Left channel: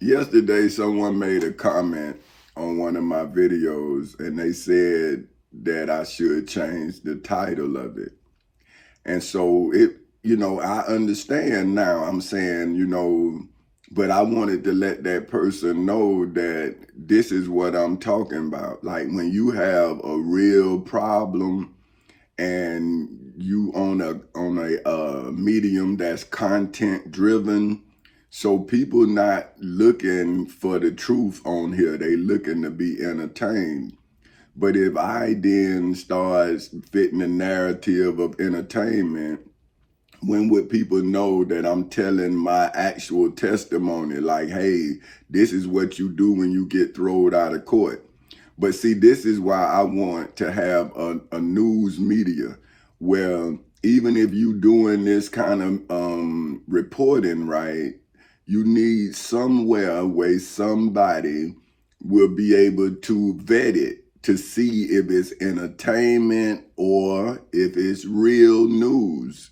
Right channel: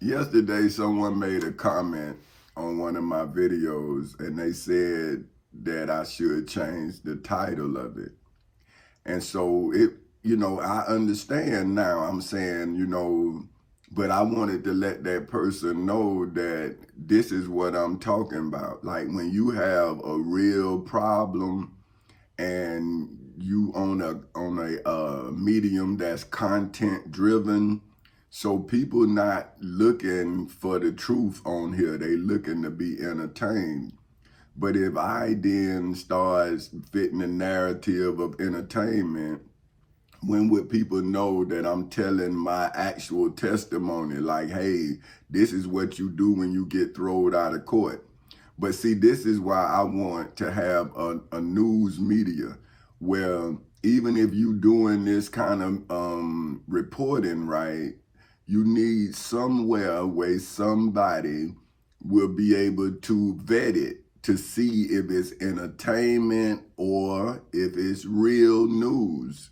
Yesterday, someone made a comment on one of my videos and they said that I should change the title of it. And so I understand now. I'm saying, but I wanted to let that person know that this is what I'm talking about. Like when you have a real problem and you on a medium that's content driven, so people not looking for the truth on here, they looking to be entertained. But if I then start fitting the narrative of entertainment, when would people know that I'm telling my actual testimony? Like, hey, this is what you do when you get thrown out of court. But see, this is why I want to have a news media where even if you doing this kind of reporting, right, you need somewhere where somebody will be able to vet it to see if it's entertainment or if it's real news.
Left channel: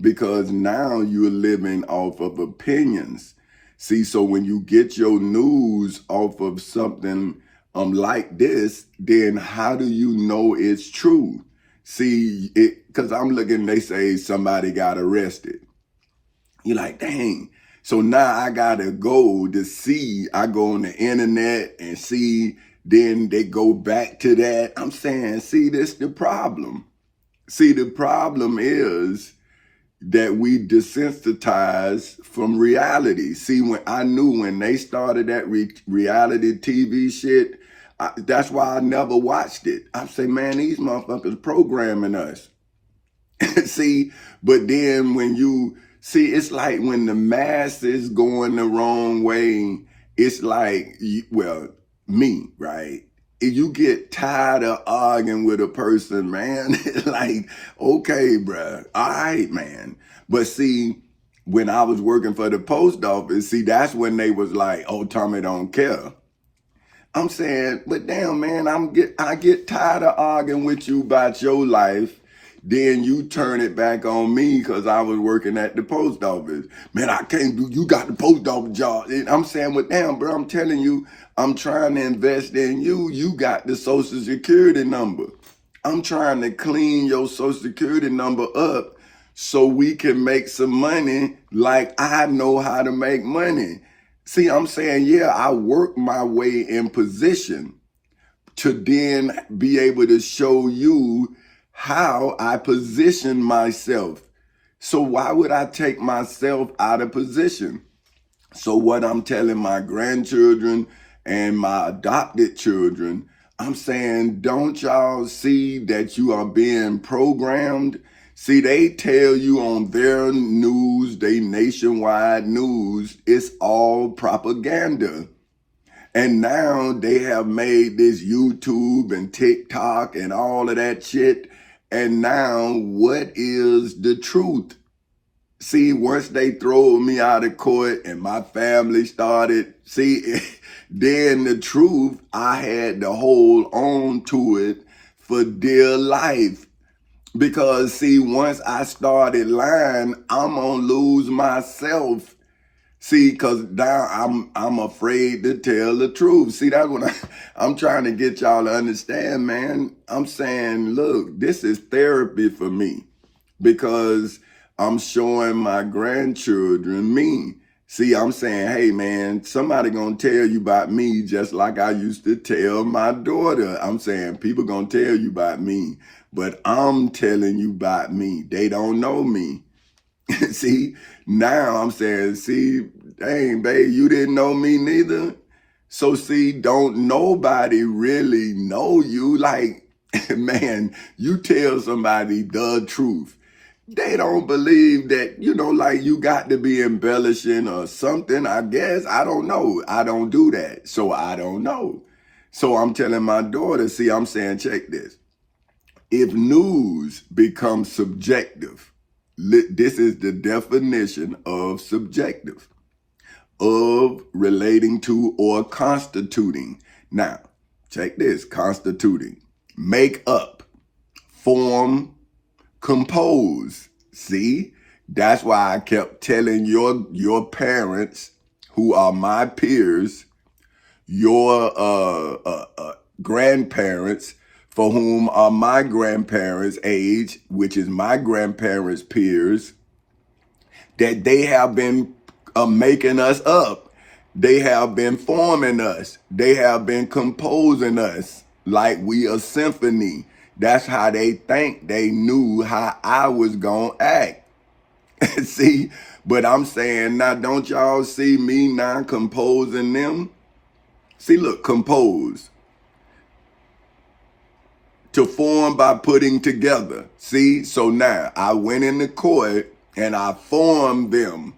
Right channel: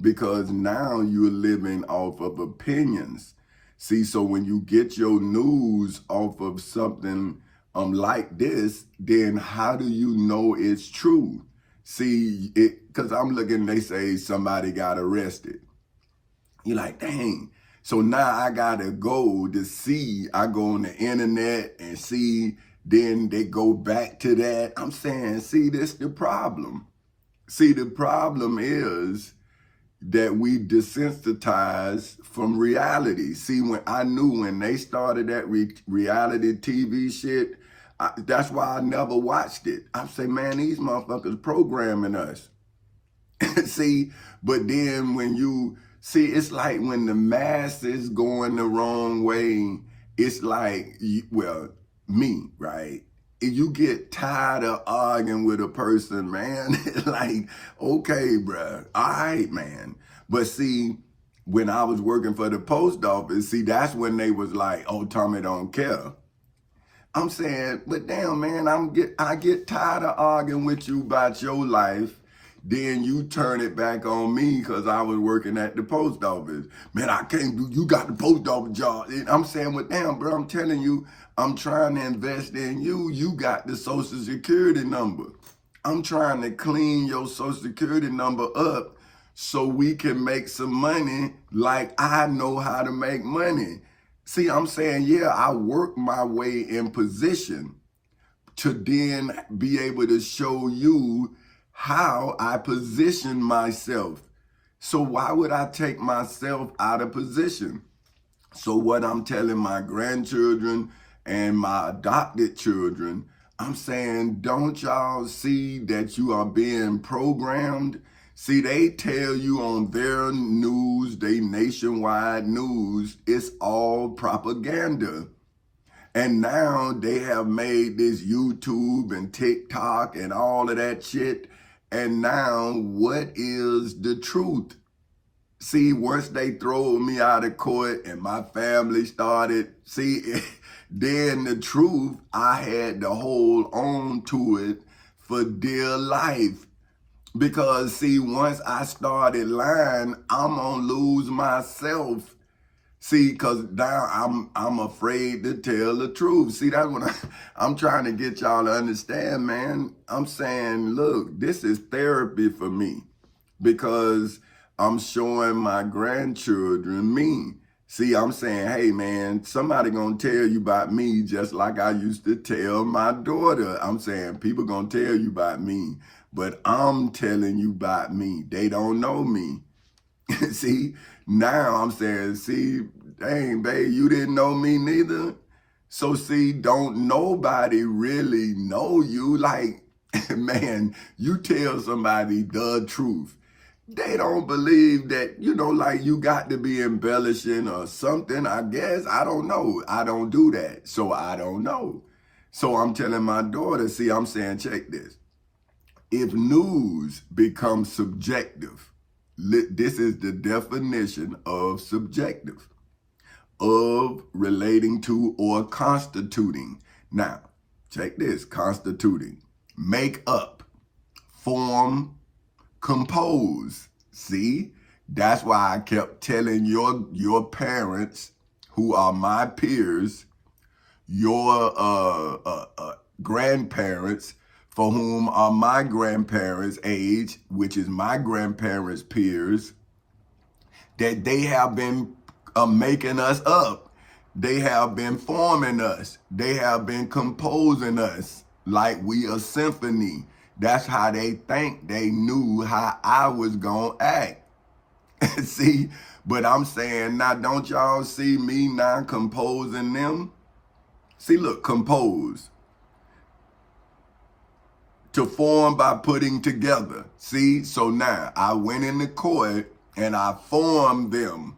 Because now you're living off of opinions. See, so when you get your news off of something like this, then how do you know it's true? See, because I'm looking, they say somebody got arrested. You're like, dang. So now I gotta go to see. I go on the internet and see, then they go back to that. I'm saying, see, this the problem. See, the problem is that we desensitized from reality. See, when I knew when they started that reality TV shit, that's why I never watched it. I say, man, these motherfuckers programming us. See, but then when you see, it's like when the masses going the wrong way, it's like, well, me, right? If you get tired of arguing with a person, man, it's like, okay, bruh, all right, man. But see, when I was working for the post office, see, that's when they was like, oh, Tommy don't care. I'm saying, but damn, man, I get tired of arguing with you about your life. Then you turn it back on me because I was working at the post office. Man, I can't do, you got the post office job. And I'm saying, well, damn, bro, I'm telling you, I'm trying to invest in you. You got the social security number. I'm trying to clean your social security number up so we can make some money like I know how to make money. See, I'm saying, yeah, I work my way in position to then be able to show you how I position myself. So why would I take myself out of position? So what I'm telling my grandchildren and my adopted children, I'm saying, don't y'all see that you are being programmed? See, they tell you on their news, they nationwide news, it's all propaganda. And now they have made this YouTube and TikTok and all of that shit. And now what is the truth? See, once they throw me out of court and my family started, see, then the truth, I had to hold on to it for dear life. Because see, once I started lying, I'm gonna lose myself. See, cause now I'm afraid to tell the truth. See, that's what I'm trying to get y'all to understand, man. I'm saying, look, this is therapy for me because I'm showing my grandchildren me. See, I'm saying, hey man, somebody gonna tell you about me just like I used to tell my daughter. I'm saying people gonna tell you about me, but I'm telling you about me. They don't know me. See, now I'm saying, see, dang, babe, you didn't know me neither. So see, don't nobody really know you. Like, man, you tell somebody the truth. They don't believe that, like you got to be embellishing or something, I guess. I don't know. I don't do that. So I don't know. So I'm telling my daughter, see, I'm saying, check this. If news becomes subjective, this is the definition of subjective, of relating to or constituting. Now, check this, constituting, make up, form, compose. See, that's why I kept telling your parents who are my peers, your grandparents, for whom are my grandparents' age, which is my grandparents' peers, that they have been making us up. They have been forming us. They have been composing us like we a symphony. That's how they think they knew how I was gonna act. See, but I'm saying now, don't y'all see me now composing them? See, look, compose. To form by putting together. See, so now I went in the court and I formed them.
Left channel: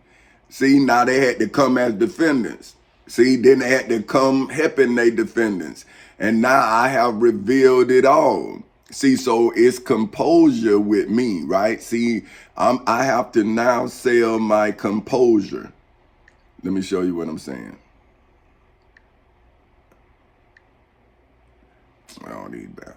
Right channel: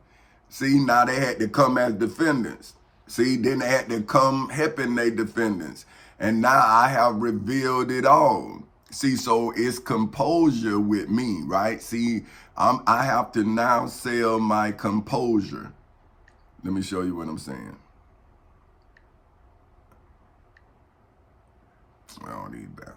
See, now they had to come as defendants. See, then they had to come helping their defendants. And now I have revealed it all. See, so it's composure with me, right? See, I have to now sell my composure. Let me show you what I'm saying. I don't need that.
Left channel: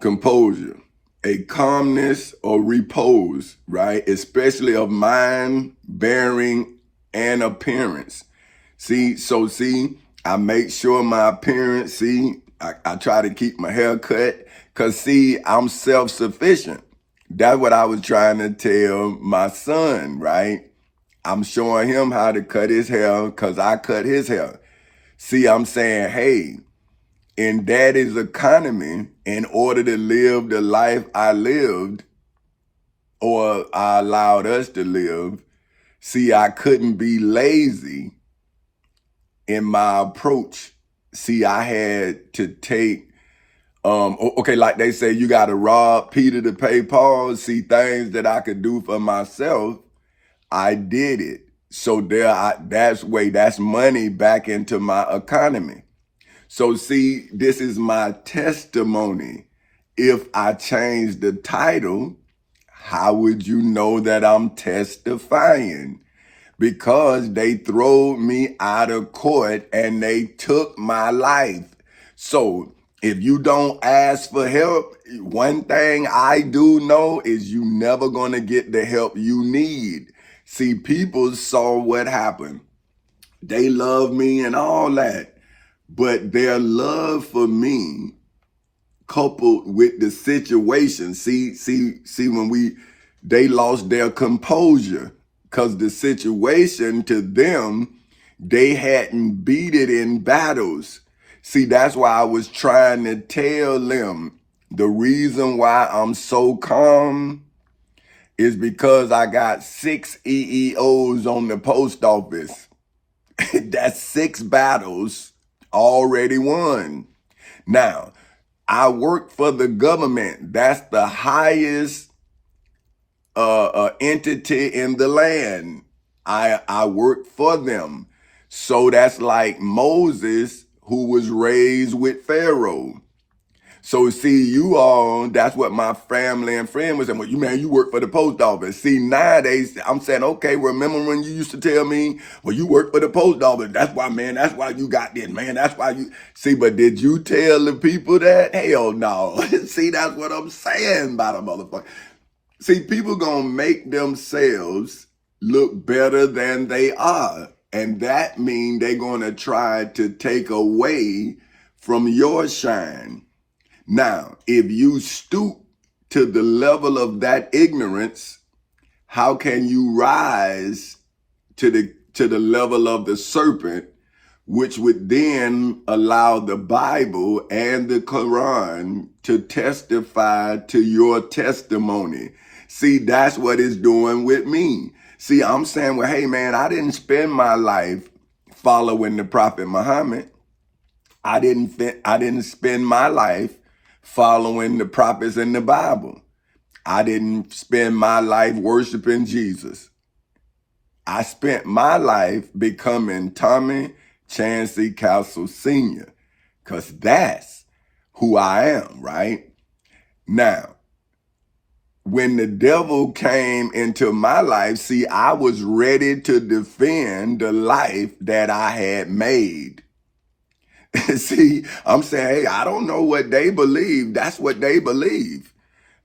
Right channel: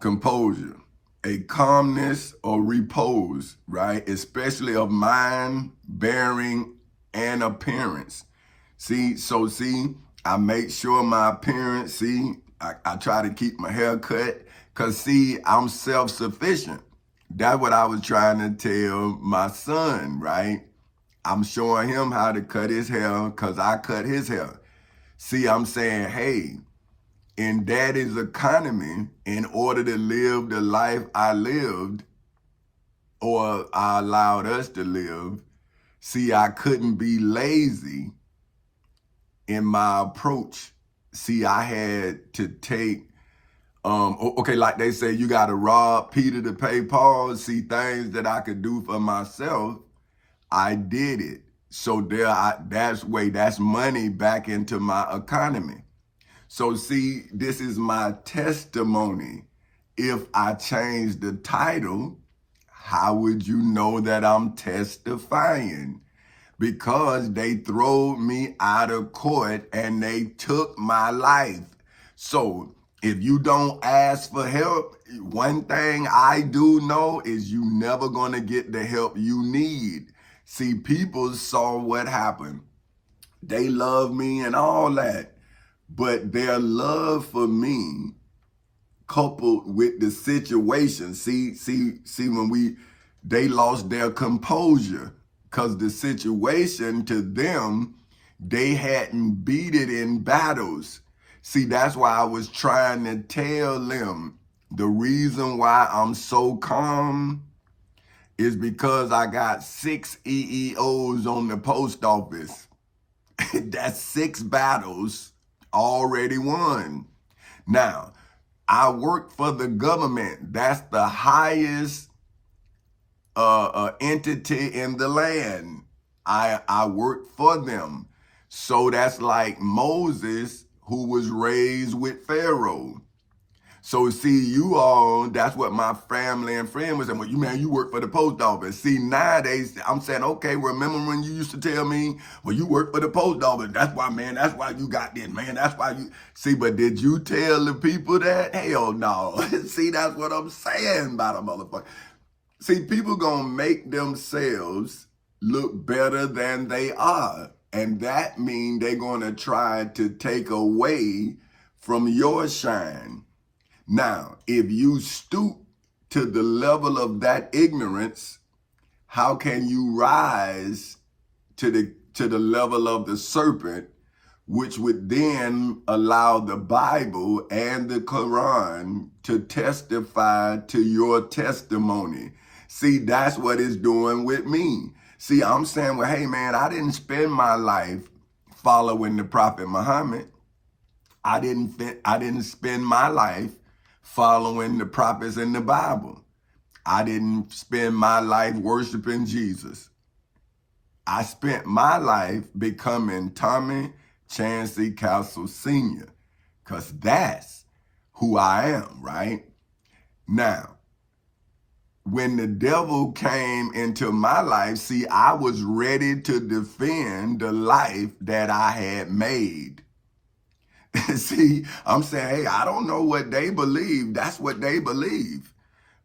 Composure, a calmness or repose, right? Especially of mind, bearing, and appearance. See, I make sure my appearance, I try to keep my hair cut, because see, I'm self-sufficient. That's what I was trying to tell my son, right? I'm showing him how to cut his hair because I cut his hair. See, I'm saying, hey, in daddy's economy, in order to live the life I lived, or I allowed us to live, see, I couldn't be lazy in my approach. See, I had to take, okay, like they say, you got to rob Peter to pay Paul. See, things that I could do for myself, I did it. So that's money back into my economy. So see, this is my testimony. If I change the title, how would you know that I'm testifying? Because they threw me out of court and they took my life. So if you don't ask for help, one thing I do know is you never gonna get the help you need. See, people saw what happened. They love me and all that. But their love for me, coupled with the situation, when they lost their composure, because the situation to them, they hadn't beat it in battles. See, that's why I was trying to tell them the reason why I'm so calm is because I got 6 EEOs on the post office. That's 6 battles already won. Now, I work for the government. That's the highest entity in the land. I work for them. So that's like Moses, who was raised with Pharaoh. So see, you all, that's what my family and friend was saying. Well, you work for the post office. See, nowadays, I'm saying, okay, remember when you used to tell me, well, you work for the post office. That's why you got this, man. That's why you, see, but did you tell the people that? Hell no. See, that's what I'm saying about a motherfucker. See, people gonna make themselves look better than they are. And that means they're gonna try to take away from your shine. Now, if you stoop to the level of that ignorance, how can you rise to the level of the serpent, which would then allow the Bible and the Quran to testify to your testimony? See, that's what it's doing with me. See, I'm saying, well, hey man, I didn't spend my life following the Prophet Muhammad. I didn't spend my life following the prophets in the Bible. I didn't spend my life worshiping Jesus. I spent my life becoming Tommy Chancey Castle Sr., because that's who I am, right? Now, when the devil came into my life, see, I was ready to defend the life that I had made. See, I'm saying, hey, I don't know what they believe. That's what they believe.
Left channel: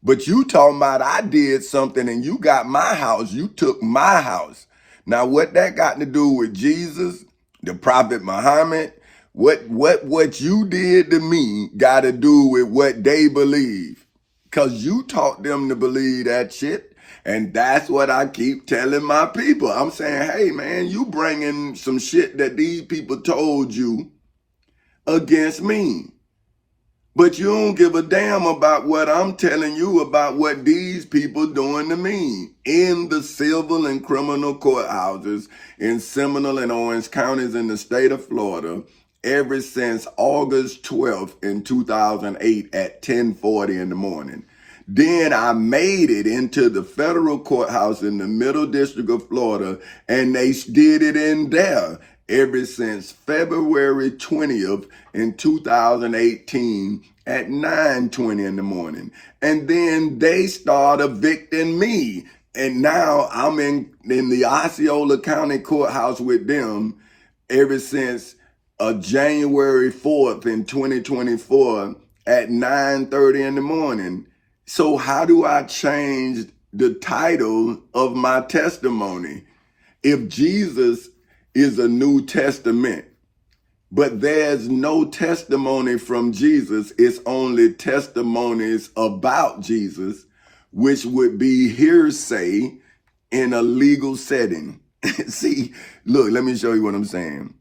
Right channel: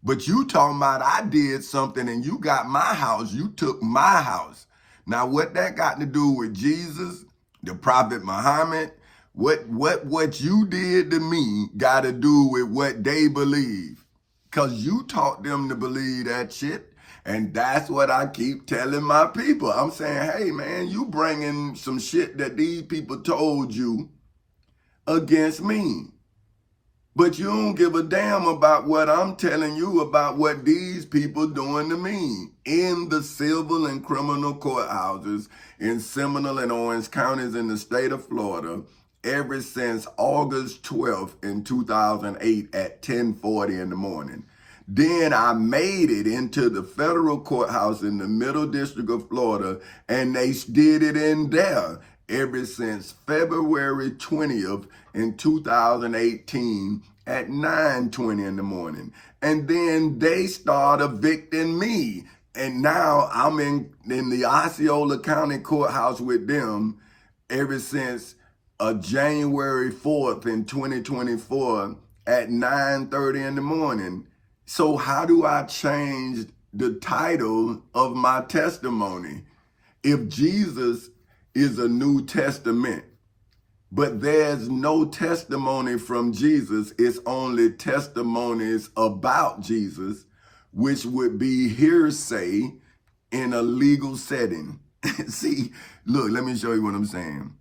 But you talking about I did something and you got my house. You took my house. Now, what that got to do with Jesus, the Prophet Muhammad, what you did to me got to do with what they believe. Because you taught them to believe that shit. And that's what I keep telling my people. I'm saying, hey, man, you bringing some shit that these people told you against me. But you don't give a damn about what I'm telling you about what these people doing to me in the civil and criminal courthouses in Seminole and Orange counties in the state of Florida ever since August 12th in 2008 at 10:40 in the morning. Then I made it into the federal courthouse in the Middle District of Florida, and they did it in there ever since February 20th in 2018 at 9:20 in the morning. And then they start evicting me. And now I'm in the Osceola County Courthouse with them ever since January 4th in 2024 at 9:30 in the morning. So how do I change the title of my testimony? If Jesus is a New Testament, but there's no testimony from Jesus, it's only testimonies about Jesus, which would be hearsay in a legal setting. See, look, let me show you what I'm saying.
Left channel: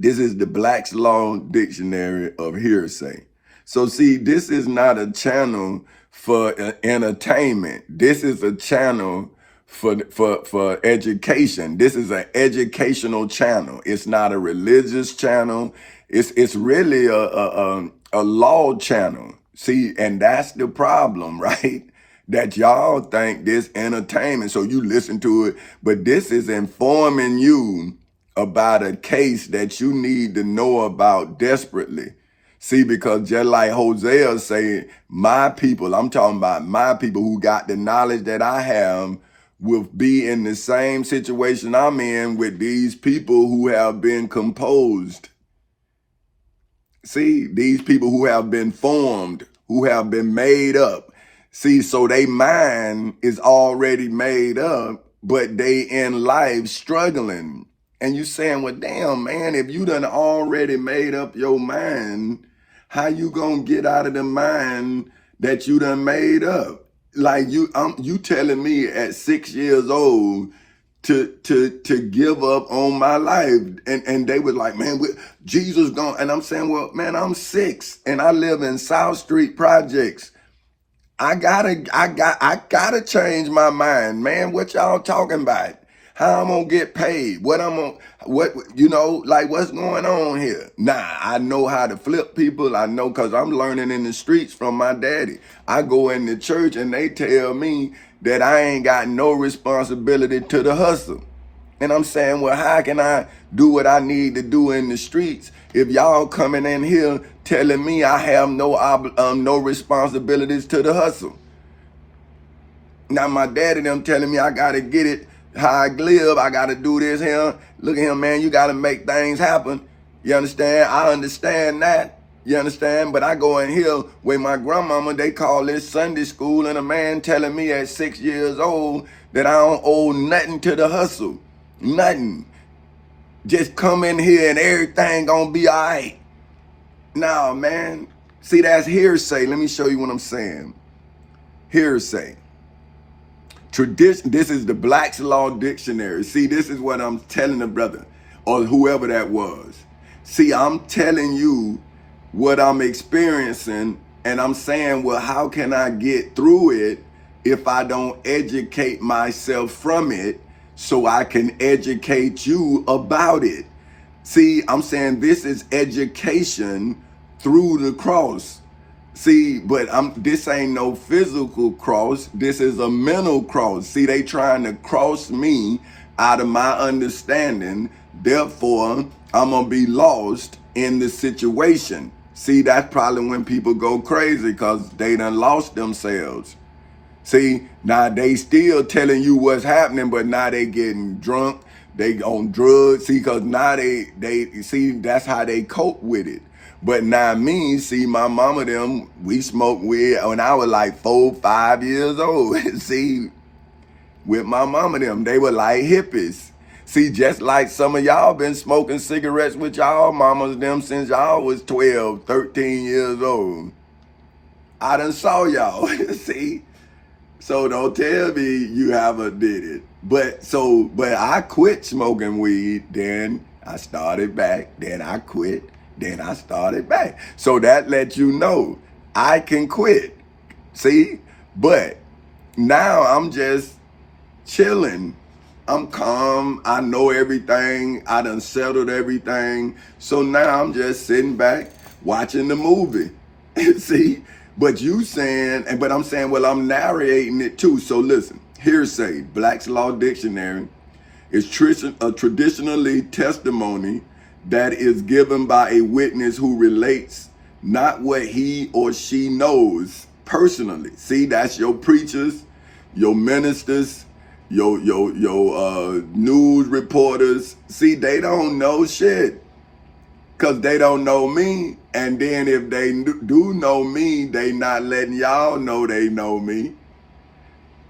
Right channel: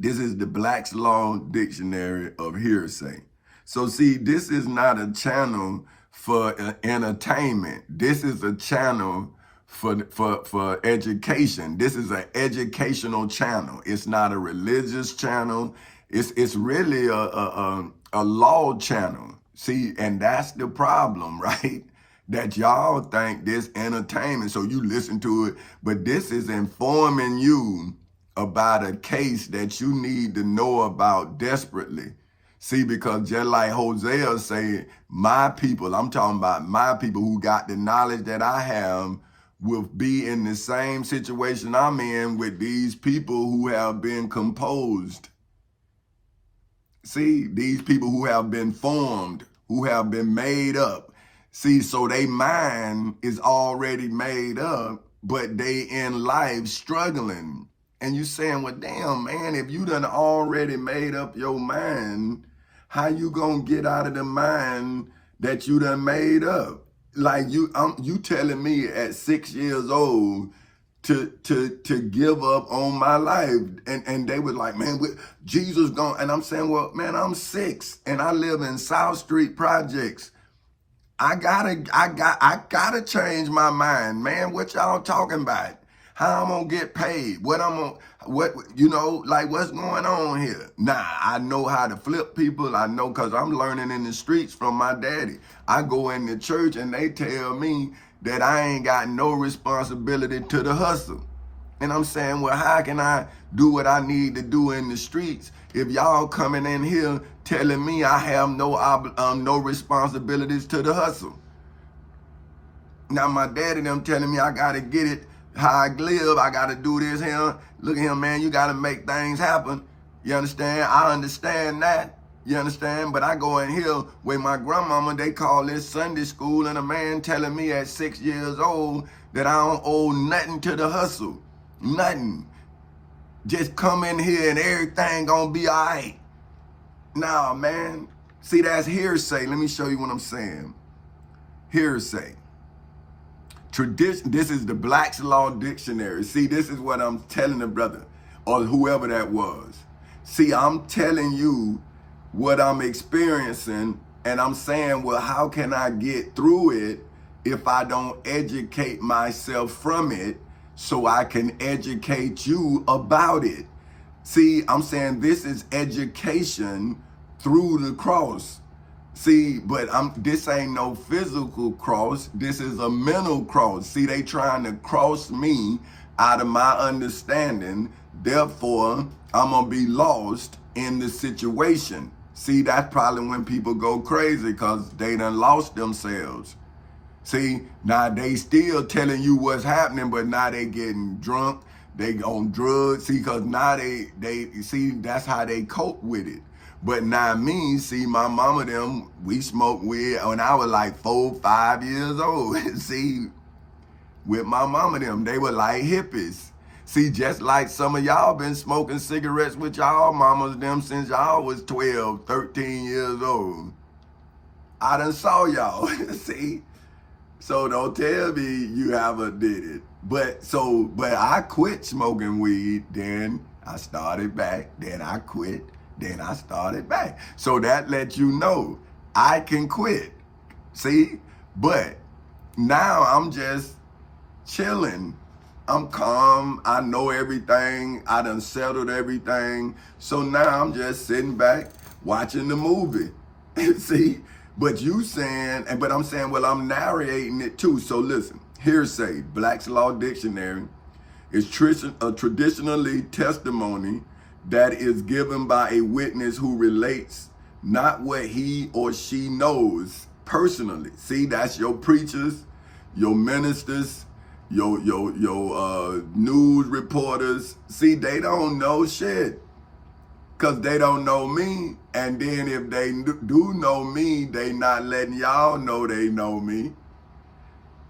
This is the Black's Law Dictionary of Hearsay. So see, this is not a channel for entertainment. This is a channel for education. This is an educational channel. It's not a religious channel. It's really a law channel. See, and that's the problem, right? That y'all think this entertainment, so you listen to it, but this is informing you about a case that you need to know about desperately. See, because just like Hosea said, my people, I'm talking about my people who got the knowledge that I have, will be in the same situation I'm in with these people who have been composed. See, these people who have been formed, who have been made up. See, so they mind is already made up, but they in life struggling. And you saying, well, damn, man, if you done already made up your mind, how you gonna get out of the mind that you done made up? Like you telling me at 6 years old to give up on my life, and they was like, man, Jesus gone, and I'm saying, well, man, I'm 6 and I live in South Street Projects. I gotta change my mind, man. What y'all talking about? How I'm gonna get paid? What like what's going on here? Nah, I know how to flip people. I know because I'm learning in the streets from my daddy. I go in the church and they tell me that I ain't got no responsibility to the hustle. And I'm saying, well, how can I do what I need to do in the streets if y'all coming in here telling me I have no responsibilities to the hustle? Now my daddy them telling me I gotta get it how I live, I gotta do this here. Look at him, man, you gotta make things happen. You understand? I understand that. You understand? But I go in here with my grandmama, they call this Sunday school, and a man telling me at 6 years old that I don't owe nothing to the hustle. Nothing. Just come in here and everything gonna be all right. Nah, man. See, that's hearsay. Let me show you what I'm saying. Hearsay. Tradition. This is the Black's Law Dictionary. See, this is what I'm telling the brother or whoever that was. See, I'm telling you what I'm experiencing, and I'm saying, well, how can I get through it if I don't educate myself from it so I can educate you about it? See, I'm saying this is education through the cross. See, but this ain't no physical cross. This is a mental cross. See, they trying to cross me out of my understanding. Therefore, I'm going to be lost in the situation. See, that's probably when people go crazy because they done lost themselves. See, now they still telling you what's happening, but now they getting drunk. They on drugs, see, cause now they see that's how they cope with it. But now me, see, my mama them, we smoked weed when I was like 4, 5 years old. See, with my mama them, they were like hippies. See, just like some of y'all been smoking cigarettes with y'all mamas them since y'all was 12, 13 years old. I done saw y'all, see? So don't tell me you haven't did it. But I quit smoking weed, then I started back, then I quit, then I started back. So that lets you know I can quit. See? But now I'm just chilling. I'm calm. I know everything. I done settled everything. So now I'm just sitting back watching the movie. See? But you saying, but I'm saying, well, I'm narrating it too. So listen, hearsay, Black's Law Dictionary, is traditionally testimony that is given by a witness who relates not what he or she knows personally. See, that's your preachers, your ministers, your news reporters. See, they don't know shit. Because they don't know me. And then if they do know me, they not letting y'all know they know me.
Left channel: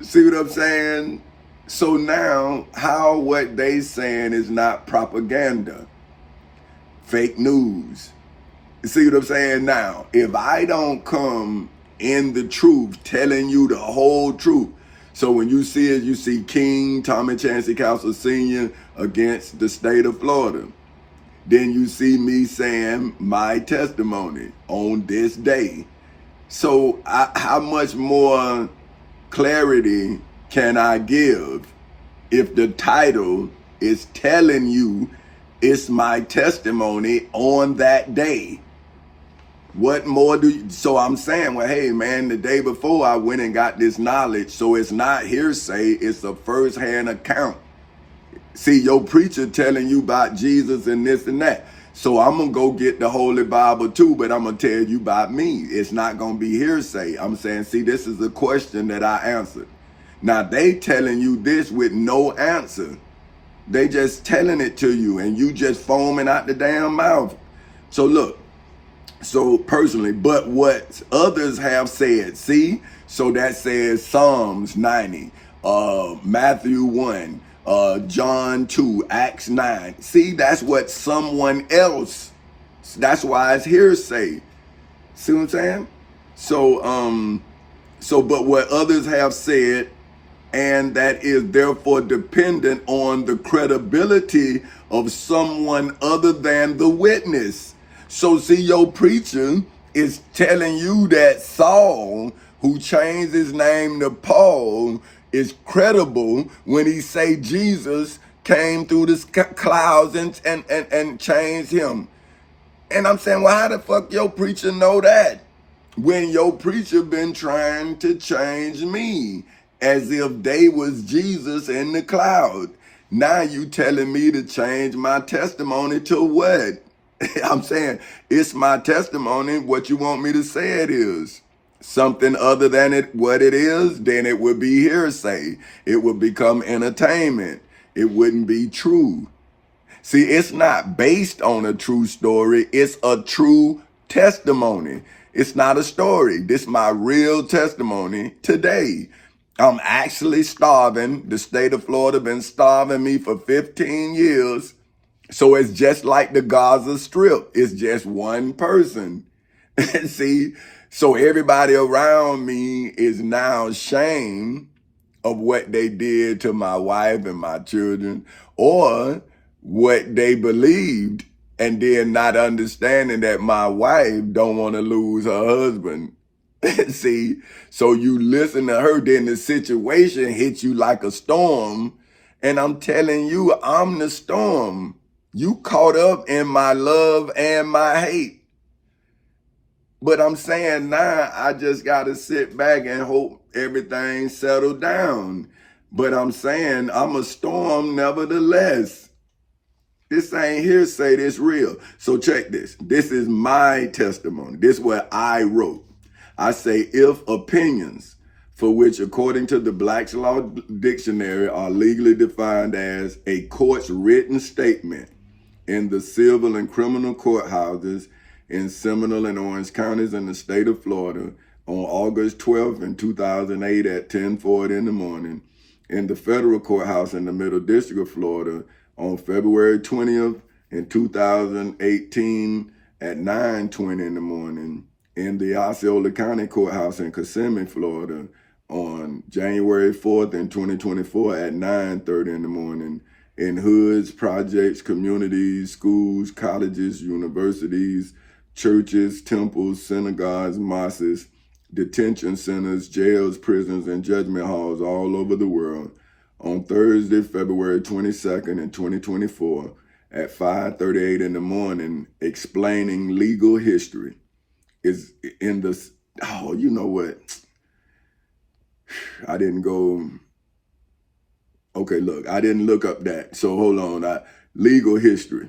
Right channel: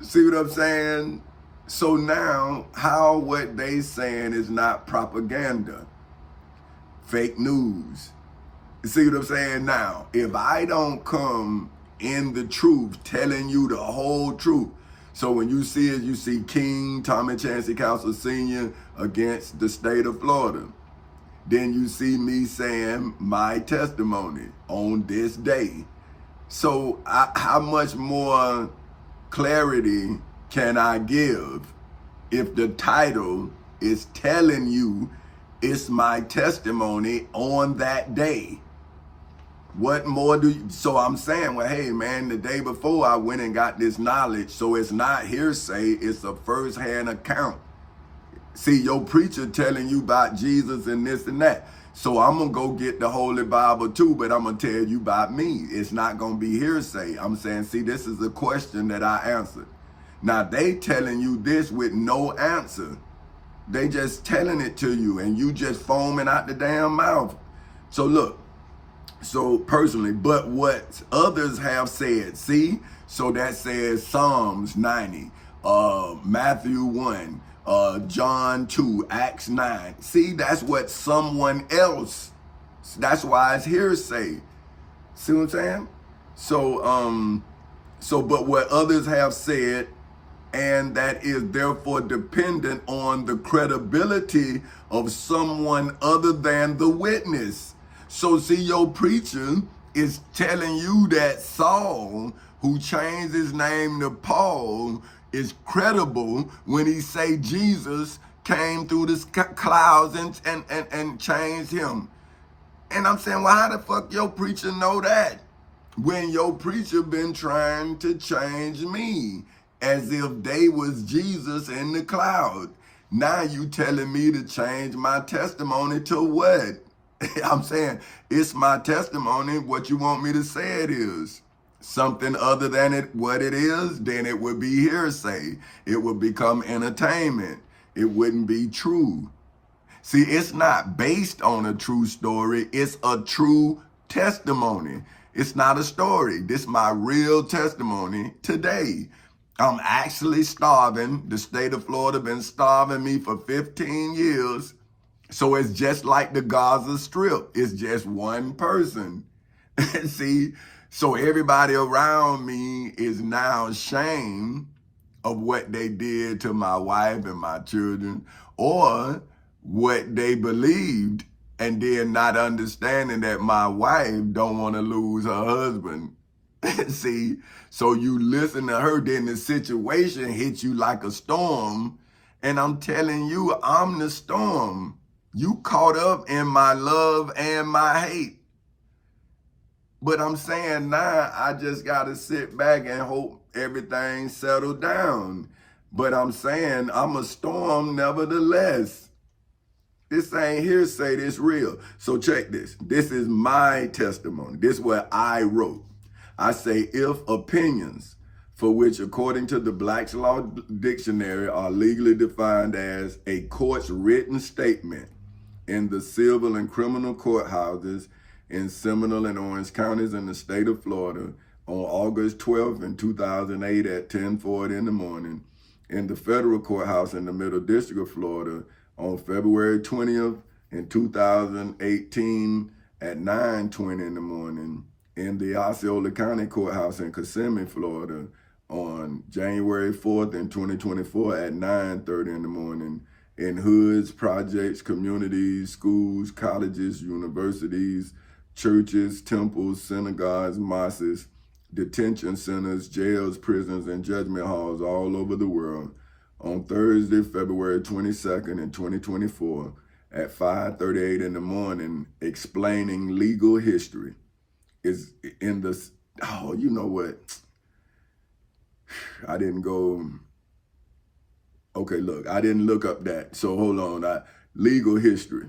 See what I'm saying? So now, how what they saying is not propaganda, fake news. See what I'm saying? Now, if I don't come in the truth, telling you the whole truth. So when you see it, you see King Tommy Chancey Council Sr. against the state of Florida. Then you see me saying my testimony on this day. So how much more clarity can I give if the title is telling you it's my testimony on that day? What more do you, so I'm saying, well, hey man, the day before I went and got this knowledge, so it's not hearsay, it's a first-hand account. See, your preacher telling you about Jesus and this and that. So I'm going to go get the Holy Bible too, but I'm going to tell you about me. It's not going to be hearsay. I'm saying, see, this is a question that I answered. Now, they telling you this with no answer. They just telling it to you and you just foaming out the damn mouth. So look, so personally, but what others have said, see? So that says Psalms 90, Matthew 1, John 2, Acts 9. See, that's what someone else, that's why it's hearsay. See what I'm saying? So, but what others have said, and that is therefore dependent on the credibility of someone other than the witness. So see, your preacher is telling you that Saul, who changed his name to Paul, is credible when he say Jesus came through the clouds and changed him. And I'm saying, well, how the fuck your preacher know that? When your preacher been trying to change me as if they was Jesus in the cloud. Now you telling me to change my testimony to what? I'm saying, it's my testimony. What you want me to say it is? Something other than it what it is, then it would be hearsay. It would become entertainment. It wouldn't be true. See, it's not based on a true story. It's a true testimony. It's not a story. This is my real testimony today. I'm actually starving. The state of Florida been starving me for 15 years. So it's just like the Gaza Strip. It's just one person. See, so everybody around me is now ashamed of what they did to my wife and my children, or what they believed, and then not understanding that my wife don't want to lose her husband. See, so you listen to her, then the situation hits you like a storm, and I'm telling you, I'm the storm. You caught up in my love and my hate. But I'm saying now, I just got to sit back and hope everything settled down. But I'm saying I'm a storm nevertheless. This ain't hearsay, this real. So check this. This is my testimony. This is what I wrote. I say, if opinions for which, according to the Black's Law Dictionary, are legally defined as a court's written statement in the civil and criminal courthouses in Seminole and Orange counties in the state of Florida on August 12th in 2008 at 10:40 in the morning, in the federal courthouse in the Middle District of Florida on February 20th in 2018 at 9:20 in the morning, in the Osceola County Courthouse in Kissimmee, Florida on January 4th in 2024 at 9:30 in the morning, in hoods, projects, communities, schools, colleges, universities, churches, temples, synagogues, mosques, detention centers, jails, prisons, and judgment halls all over the world on Thursday, February 22nd in 2024 at 5:38 in the morning, explaining legal history. Is in the, oh, you know what? I didn't go, okay, look, I didn't look up that. So hold on, legal history.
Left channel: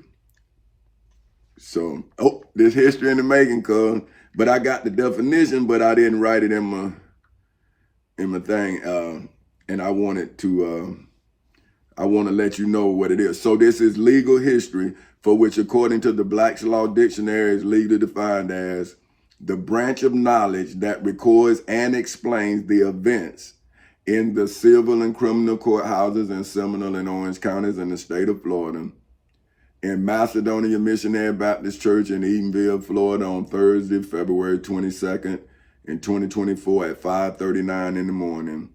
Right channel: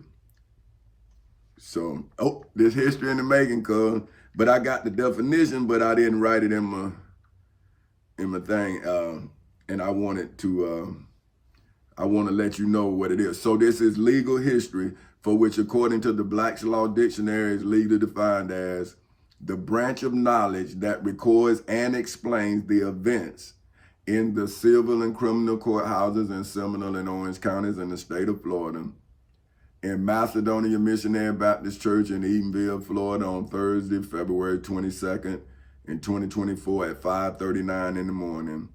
So, there's history in the making, cuz. But I got the definition, but I didn't write it in my thing. And I want to let you know what it is. So this is legal history, for which, according to the Black's Law Dictionary, is legally defined as the branch of knowledge that records and explains the events in the civil and criminal courthouses in Seminole and Orange counties in the state of Florida, in Macedonia Missionary Baptist Church in Eatonville, Florida on Thursday, February 22nd in 2024 at 5:39 in the morning,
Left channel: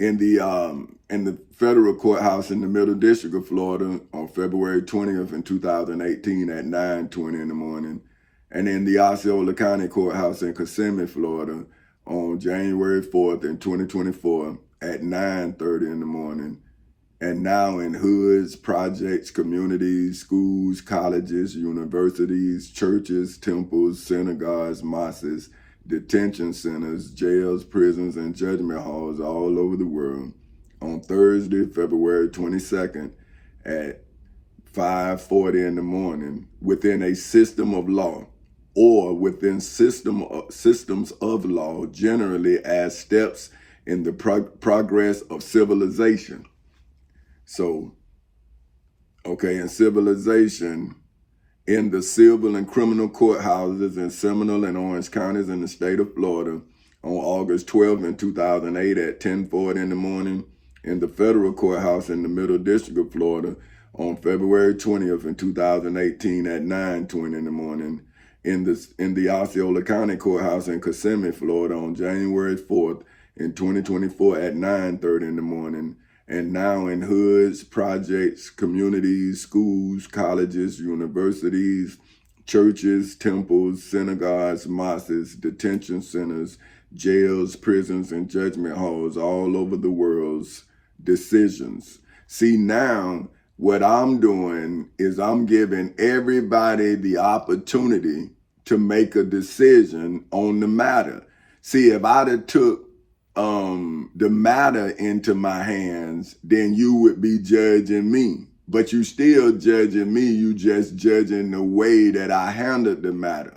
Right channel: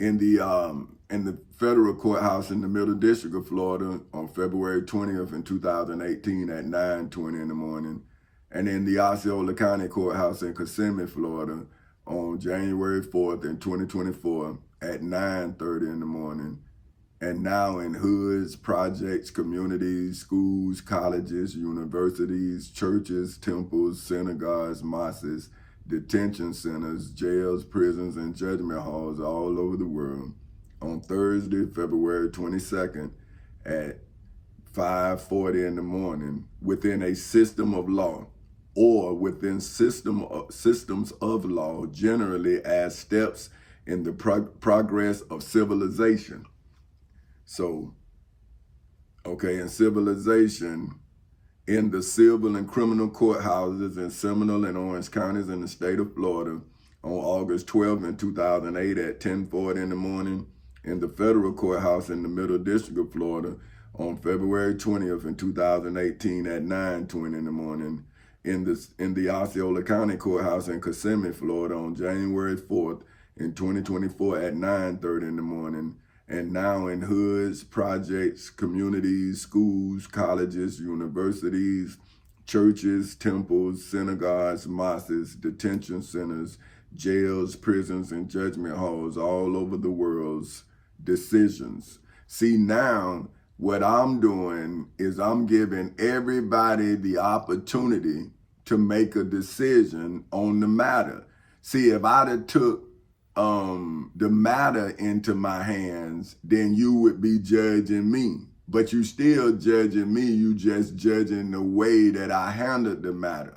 in the federal courthouse in the Middle District of Florida on February 20th in 2018 at 9:20 in the morning, and in the Osceola County Courthouse in Kissimmee, Florida on January 4th in 2024 at 9:30 in the morning, and now in hoods, projects, communities, schools, colleges, universities, churches, temples, synagogues, mosques, detention centers, jails, prisons, and judgment halls all over the world on Thursday, February 22nd at 5:40 in the morning, within a system of law or within systems of law, generally as steps in the progress of civilization. So, okay, in civilization, in the civil and criminal courthouses in Seminole and Orange counties in the state of Florida on August 12th in 2008 at 10:40 in the morning, in the federal courthouse in the Middle District of Florida on February 20th in 2018 at 9:20 in the morning, in the Osceola County Courthouse in Kissimmee, Florida on January 4th in 2024 at 9:30 in the morning, and now in hoods, projects, communities, schools, colleges, universities, churches, temples, synagogues, mosques, detention centers, jails, prisons, and judgment halls all over the world's decisions. See, now what I'm doing is I'm giving everybody the opportunity to make a decision on the matter. See, if I'd have took the matter into my hands, then you would be judging me. But you still judging me, you just judging the way that I handled the matter.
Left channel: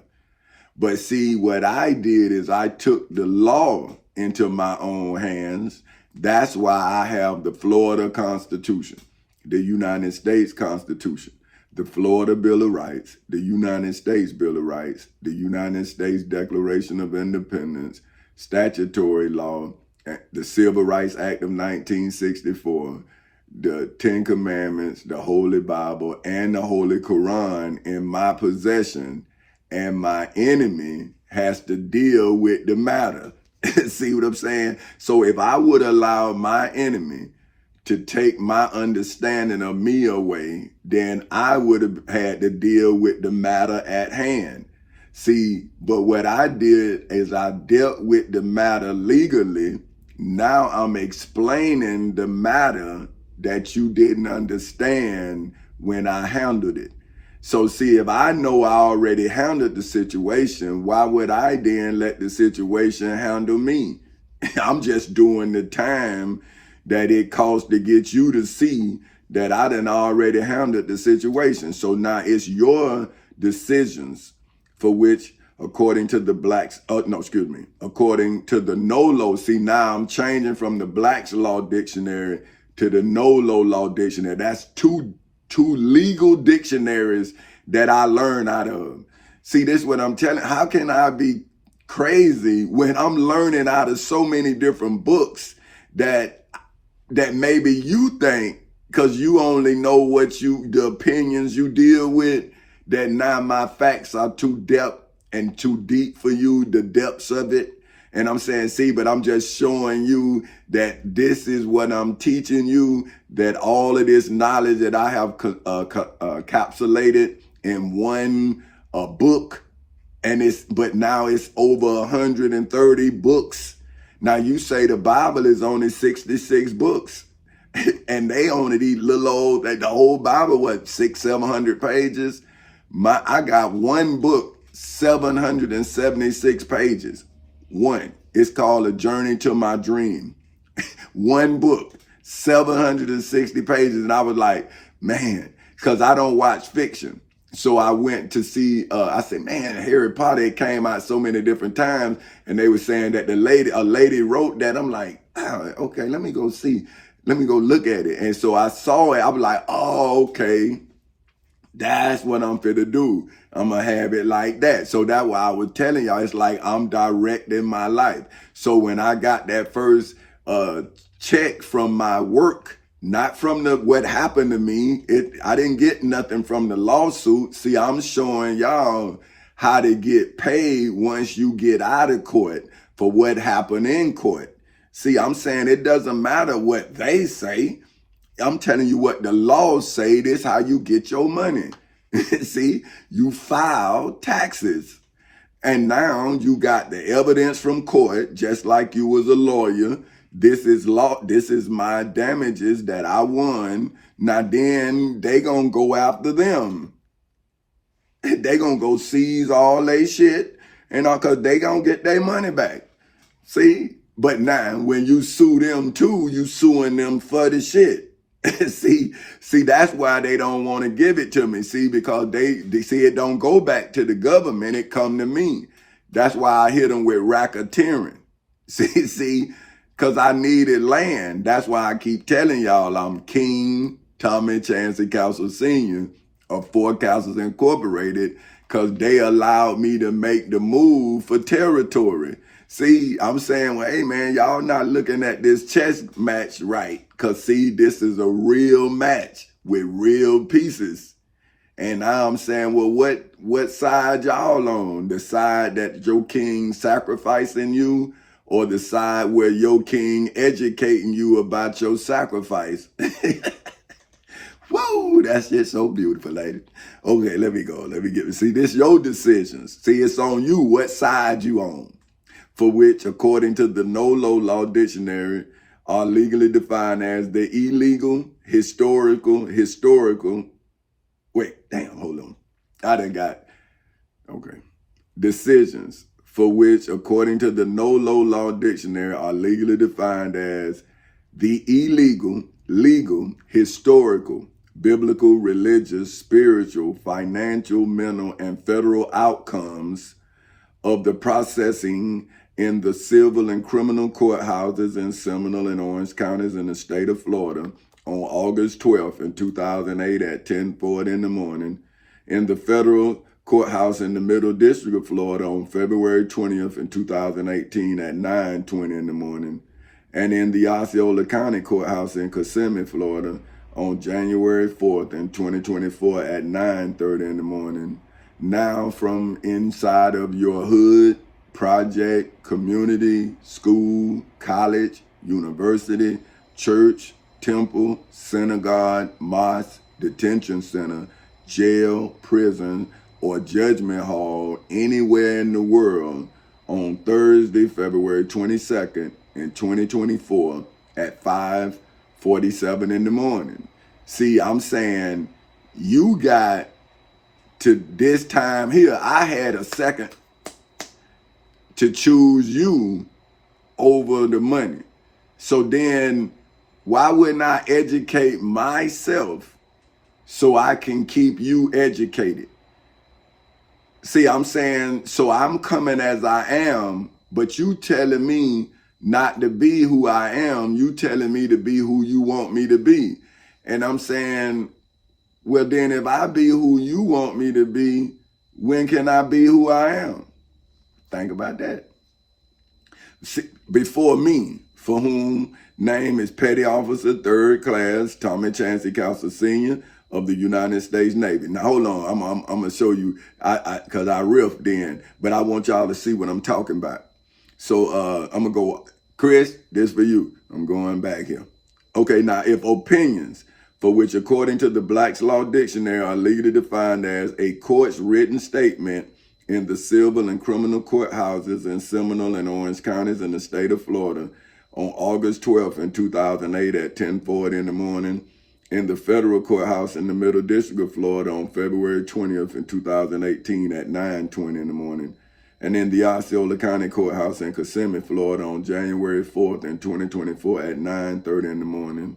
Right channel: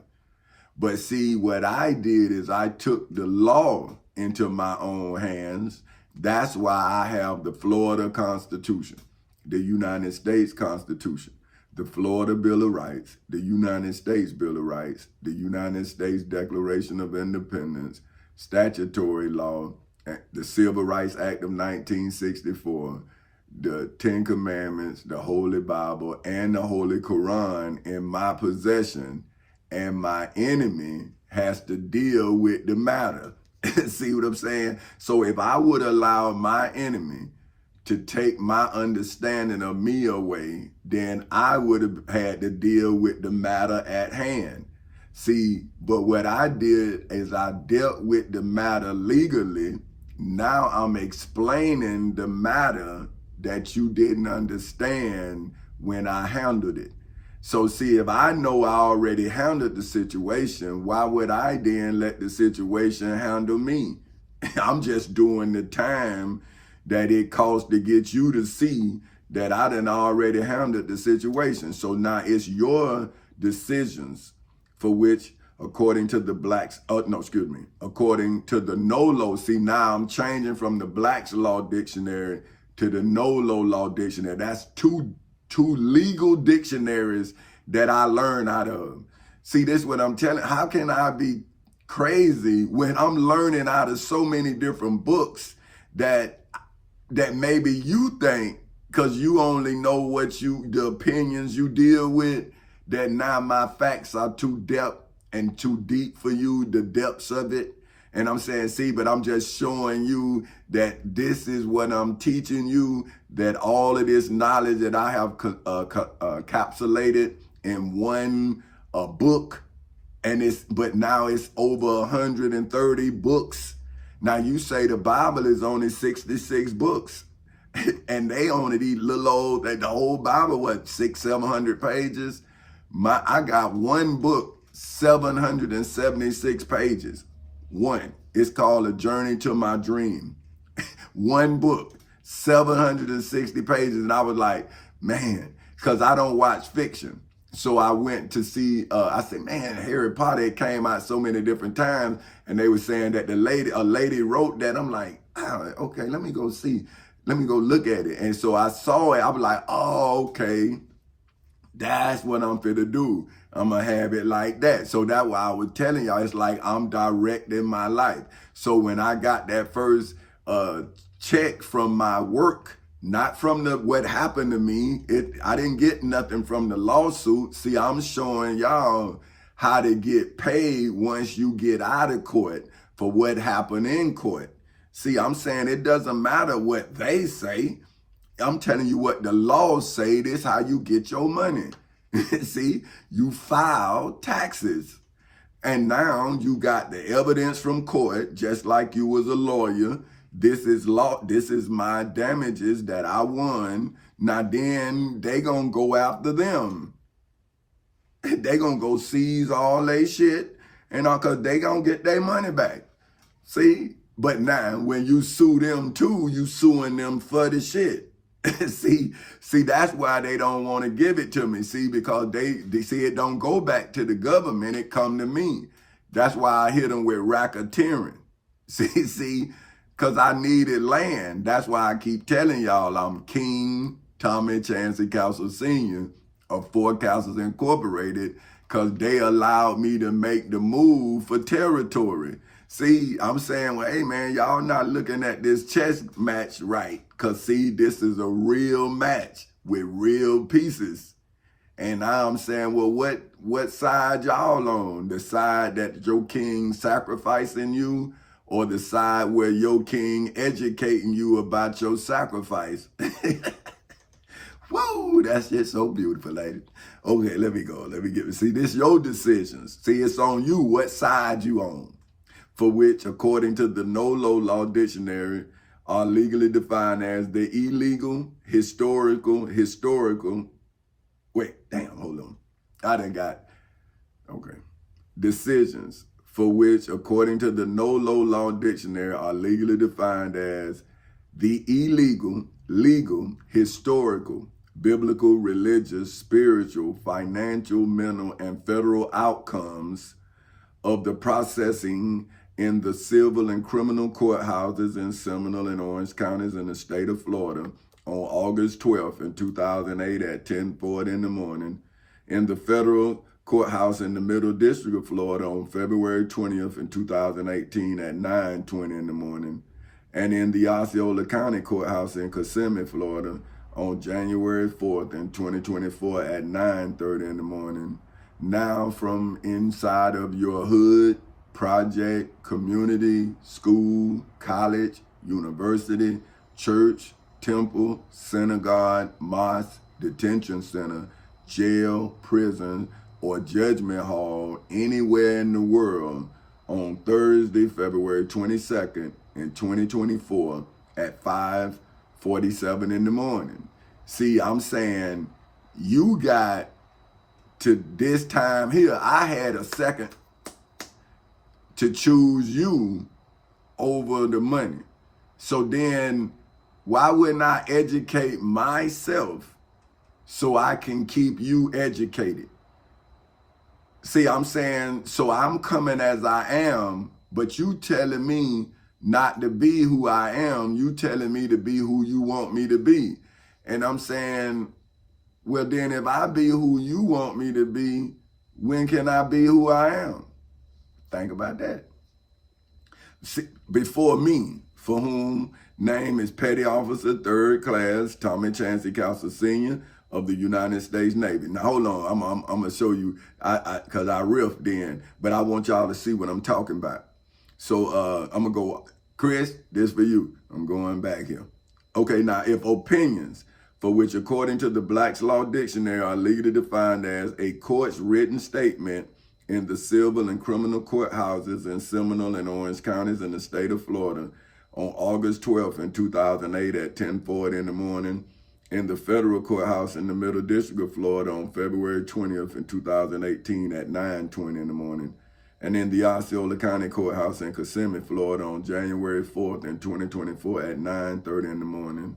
But see, what I did is I took the law into my own hands. That's why I have the Florida Constitution, the United States Constitution, the Florida Bill of Rights, the United States Bill of Rights, the United States Declaration of Independence, statutory law, the Civil Rights Act of 1964, the Ten Commandments, the Holy Bible, and the Holy Quran in my possession, and my enemy has to deal with the matter. See what I'm saying? So if I would allow my enemy to take my understanding of me away, then I would have had to deal with the matter at hand. See, but what I did is I dealt with the matter legally. Now I'm explaining the matter that you didn't understand when I handled it. So see, if I know I already handled the situation, why would I then let the situation handle me? I'm just doing the time that it costs to get you to see that I done already handled the situation. So now it's your decisions, for which, according to the according to the NOLO. See, now I'm changing from the Black's Law Dictionary to the NOLO Law Dictionary. That's two legal dictionaries that I learned out of. See, this is what I'm telling. How can I be crazy when I'm learning out of so many different books that maybe you think, because you only know the opinions you deal with, that now my facts are too depth and too deep for you, the depths of it. And I'm saying, see, but I'm just showing you that this is what I'm teaching you, that all of this knowledge that I have encapsulated in one book, but now it's over 130 books. Now you say the Bible is only 66 books. And they only these little old, the whole Bible, 600-700 pages. I got one book, 776 pages. One. It's called A Journey to My Dream. One book, 760 pages. And I was like, man, because I don't watch fiction. So I went to see, I said, man, Harry Potter, it came out so many different times. And they were saying that a lady wrote that. I'm like, oh, okay, let me go see. Let me go look at it. And so I saw it. I was like, oh, okay, that's what I'm finna do. I'm gonna have it like that. So that's why I was telling y'all, it's like I'm directing my life. So when I got that first check from my work, not from what happened to me, I didn't get nothing from the lawsuit. See, I'm showing y'all how to get paid once you get out of court for what happened in court. See, I'm saying it doesn't matter what they say. I'm telling you what the laws say. This is how you get your money. See, you file taxes. And now you got the evidence from court, just like you was a lawyer. This is law. This is my damages that I won. Now then they gonna go after them. They gonna go seize all they shit, and cause they gonna get their money back. See? But now, when you sue them too, you suing them for the shit. see, that's why they don't want to give it to me. See, because they see it don't go back to the government, it come to me. That's why I hit them with racketeering. See, because I needed land. That's why I keep telling y'all I'm King Tommy Chancey Castle Sr. of Four Castles Incorporated, because they allowed me to make the move for territory. See, I'm saying, well, hey, man, y'all not looking at this chess match right. Because, see, this is a real match with real pieces. And now I'm saying, well, what side y'all on? The side that your king sacrificing you, or the side where your king educating you about your sacrifice? Whoa, that's just so beautiful, lady. Okay, let me go. Let me get it. See, this your decisions. See, it's on you what side you on. For which, according to the NOLO Law Dictionary, are legally defined as the illegal, historical, wait, damn, hold on. I done got, okay. Decisions, for which, according to the NOLO Law Dictionary, are legally defined as the illegal, legal, historical, biblical, religious, spiritual, financial, mental, and federal outcomes of the processing in the civil and criminal courthouses in Seminole and Orange counties in the state of Florida on August 12th in 2008 at 10:40 in the morning, in the federal courthouse in the Middle District of Florida on February 20th in 2018 at 9:20 in the morning, and in the Osceola County Courthouse in Kissimmee, Florida on January 4th in 2024 at 9:30 in the morning. Now from inside of your hood, project, community, school, college, university, church, temple, synagogue, mosque, detention center, jail, prison, or judgment hall anywhere in the world on Thursday, February 22nd in 2024 at 5:47 in the morning. See, I'm saying you got to this time here, I had a second to choose you over the money. So then why wouldn't I educate myself so I can keep you educated? See, I'm saying, so I'm coming as I am, but you telling me not to be who I am. You telling me to be who you want me to be. And I'm saying, well, then if I be who you want me to be, when can I be who I am? Think about that. See, before me, for whom name is Petty Officer 3rd Class Tommy Chancey Castle Sr. of the United States Navy. Now hold on, I'm gonna show you, cause I riffed then, but I want y'all to see what I'm talking about. So I'm gonna go, Chris, this for you. I'm going back here. Okay, now if opinions, for which according to the Black's Law Dictionary are legally defined as a court's written statement in the civil and criminal courthouses in Seminole and Orange counties in the state of Florida on August 12th in 2008 at 10:40 in the morning, in the federal courthouse in the Middle District of Florida on February 20th in 2018 at 9:20 in the morning, and in the Osceola County Courthouse in Kissimmee, Florida on January 4th in 2024 at 9:30 in the morning,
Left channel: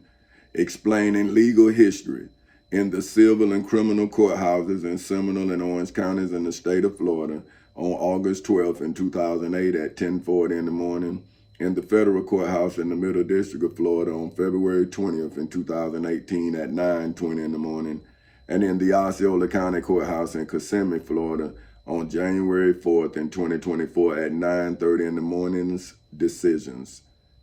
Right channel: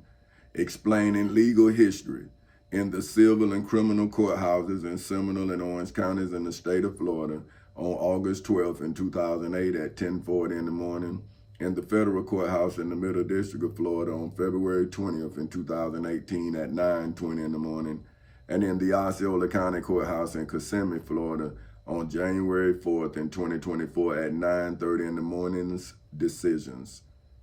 explaining legal history in the civil and criminal courthouses in Seminole and Orange counties in the state of Florida on August 12th in 2008 at 10:40 in the morning, in the federal courthouse in the Middle District of Florida on February 20th in 2018 at 9:20 in the morning, and in the Osceola County Courthouse in Kissimmee, Florida on January 4th in 2024 at 9:30 in the morning's decisions,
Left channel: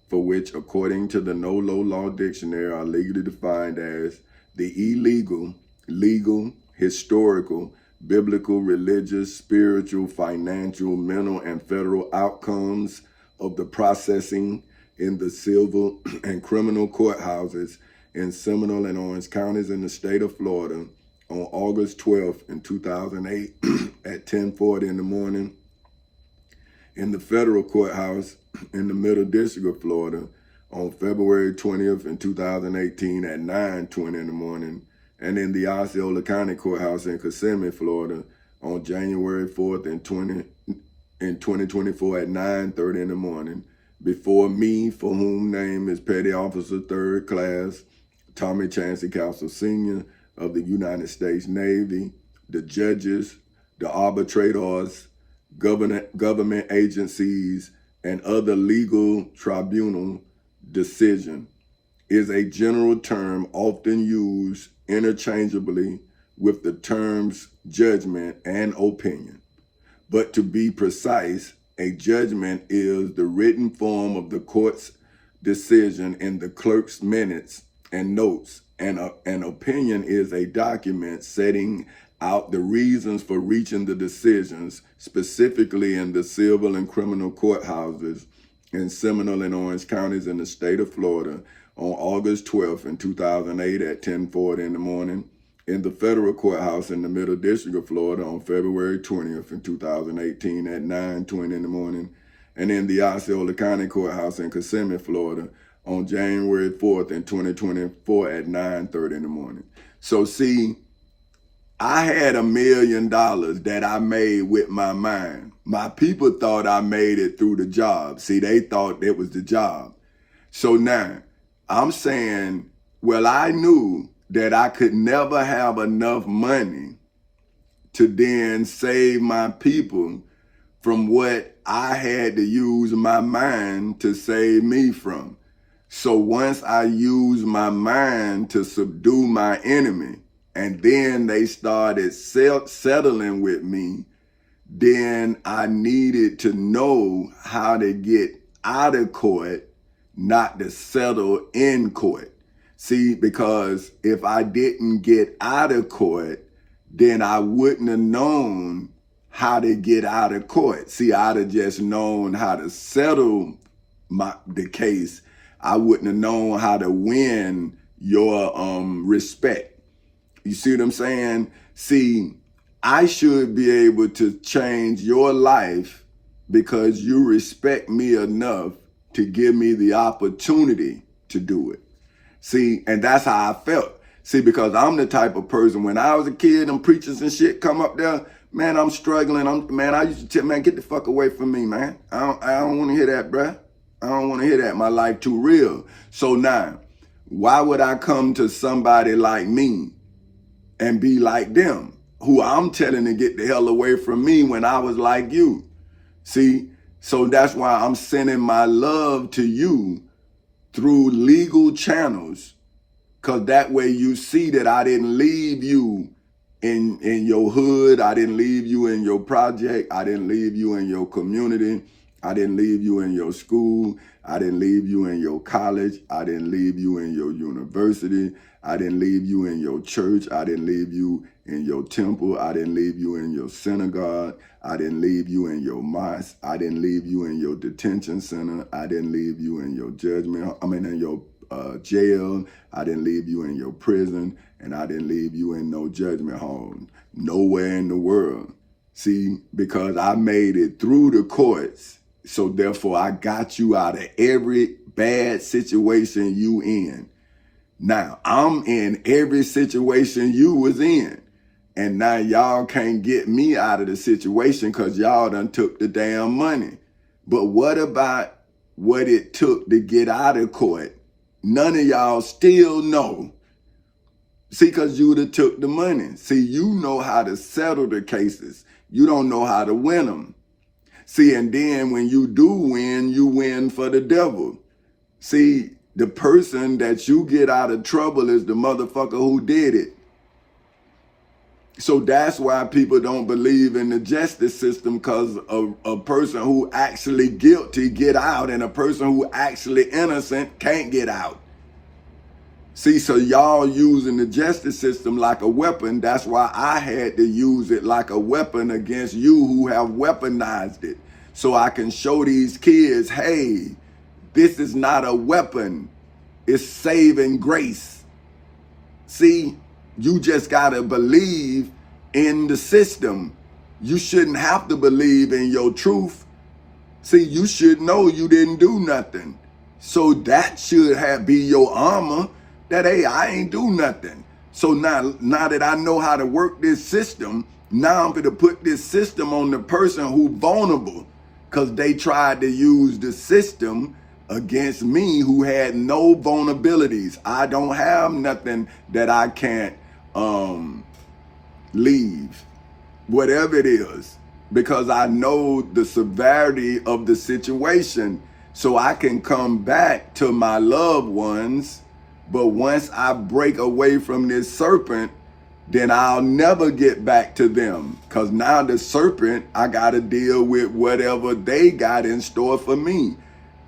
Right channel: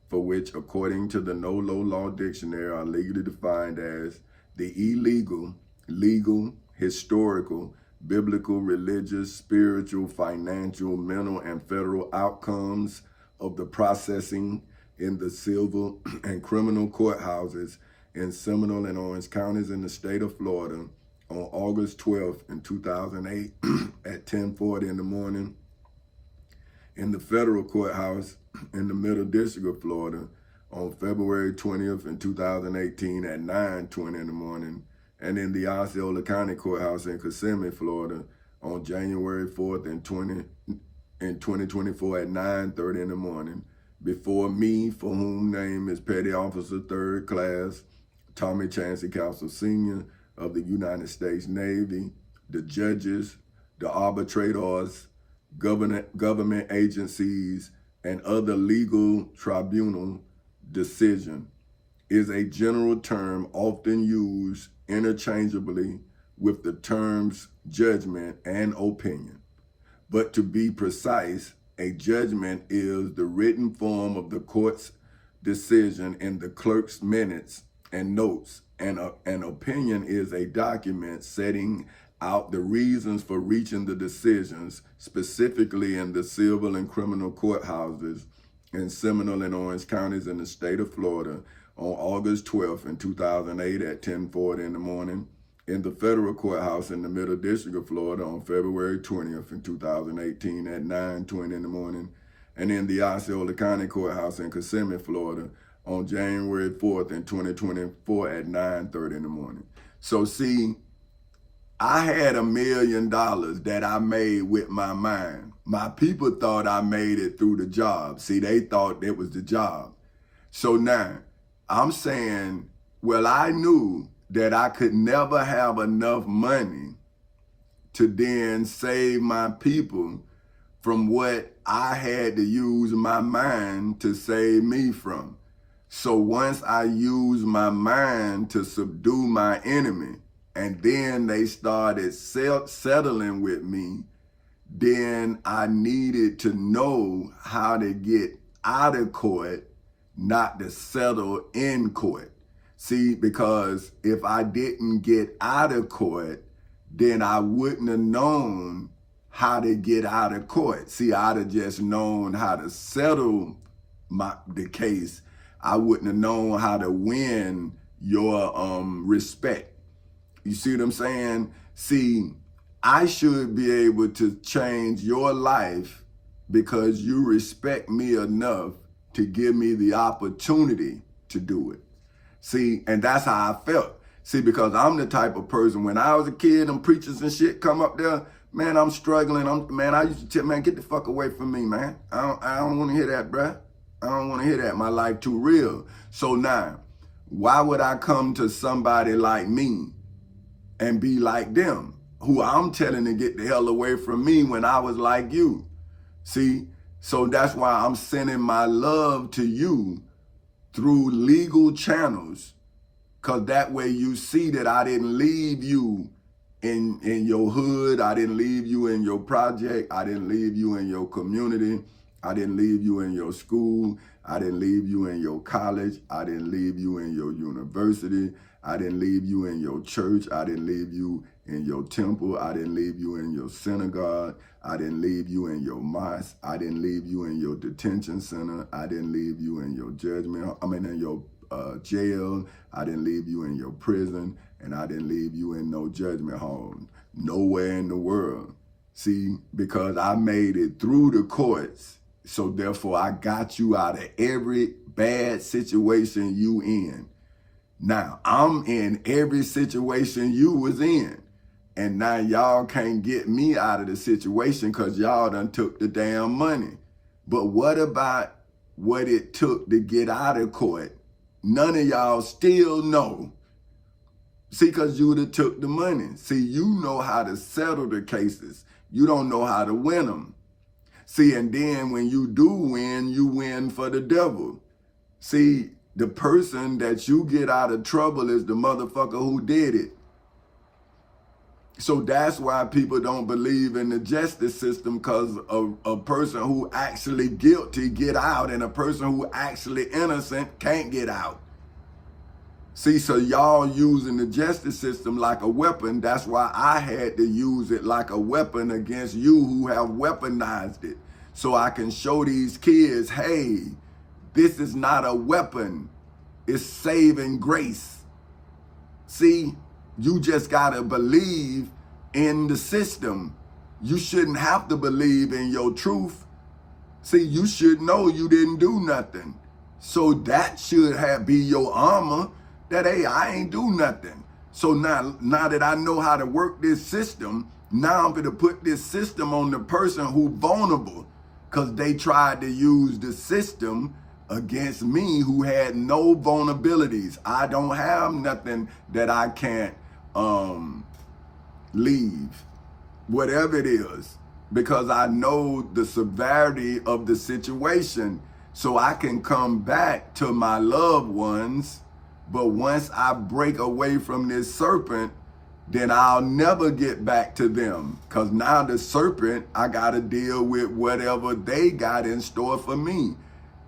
for which, according to the NOLO Law Dictionary, are legally defined as the illegal, legal, historical, biblical, religious, spiritual, financial, mental, and federal outcomes of the processing in the civil and criminal courthouses in Seminole and Orange counties in the state of Florida on August 12th in 2008 at 10:40 in the morning, in the federal courthouse in the Middle District of Florida on February 20th in 2018 at 9:20 in the morning, and in the Osceola County Courthouse in Kissimmee, Florida on January 4th in 2024 at 9:30 in the morning, before me, for whom name is Petty Officer 3rd Class Tommy Chancey Castle Sr. of the United States Navy, the judges, the arbitrators, government agencies, and other legal tribunal decision is a general term often used interchangeably with the terms judgment and opinion. But to be precise, a judgment is the written form of the court's decision in the clerk's minutes and notes, and an opinion is a document setting out the reasons for reaching the decisions, specifically in the civil and criminal courthouses in Seminole and Orange counties in the state of Florida on August 12th in 2008 at 10:40 in the morning, in the federal courthouse in the Middle District of Florida on February 20th in 2018 at 9:20 in the morning, and in the Osceola County Courthouse in Kissimmee, Florida on January 4th in 2024 at 9:30 in the morning. So see, I had $1 million that I made with my mind. My people thought I made it through the job. See, they thought it was the job. So now I'm saying, well, I knew that I could never have enough money to then save my people from what I had to use my mind to save me from. So once I used my mind to subdue my enemy, and then they started settling with me, then I needed to know how to get out of court, not to settle in court. See, because if I didn't get out of court, then I wouldn't have known how to get out of court. See, I'd have just known how to settle the case. I wouldn't have known how to win your respect. You see what I'm saying? See, I should be able to change your life because you respect me enough to give me the opportunity to do it. See, and that's how I felt. See, because I'm the type of person, when I was a kid, them preachers and shit come up there, man, I'm struggling. I used to tell, man, get the fuck away from me, man. I don't want to hear that, bruh. I don't want to hear that. My life too real. So now, why would I come to somebody like me and be like them? who I'm telling to get the hell away from me when I was like you. See, so that's why I'm sending my love to you through legal channels, because that way you see that I didn't leave you in your hood. I didn't leave you in your project. I didn't leave you in your community. I didn't leave you in your school. I didn't leave you in your college. I didn't leave you in your university. I didn't leave you in your church. I didn't leave you in your temple. I didn't leave you in your synagogue. I didn't leave you in your mosque. I didn't leave you in your detention center. I didn't leave you in your in your jail. I didn't leave you in your prison, and I didn't leave you in no judgment hall, nowhere in the world. See, because I made it through the courts, so therefore I got you out of every bad situation you in. Now, I'm in every situation you was in. And now y'all can't get me out of the situation because y'all done took the damn money. But what about what it took to get out of court? None of y'all still know. See, because you would have took the money. See, you know how to settle the cases. You don't know how to win them. See, and then when you do win, you win for the devil. See, the person that you get out of trouble is the motherfucker who did it. So that's why people don't believe in the justice system, because a person who actually guilty get out and a person who actually innocent can't get out. See, so y'all using the justice system like a weapon. That's why I had to use it like a weapon against you who have weaponized it. So I can show these kids, hey, this is not a weapon. It's saving grace. See? You just gotta believe in the system. You shouldn't have to believe in your truth. See, you should know you didn't do nothing. So that should be your armor, that, hey, I ain't do nothing. So now that I know how to work this system, now I'm gonna put this system on the person who vulnerable, because they tried to use the system against me who had no vulnerabilities. I don't have nothing that I can't leave, whatever it is, because I know the severity of the situation, so I can come back to my loved ones. But once I break away from this serpent, then I'll never get back to them, because now the serpent, I got to deal with whatever they got in store for me.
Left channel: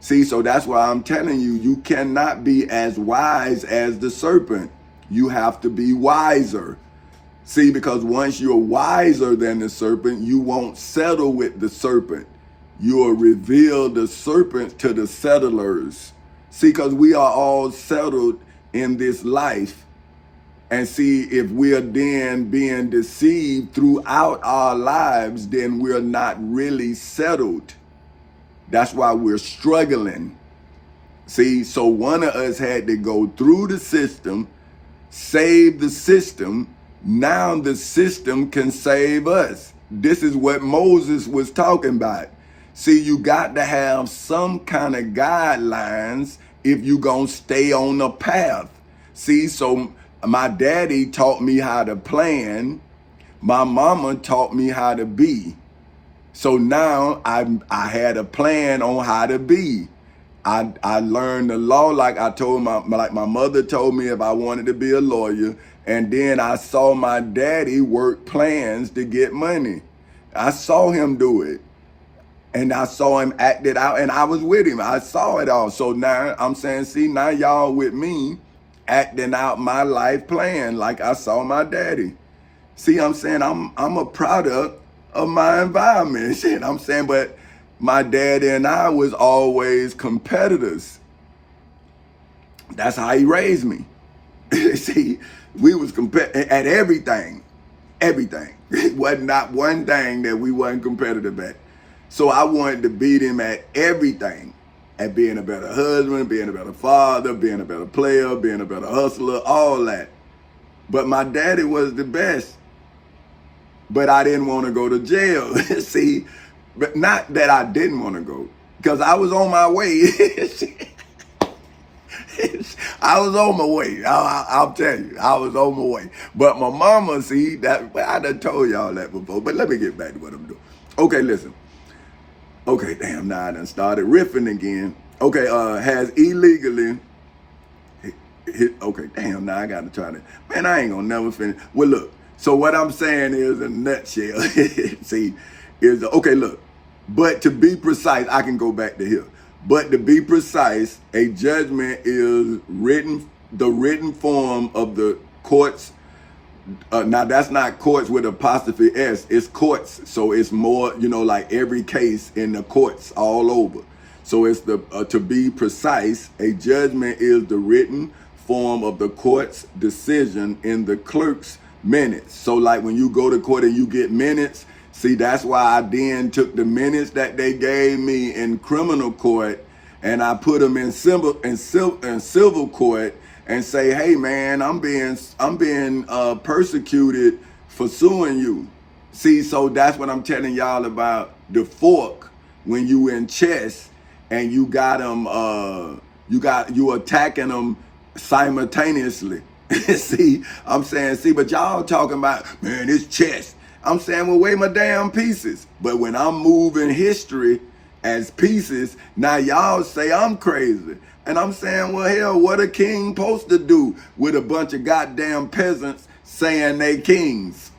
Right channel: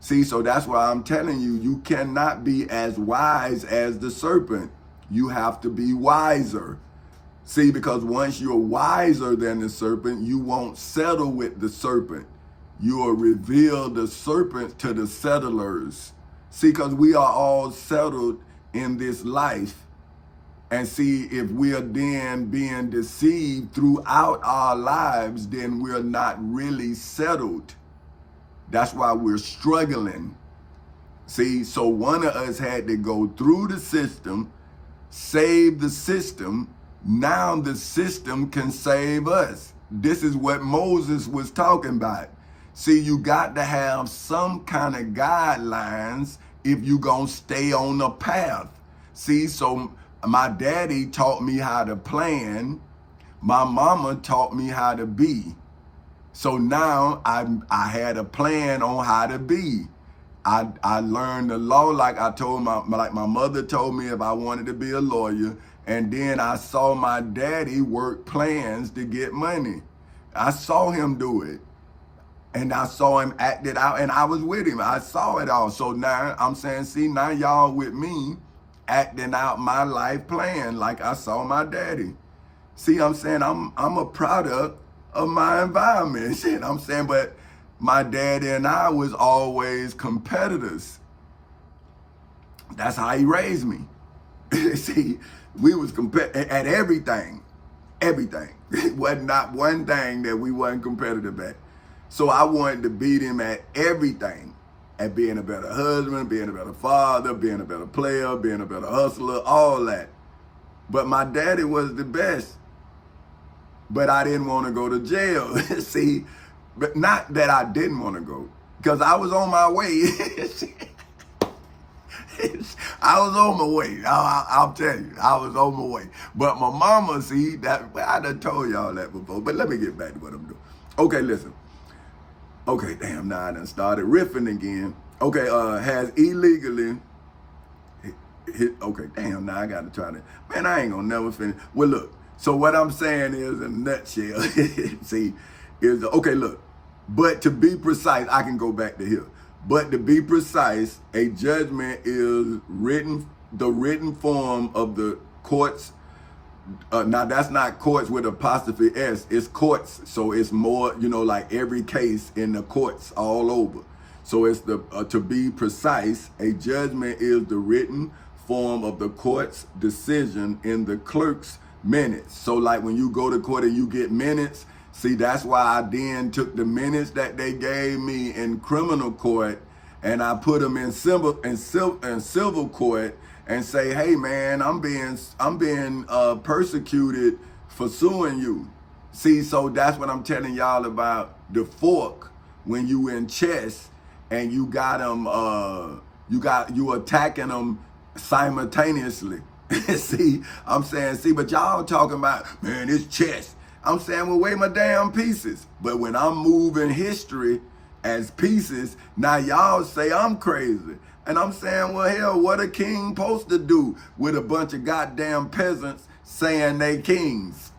See, so that's why I'm telling you, you cannot be as wise as the serpent. You have to be wiser. See, because once you're wiser than the serpent, you won't settle with the serpent. You'll reveal the serpent to the settlers. See, because we are all settled in this life. And see, if we are then being deceived throughout our lives, then we're not really settled. That's why we're struggling. See, so one of us had to go through the system, save the system. Now the system can save us. This is what Moses was talking about. See, you got to have some kind of guidelines if you gonna stay on the path. See, so my daddy taught me how to plan. My mama taught me how to be. So now I had a plan on how to be. I learned the law, like I told my mother told me if I wanted to be a lawyer. And then I saw my daddy work plans to get money. I saw him do it. And I saw him act it out, and I was with him. I saw it all. So now I'm saying, see, now y'all with me acting out my life plan like I saw my daddy. See, I'm saying I'm a product of my environment. Shit, I'm saying, but my daddy and I was always competitors. That's how he raised me. See, we was at everything. Everything. It wasn't not one thing that we wasn't competitive at. So I wanted to beat him at everything. At being a better husband, being a better father, being a better player, being a better hustler, all that. But my daddy was the best. But I didn't want to go to jail. See, but not that I didn't want to go, because I was on my way. I was on my way. I'll tell you, I was on my way. But my mama, see, that well, I done told y'all that before. But let me get back to what I'm doing. Okay, listen. Okay, damn, now I done started riffing again. Okay, has illegally okay, damn, now I gotta try to, man, I ain't gonna never finish. Well, look, so what I'm saying is, in a nutshell, see, is, okay, look, but to be precise, I can go back to here. But to be precise, a judgment is the written form of the courts. Now that's not courts with apostrophe S, it's courts. So it's more, like every case in the courts all over. So it's to be precise, a judgment is the written form of the court's decision in the clerk's minutes. So like when you go to court and you get minutes, see, that's why I then took the minutes that they gave me in criminal court and I put them in civil court and say, hey man, I'm being persecuted for suing you. See, so that's what I'm telling y'all about the fork when you in chess and you got them, you attacking them simultaneously. See, I'm saying, but y'all talking about, man, it's chess. I'm saying, well, weigh my damn pieces. But when I'm moving history as pieces, now y'all say I'm crazy. And I'm saying, well, hell, what a king supposed to do with a bunch of goddamn peasants saying they kings?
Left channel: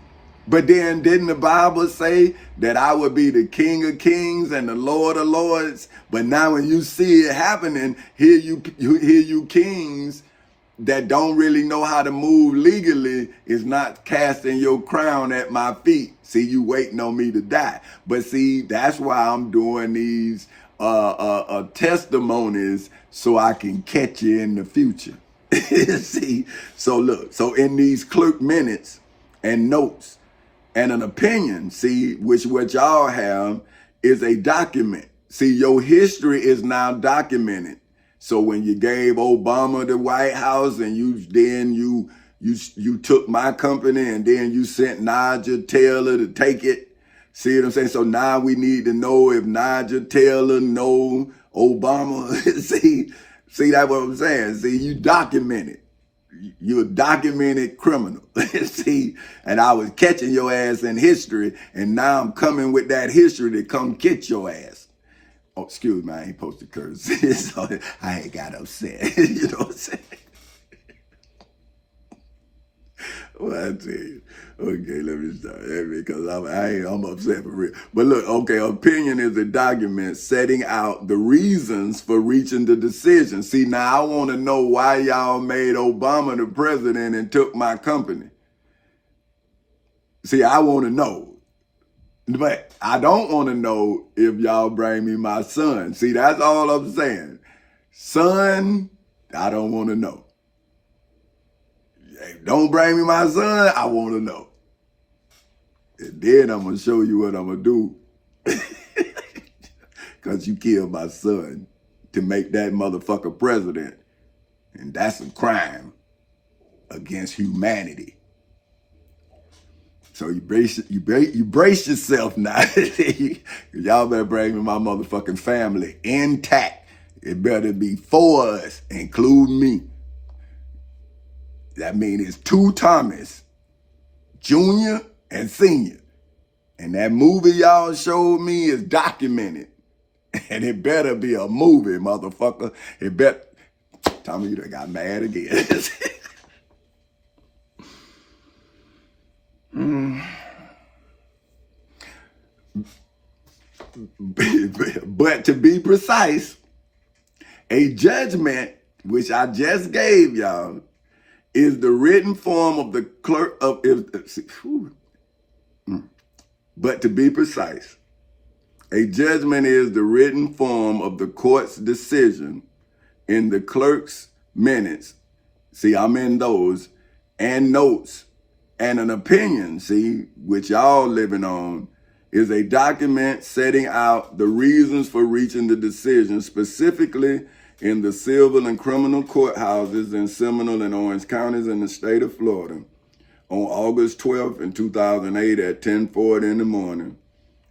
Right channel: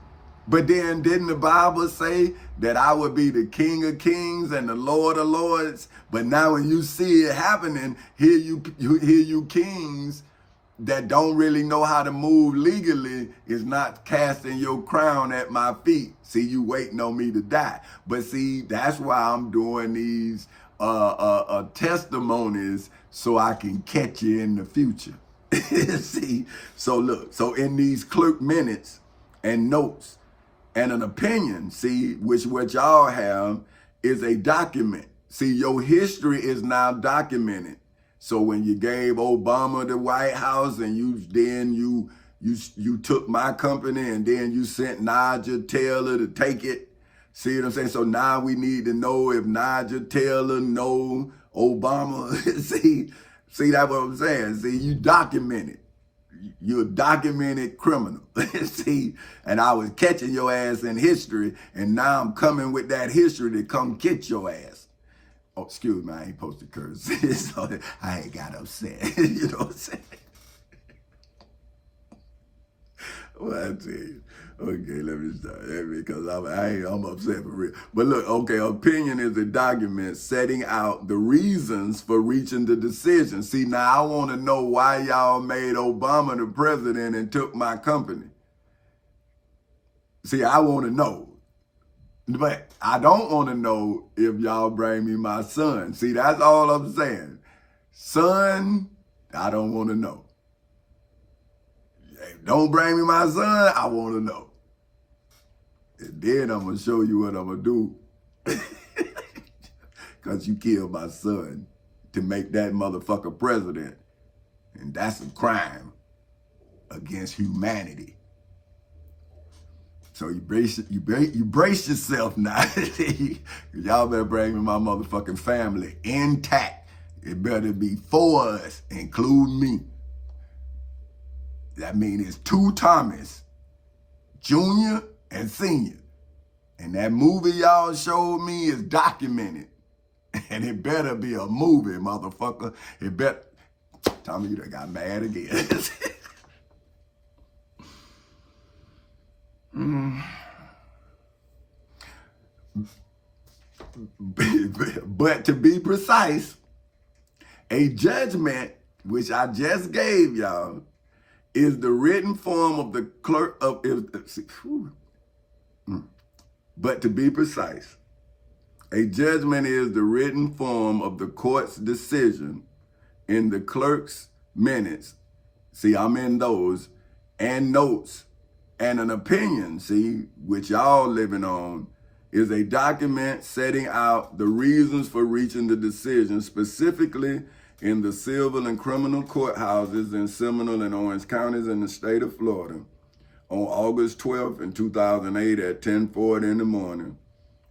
But then didn't the Bible say that I would be the King of Kings and the Lord of Lords? But now when you see it happening, hear you kings that don't really know how to move legally is not casting your crown at my feet. See, you waiting on me to die. But see, that's why I'm doing these testimonies so I can catch you in the future. See, so look, so in these clerk minutes and notes and an opinion, see, which what y'all have is a document. See, your history is now documented. So when you gave Obama the White House and you took my company and then you sent Nigel Taylor to take it. See what I'm saying? So now we need to know if Nigel Taylor know Obama. see that's what I'm saying. See, you documented. You're a documented criminal. See, and I was catching your ass in history, and now I'm coming with that history to come get your ass. Oh, excuse me, I ain't supposed to curse. So I ain't got upset. You know what I'm saying? Well, I tell you. Okay, let me start. Because I'm upset for real. But look, okay, opinion is a document setting out the reasons for reaching the decision. See, now I want to know why y'all made Obama the president and took my company. See, I want to know. But I don't want to know if y'all bring me my son. See, that's all I'm saying. Son, I don't want to know. Don't bring me my son, I want to know. And then I'm going to show you what I'm going to do. Because you killed my son to make that motherfucker president. And that's a crime against humanity. So you brace yourself now. Y'all better bring me my motherfucking family intact. It better be 4 of us, including me. That means it's 2 Thomas, Junior and Senior. And that movie y'all showed me is documented. And it better be a movie, motherfucker. It better. Tommy, you done got mad again. But to be precise, a judgment, which I just gave y'all, is the written form of the clerk of, but to be precise, a judgment is the written form of the court's decision in the clerk's minutes. See, I'm in those, and notes, and an opinion, see, which y'all living on, is a document setting out the reasons for reaching the decision, specifically in the civil and criminal courthouses in Seminole and Orange counties in the state of Florida on August 12th in 2008 at 10:40 in the morning,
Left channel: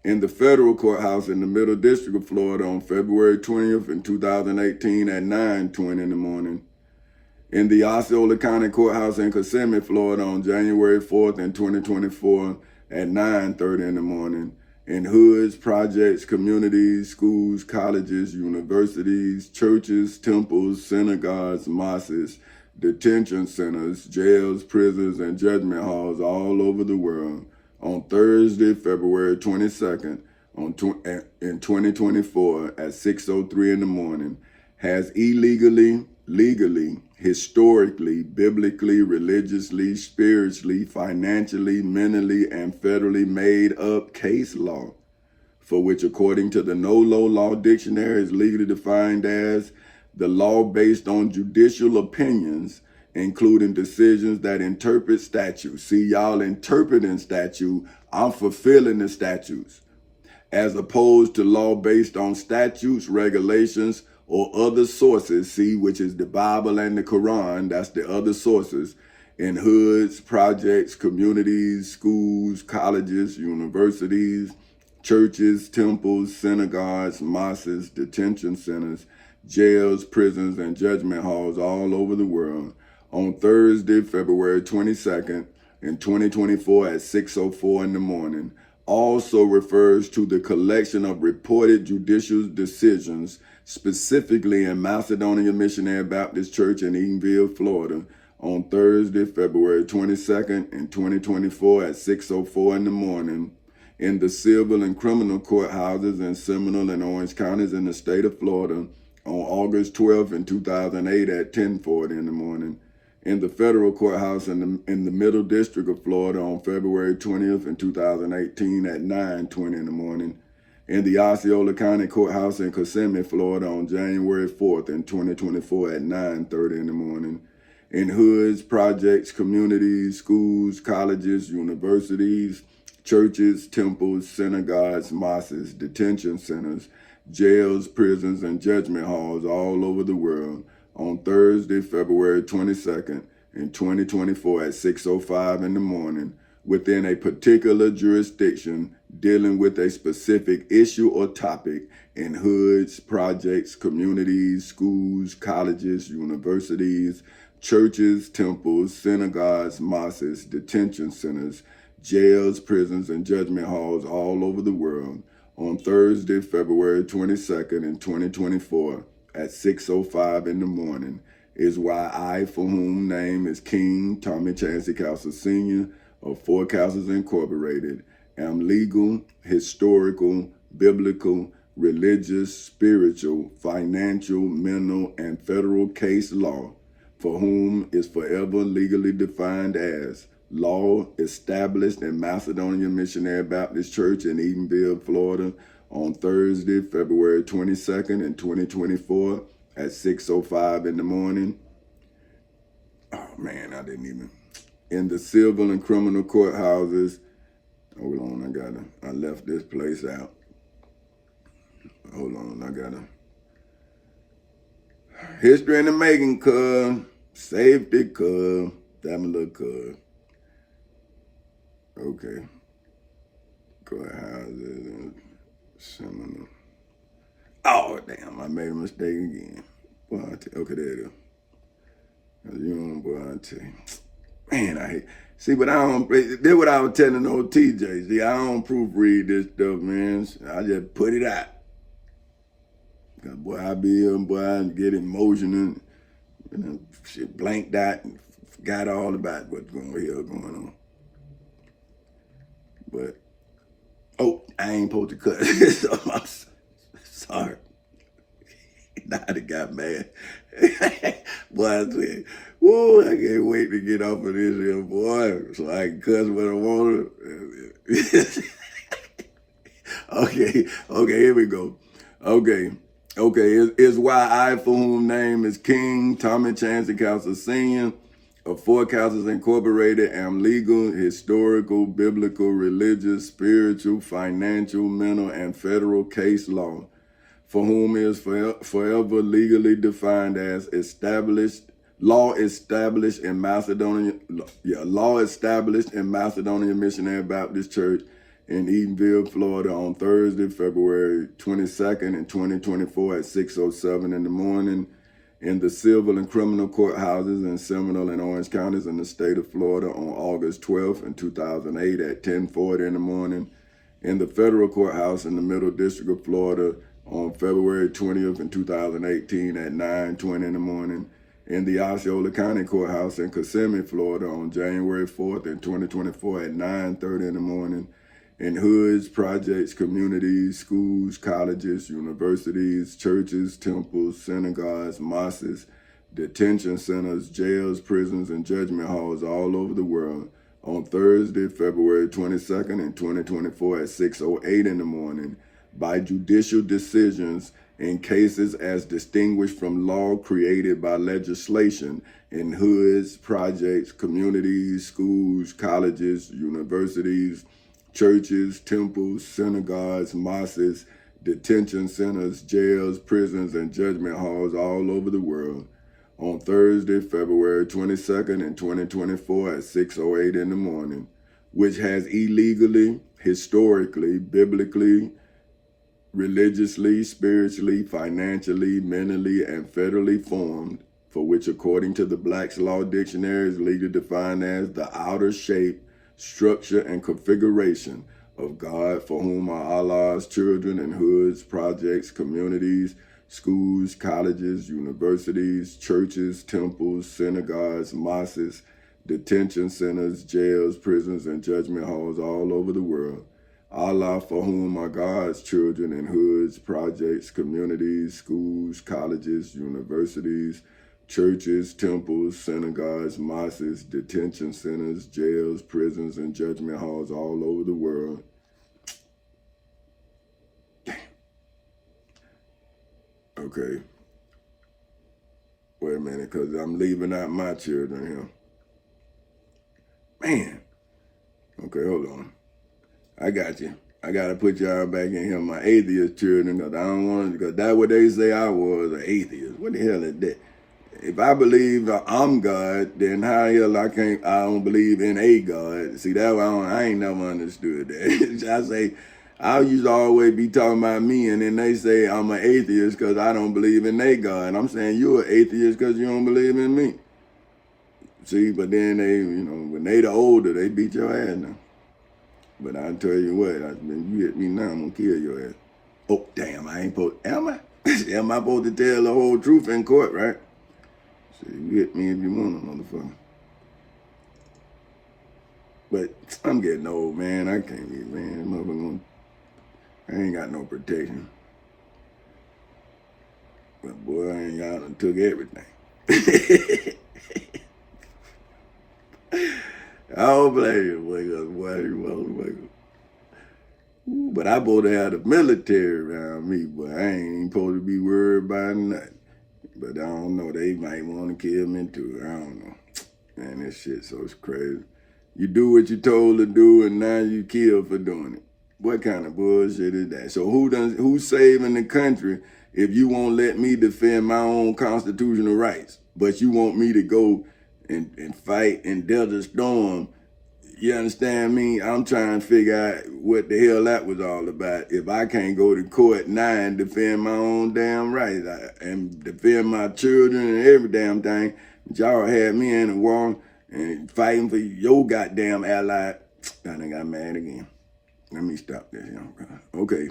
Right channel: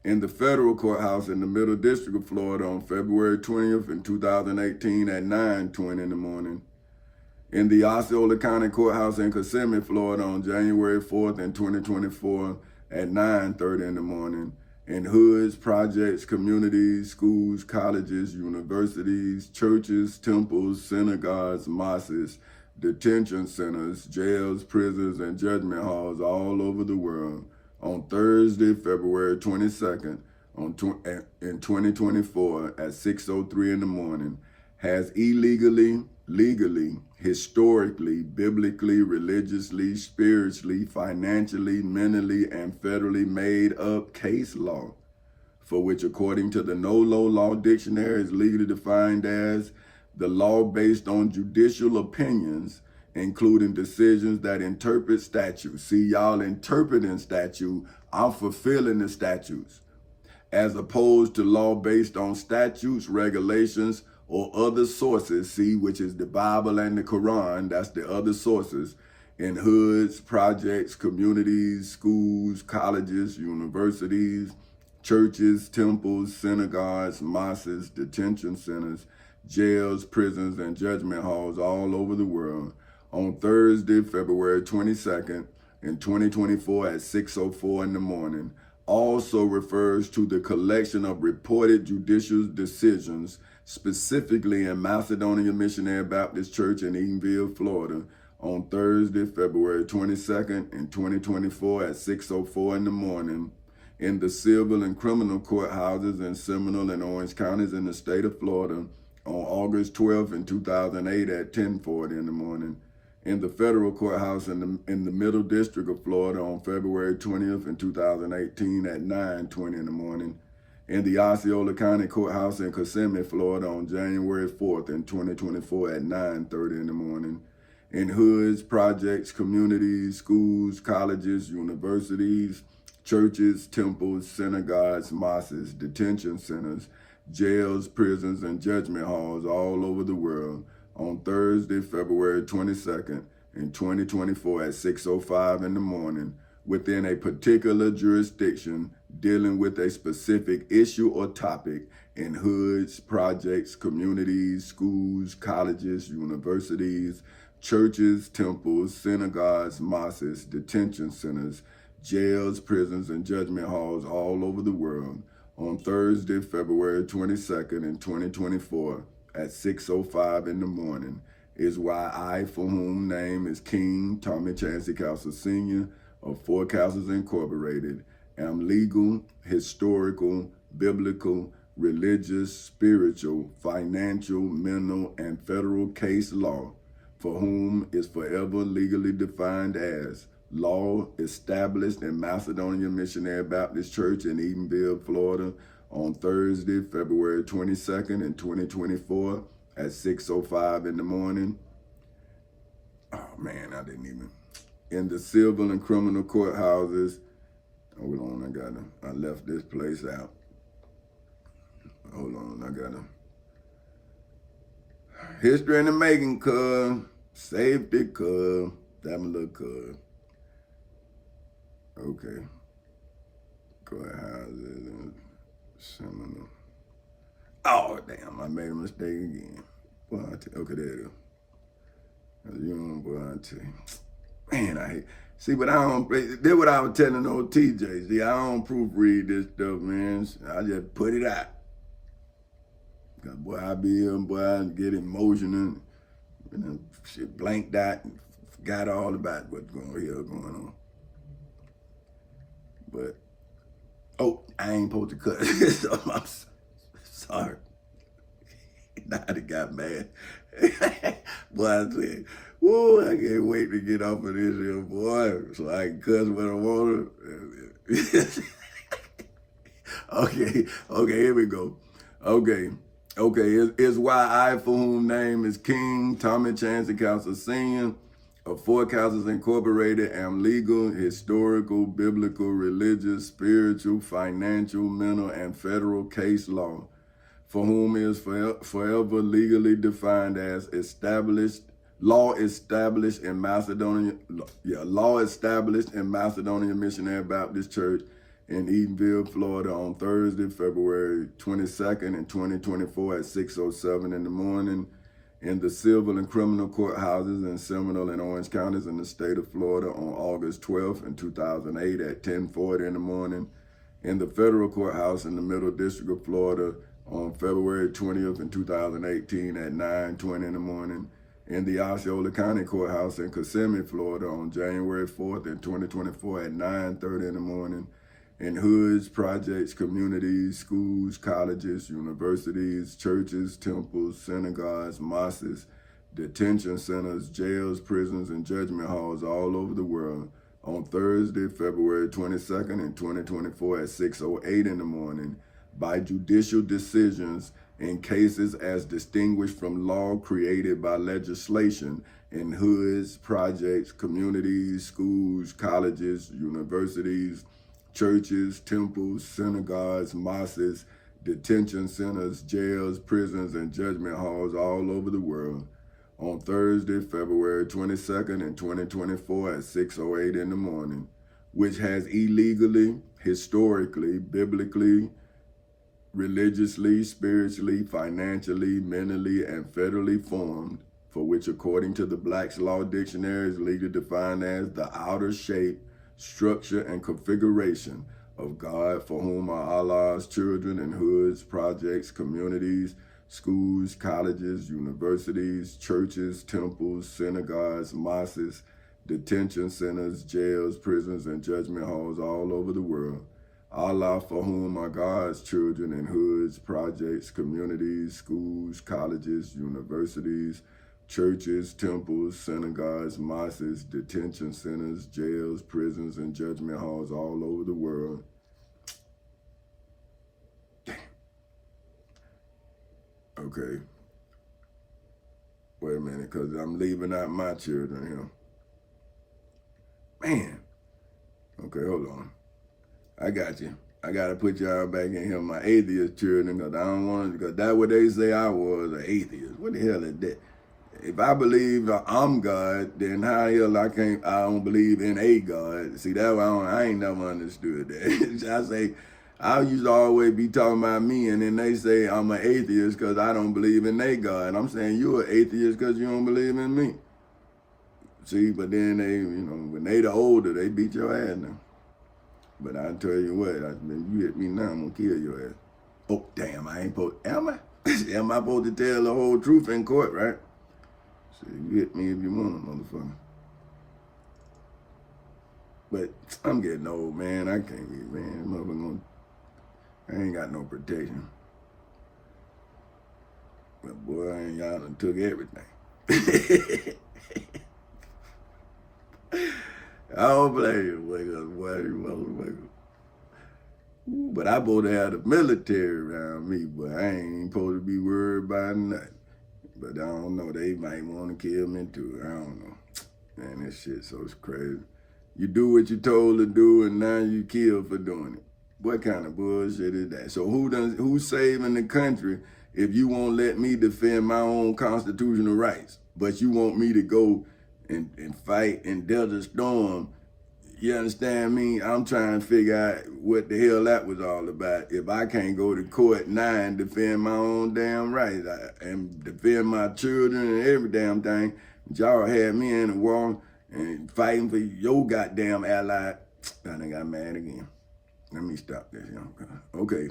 in the federal courthouse in the Middle District of Florida on February 20th in 2018 at 9:20 in the morning, in the Osceola County Courthouse in Kissimmee, Florida on January 4th in 2024 at 9:30 in the morning. In hoods, projects, communities, schools, colleges, universities, churches, temples, synagogues, mosques, detention centers, jails, prisons, and judgment halls all over the world on Thursday, February 22nd in 2024 at 6:03 in the morning, has illegally, legally, historically, biblically, religiously, spiritually, financially, mentally, and federally made up case law, for which, according to the NOLO Law Dictionary, is legally defined as the law based on judicial opinions, including decisions that interpret statutes. See, y'all interpreting statute, I'm fulfilling the statutes, as opposed to law based on statutes, regulations, or other sources, see, which is the Bible and the Quran, that's the other sources, in hoods, projects, communities, schools, colleges, universities, churches, temples, synagogues, mosques, detention centers, jails, prisons, and judgment halls all over the world on Thursday, February 22nd in 2024 at 6:04 in the morning, also refers to the collection of reported judicial decisions, specifically in Macedonia Missionary Baptist Church in Eatonville, Florida, on Thursday, February 22nd in 2024 at 6:04 in the morning, in the civil and criminal courthouses in Seminole and Orange counties in the state of Florida on August 12th in 2008 at 10:40 in the morning, in the federal courthouse in the Middle District of Florida on February 20th in 2018 at 9:20 in the morning, in the Osceola County Courthouse in Kissimmee, Florida on January 4th in 2024 at 9:30 in the morning, in hoods, projects, communities, schools, colleges, universities, churches, temples, synagogues, mosques, detention centers, jails, prisons, and judgment halls all over the world on Thursday, February 22nd in 2024 at 6:05 in the morning, within a particular jurisdiction dealing with a specific issue or topic in hoods, projects, communities, schools, colleges, universities, churches, temples, synagogues, mosques, detention centers, jails, prisons, and judgment halls all over the world on Thursday, February 22nd in 2024 at 6:05 in the morning, is why I, for whom name is King Tommy Chancey Castle Sr. of Four Castles Incorporated, am legal, historical, biblical, religious, spiritual, financial, mental, and federal case law, for whom is forever legally defined as law established in Macedonia Missionary Baptist Church in Eatonville, Florida, on Thursday, February 22nd in 2024 at 6:05 in the morning. Oh man, I didn't even. In the civil and criminal courthouses. Hold on, I left this place out. Hold on, history in the making, cuz. Safety, cuz. Damn little cuz. Okay. Courthouses. Seminole. Oh, damn, I made a mistake again. Boy, okay, there it is. You know, boy, I tell you. Man, I hate. See, but I don't. This what I was telling old TJ. See, I don't proofread this stuff, man. I just put it out. Cause boy, I be here, boy, I get emotional, and shit blanked out and forgot all about what's going on. But I ain't supposed to cut. So I'm sorry. Now I got mad. Boy, I said, whoa, I can't wait to get off of this here, boy, so I can cuss when I want to. Okay, here we go. Okay, it's why I, for whom name is King Tommy Chancey Castle Sr. of Four Castles Incorporated, am legal, historical, biblical, religious, spiritual, financial, mental, and federal case law, for whom is forever legally defined as law established in Macedonia Missionary Baptist Church in Eatonville, Florida on Thursday, February 22nd in 2024 at 6:07 in the morning, in the civil and criminal courthouses in Seminole and Orange counties in the state of Florida on August 12th in 2008 at 10:40 in the morning, in the federal courthouse in the Middle District of Florida on February 20th in 2018 at 9:20 in the morning, in the Osceola County Courthouse in Kissimmee, Florida on January 4th in 2024 at 9:30 in the morning, in hoods, projects, communities, schools, colleges, universities, churches, temples, synagogues, mosques, detention centers, jails, prisons, and judgment halls all over the world on Thursday, February 22nd in 2024 at 6:08 in the morning by judicial decisions in cases as distinguished from law created by legislation in hoods, projects, communities, schools, colleges, universities, churches, temples, synagogues, mosques, detention centers, jails, prisons, and judgment halls all over the world on Thursday, February 22nd in 2024 at 6:08 in the morning, which has illegally, historically, biblically, religiously, spiritually, financially, mentally, and federally formed, for which according to the Black's Law Dictionary is legally defined as the outer shape, structure, and configuration of God, for whom are Allah's children in hoods, projects, communities, schools, colleges, universities, churches, temples, synagogues, mosques, detention centers, jails, prisons, and judgment halls all over the world. Allah, for whom are God's children in hoods, projects, communities, schools, colleges, universities, churches, temples, synagogues, mosques, detention centers, jails, prisons, and judgment halls all over the world. Damn. Okay. Wait a minute, because I'm leaving out my children here. Man. Okay, hold on. I got you. I got to put y'all back in here, my atheist children, because I don't want to, because that's what they say I was, an atheist. What the hell is that? If I believe I'm God, then how the hell I don't believe in a God? See, that one, I ain't never understood that. I say, I used to always be talking about me, and then they say I'm an atheist because I don't believe in a God. And I'm saying you're an atheist because you don't believe in me. See, but then they, when they the older, they beat your ass now. But I tell you what, you hit me now, I'm gonna kill your ass. Oh, damn, I ain't supposed, am I? Am I supposed to tell the whole truth in court, right? So you hit me if you want, motherfucker. But I'm getting old, man. I can't be, man. Motherfucker, I ain't got no protection. But boy, I ain't got done took everything. I don't blame you, boy, you motherfucker. But I supposed to have the military around me, but I ain't supposed to be worried about nothing. But I don't know, they might want to kill me too. I don't know. Man, this shit so crazy. You do what you told to do, and now you killed for doing it. What kind of bullshit is that? So who's saving the country if you won't let me defend my own constitutional rights, but you want me to go and fight in Desert Storm? You understand me? I'm trying to figure out what the hell that was all about. If I can't go to court now and defend my own damn rights and defend my children and every damn thing, but y'all had me in the war and fighting for your goddamn ally. I done got mad again. Let me stop this. Okay.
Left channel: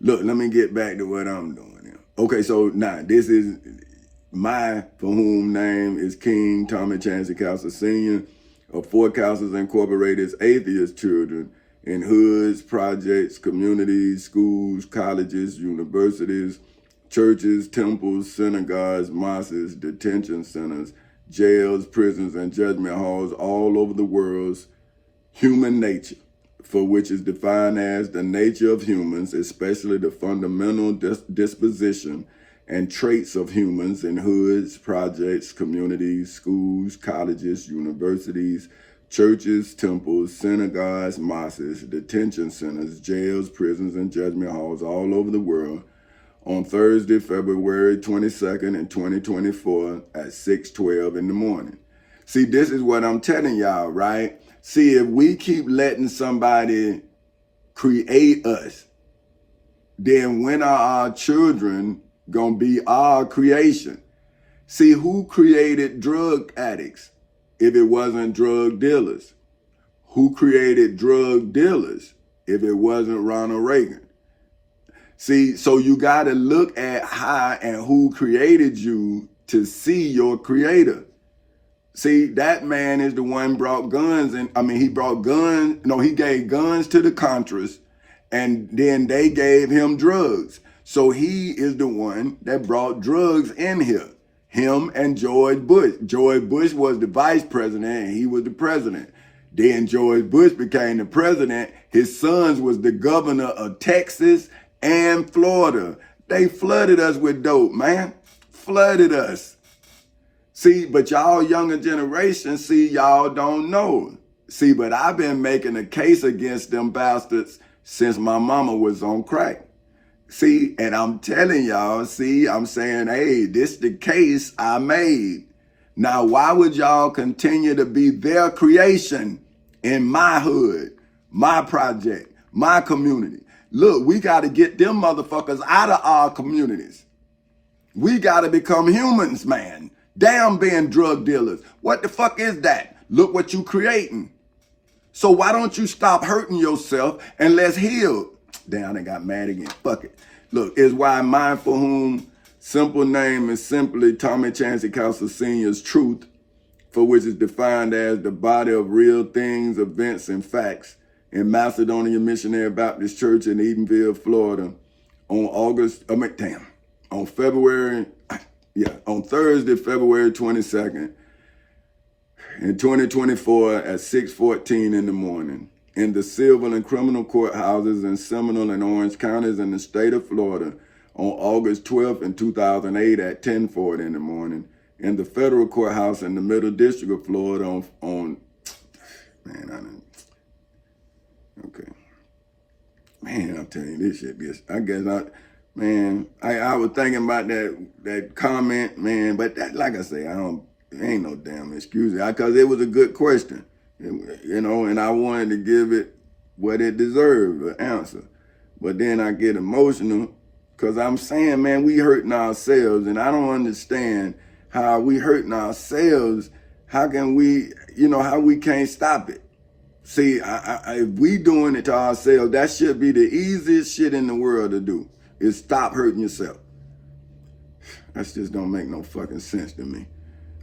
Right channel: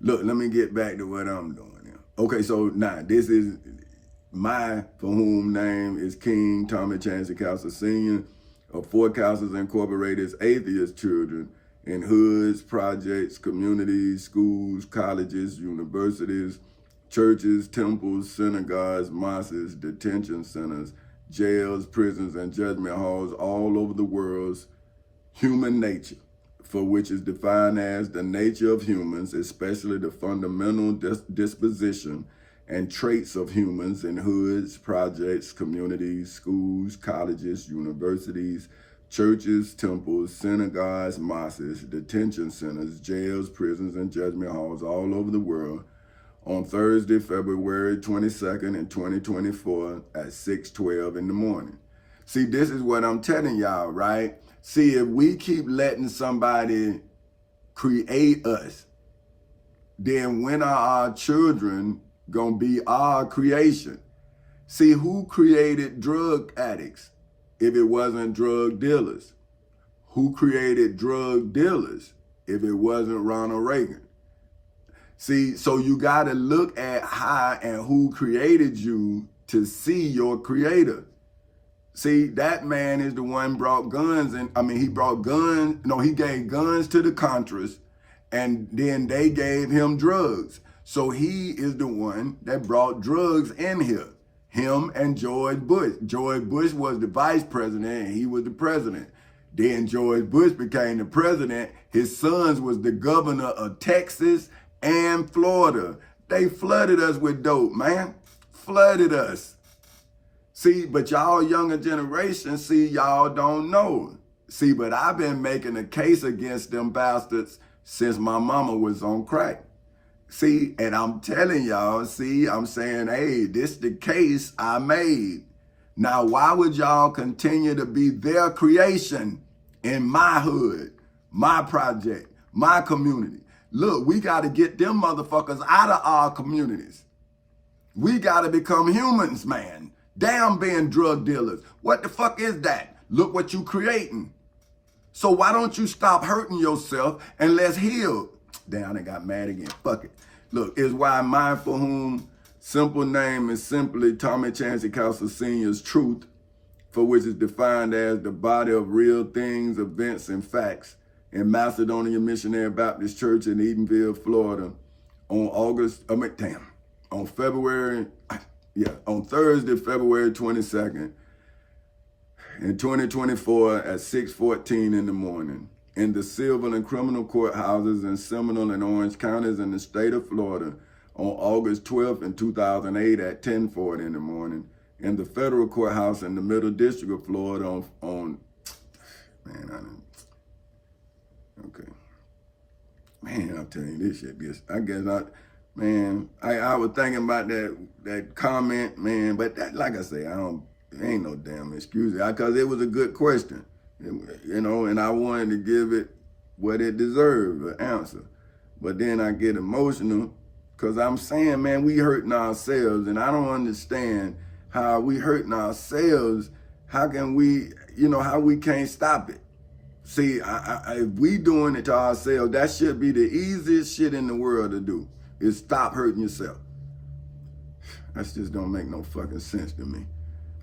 Look, let me get back to what I'm doing here. Okay, so now this is my for whom name is King Tommy Chancey Castles Sr. of Four Castles Incorporated's atheist children in hoods, projects, communities, schools, colleges, universities, churches, temples, synagogues, mosques, detention centers, jails, prisons, and judgment halls all over the world's human nature, for which is defined as the nature of humans, especially the fundamental disposition and traits of humans in hoods, projects, communities, schools, colleges, universities, churches, temples, synagogues, mosques, detention centers, jails, prisons, and judgment halls all over the world on Thursday, February 22nd in 2024 at 6:12 in the morning. See, this is what I'm telling y'all, right? See, if we keep letting somebody create us, then when are our children gonna be our creation? See, who created drug addicts if it wasn't drug dealers? Who created drug dealers if it wasn't Ronald Reagan? See, so you got to look at how and who created you to see your creator. See, that man is the one brought guns, and he brought guns. No, he gave guns to the Contras, and then they gave him drugs. So he is the one that brought drugs in here. Him and George Bush. George Bush was the vice president, and he was the president. Then George Bush became the president. His sons was the governor of Texas and Florida. They flooded us with dope, man. Flooded us. See, but y'all younger generation, see, y'all don't know. See, but I've been making a case against them bastards since my mama was on crack. See, and I'm telling y'all, see, I'm saying, hey, this the case I made. Now, why would y'all continue to be their creation in my hood, my project, my community? Look, we got to get them motherfuckers out of our communities. We got to become humans, man. Damn being drug dealers. What the fuck is that? Look what you creating. So why don't you stop hurting yourself and let's heal? Damn, I got mad again. Fuck it. Look, is why mindful whom simple name is simply Tommy Chancey Castle Sr.'s truth, for which is defined as the body of real things, events, and facts in Macedonia Missionary Baptist Church in Edenville, Florida, on Thursday, February 22nd, in 2024 at 6:14 in the morning, in the civil and criminal courthouses in Seminole and Orange counties in the state of Florida, on August 12th in 2008 at 10:40 in the morning, in the federal courthouse in the Middle District of Florida I'm telling you this shit, I was thinking about that comment, man, but that, like I say, it ain't no damn excuse, because it was a good question, and I wanted to give it what it deserved, an answer. But then I get emotional, because I'm saying, man, we hurting ourselves, and I don't understand how we hurting ourselves. How can we, how we can't stop it? See, if we doing it to ourselves, that should be the easiest shit in the world to do, is stop hurting yourself. That just don't make no fucking sense to me.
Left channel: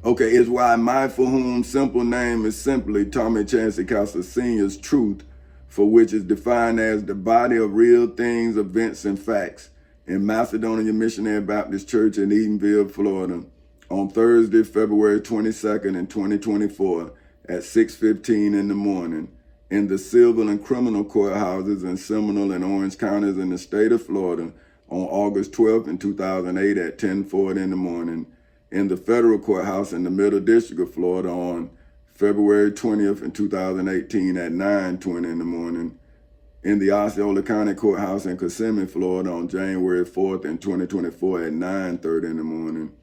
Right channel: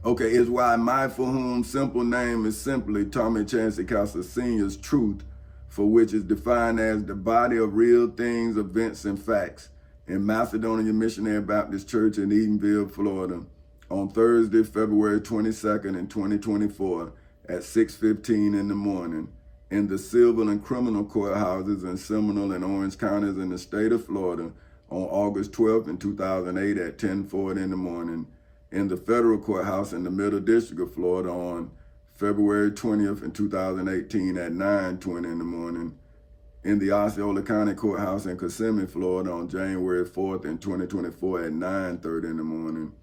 Okay, it's why mindful whom simple name is simply Tommy Chancey Castle Sr.'s truth, for which is defined as the body of real things, events, and facts in Macedonia Missionary Baptist Church in Edenville, Florida, on Thursday, February 22nd in 2024 at 6:15 in the morning, in the civil and criminal courthouses in Seminole and Orange counties in the state of Florida, on August 12th in 2008 at 10:40 in the morning, in the federal courthouse in the Middle District of Florida on February 20th in 2018 at 9:20 in the morning, in the Osceola County Courthouse in Kissimmee, Florida on January 4th in 2024 at 9:30 in the morning,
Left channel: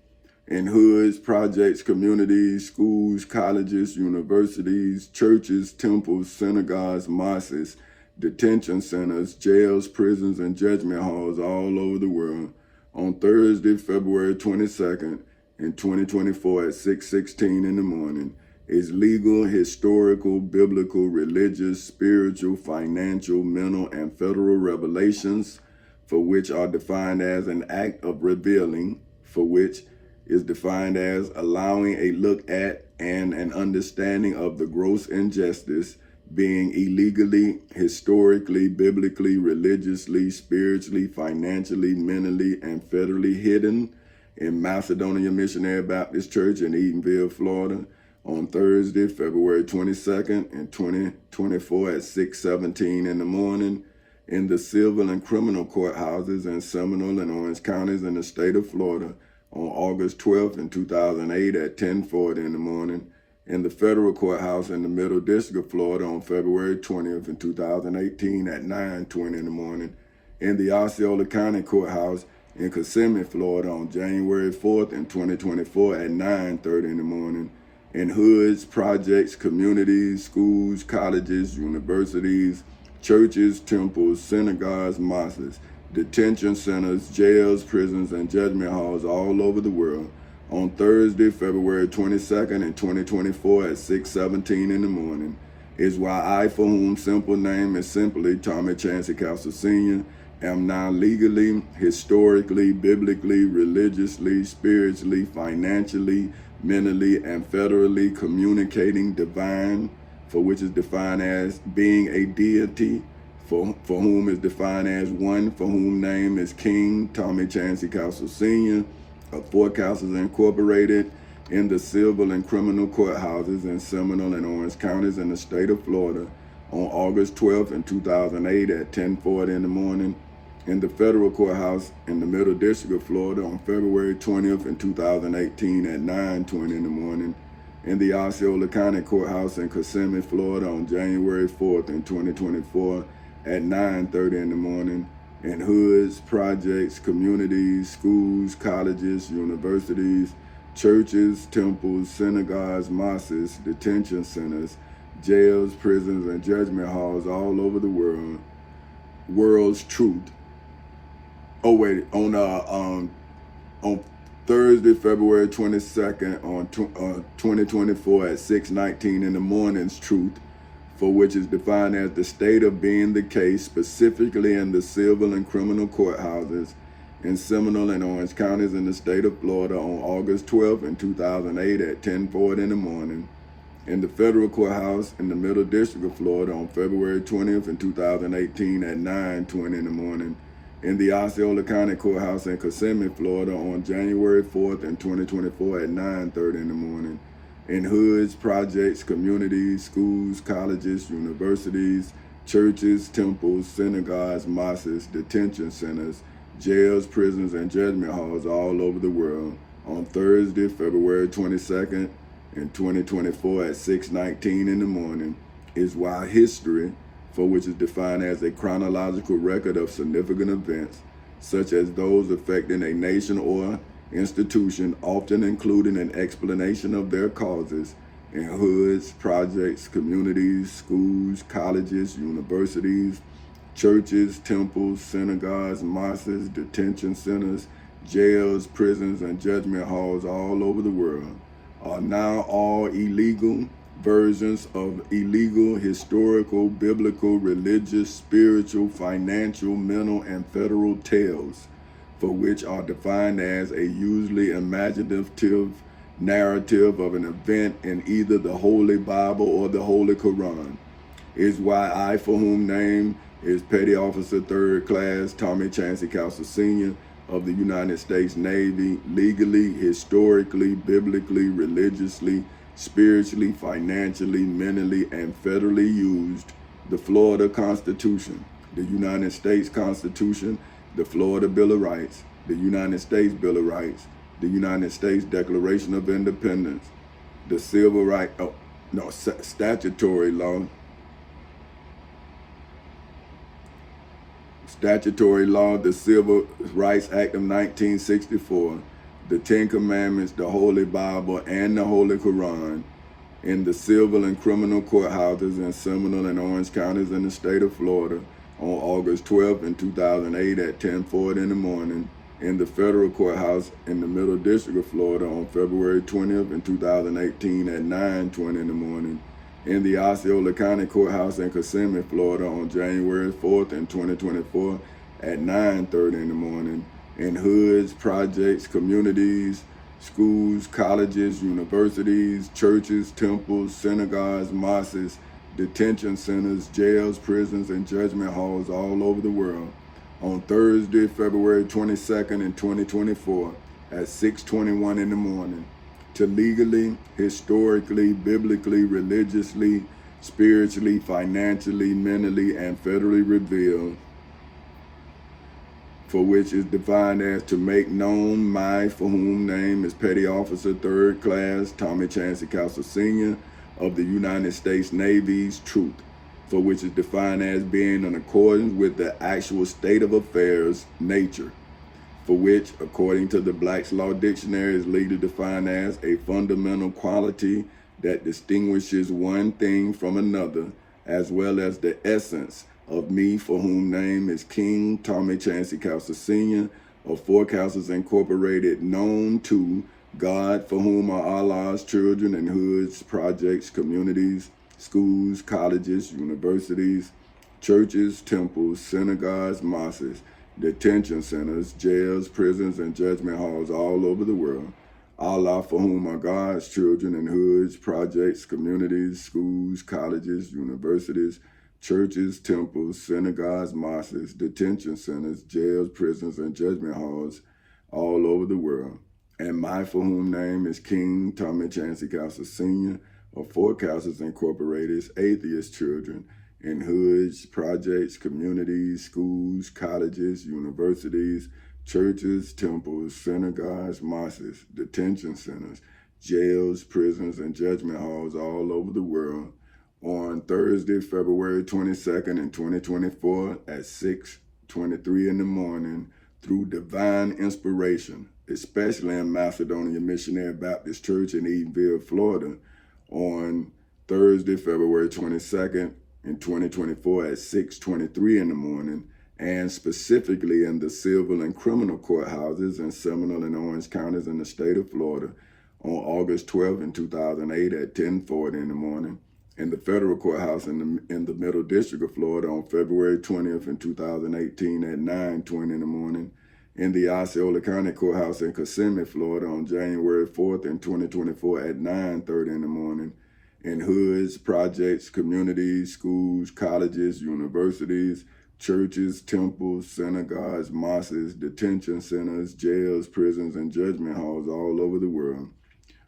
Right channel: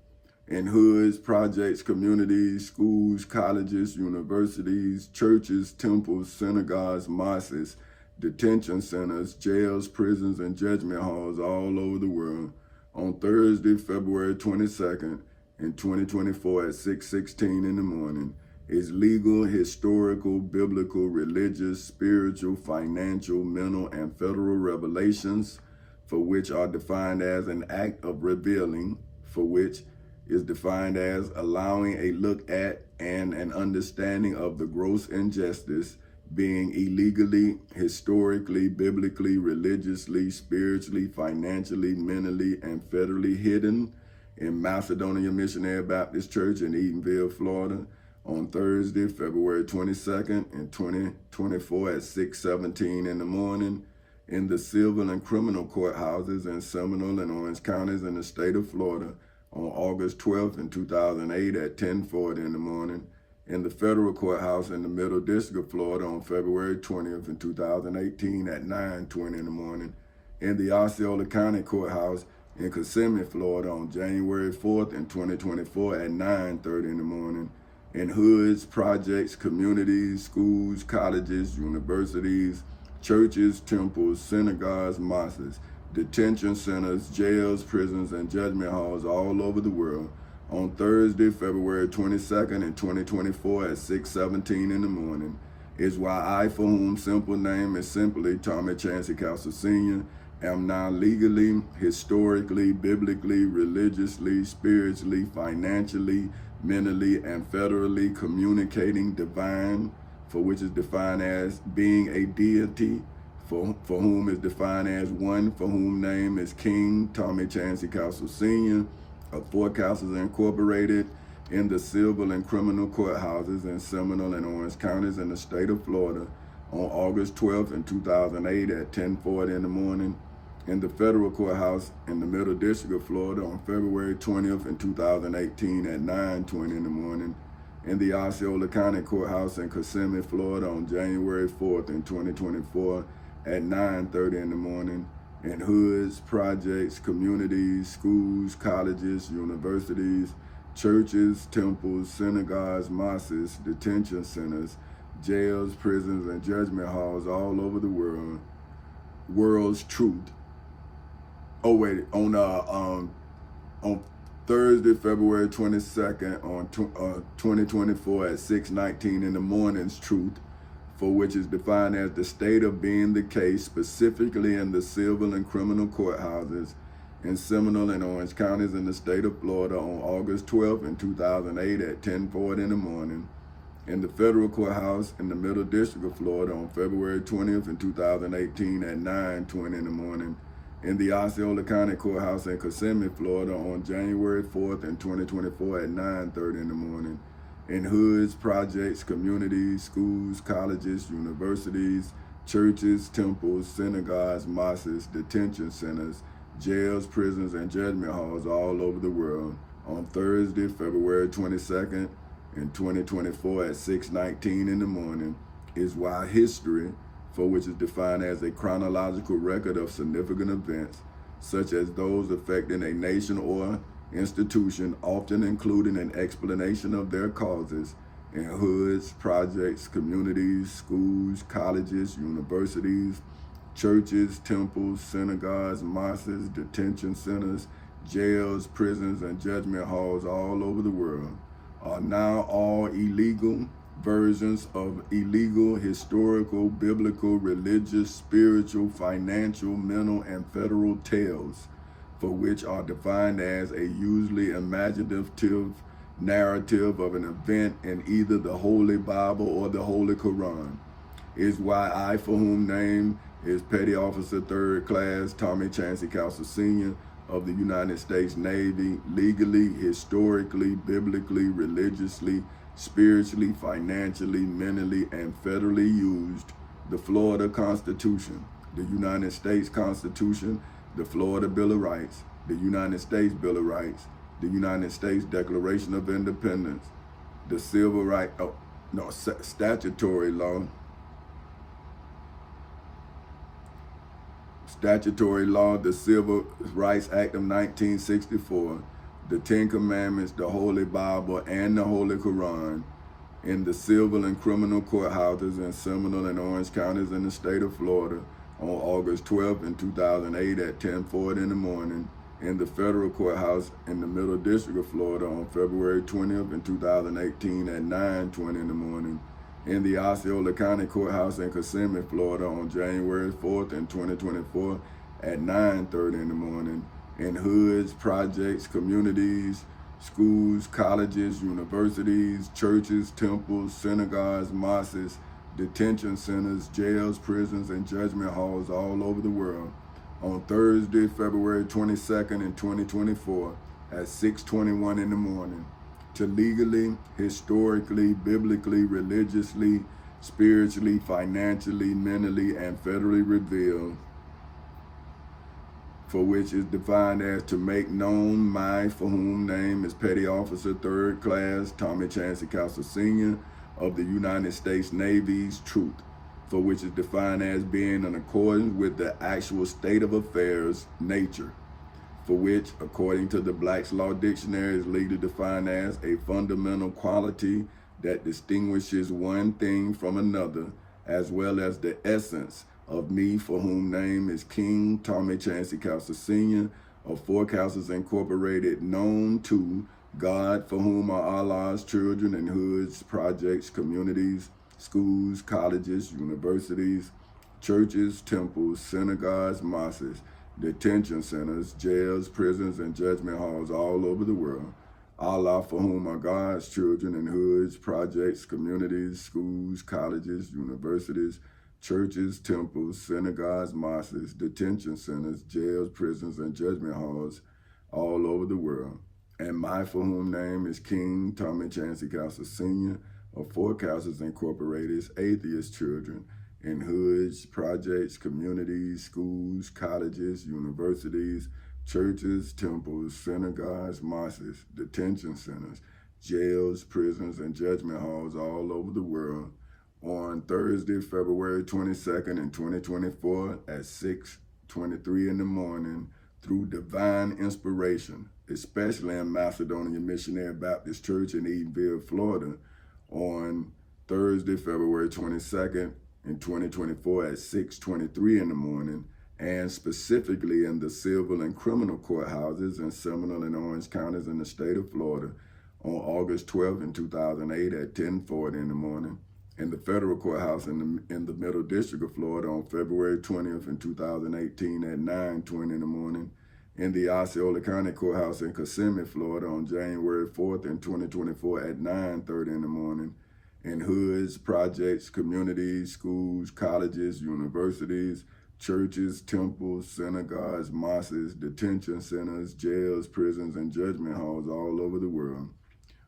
in hoods, projects, communities, schools, colleges, universities, churches, temples, synagogues, mosques, detention centers, jails, prisons, and judgment halls all over the world on Thursday, February 22nd in 2024 at 6:16 in the morning, is legal, historical, biblical, religious, spiritual, financial, mental, and federal revelations, for which are defined as an act of revealing, for which is defined as allowing a look at and an understanding of the gross injustice being illegally, historically, biblically, religiously, spiritually, financially, mentally, and federally hidden in Macedonia Missionary Baptist Church in Edenville, Florida, on Thursday, February 22nd in 2024 at 6:17 in the morning, in the civil and criminal courthouses in Seminole and Orange counties in the state of Florida, on August 12th in 2008 at 10:40 in the morning, in the federal courthouse in the Middle District of Florida on February 20th in 2018 at 9:20 in the morning, in the Osceola County Courthouse in Kissimmee, Florida on January 4th in 2024 at 9:30 in the morning, in hoods, projects, communities, schools, colleges, universities, churches, temples, synagogues, mosques, detention centers, jails, prisons, and judgment halls all over the world on Thursday, February 22nd in 2024 at 6:17 in the morning, is why I, for whom simple name is simply Tommy Chancey Castle Sr., am now legally, historically, biblically, religiously, spiritually, financially, mentally, and federally communicating divine, for which is defined as being a deity, for whom is defined as one, for whom name is King Tommy Chancey Castle Sr. of Four Castles Incorporated, in the civil and criminal courthouses in Seminole and Orange counties in the state of Florida on August 12th in 2008 at 10:40 in the morning, in the federal courthouse in the Middle District of Florida on February 20th in 2018 at 9:20 in the morning, in the Osceola County Courthouse in Kissimmee, Florida on January 4th in 2024 at 9:30 in the morning, in hoods, projects, communities, schools, colleges, universities, churches, temples, synagogues, mosques, detention centers, jails, prisons, and judgment halls all over the world. World's truth. Oh wait, on Thursday, February 22nd, on 2024 at 6:19 in the morning's truth, for which is defined as the state of being the case, specifically in the civil and criminal courthouses in Seminole and Orange counties in the state of Florida on August 12th in 2008 at 10:40 in the morning, in the federal courthouse in the Middle District of Florida on February 20th in 2018 at 9:20 in the morning, in the Osceola County Courthouse in Kissimmee, Florida on January 4th in 2024 at 9:30 in the morning, in hoods, projects, communities, schools, colleges, universities, churches, temples, synagogues, mosques, detention centers, jails, prisons, and judgment halls all over the world on Thursday, February 22nd in 2024 at 6:19 in the morning, is why history, for which is defined as a chronological record of significant events, such as those affecting a nation or institution, often including an explanation of their causes, in hoods, projects, communities, schools, colleges, universities, churches, temples, synagogues, mosques, detention centers, jails, prisons, and judgment halls all over the world, are now all illegal versions of illegal, historical, biblical, religious, spiritual, financial, mental, and federal tales, for which are defined as a usually imaginative narrative of an event in either the Holy Bible or the Holy Quran, is why I, for whom name is Petty Officer 3rd Class Tommy Chancey Castle Sr. of the United States Navy, legally, historically, biblically, religiously, spiritually, financially, mentally, and federally used the Florida Constitution, the United States Constitution, the Florida Bill of Rights, the United States Bill of Rights, the United States Declaration of Independence, the Civil Rights, statutory law, the Civil Rights Act of 1964, the Ten Commandments, the Holy Bible, and the Holy Quran, in the civil and criminal courthouses in Seminole and Orange counties in the state of Florida on August 12th in 2008 at 10:40 in the morning, in the federal courthouse in the Middle District of Florida on February 20th in 2018 at 9:20 in the morning, in the Osceola County Courthouse in Kissimmee, Florida on January 4th in 2024 at 9:30 in the morning, in hoods, projects, communities, schools, colleges, universities, churches, temples, synagogues, mosques, detention centers, jails, prisons, and judgment halls all over the world on Thursday, February 22nd in 2024 at 6:21 in the morning, to legally, historically, biblically, religiously, spiritually, financially, mentally, and federally reveal, for which is defined as to make known my, for whom name is Petty Officer 3rd Class Tommy Chancey Castle Sr. of the United States Navy's truth, for which is defined as being in accordance with the actual state of affairs nature, for which, according to the Black's Law Dictionary, is legally defined as a fundamental quality that distinguishes one thing from another, as well as the essence of me, for whom name is King Tommy Chancey Castle Sr. of Four Castles Incorporated, known to God, for whom are Allah's children in hoods, projects, communities, schools, colleges, universities, churches, temples, synagogues, mosques, detention centers, jails, prisons, and judgment halls all over the world. Allah, for whom are God's children in hoods, projects, communities, schools, colleges, universities, churches, temples, synagogues, mosques, detention centers, jails, prisons, and judgment halls all over the world. And my for whom name is King Tommy Chancey Castle Sr. of Four Castles Incorporated's Atheist Children in hoods, projects, communities, schools, colleges, universities, churches, temples, synagogues, mosques, detention centers, jails, prisons, and judgment halls all over the world on Thursday, February 22nd in 2024 at 6:23 in the morning through divine inspiration, especially in Macedonia Missionary Baptist Church in Edenville, Florida, on Thursday, February 22nd in 2024 at 6:23 in the morning, and specifically in the civil and criminal courthouses in Seminole and Orange counties in the state of Florida on August 12th in 2008 at 10:40 in the morning, in the federal courthouse in the Middle District of Florida on February 20th in 2018 at 9:20 in the morning, in the Osceola County Courthouse in Kissimmee, Florida on January 4th in 2024 at 9:30 in the morning, in hoods, projects, communities, schools, colleges, universities, churches, temples, synagogues, mosques, detention centers, jails, prisons, and judgment halls all over the world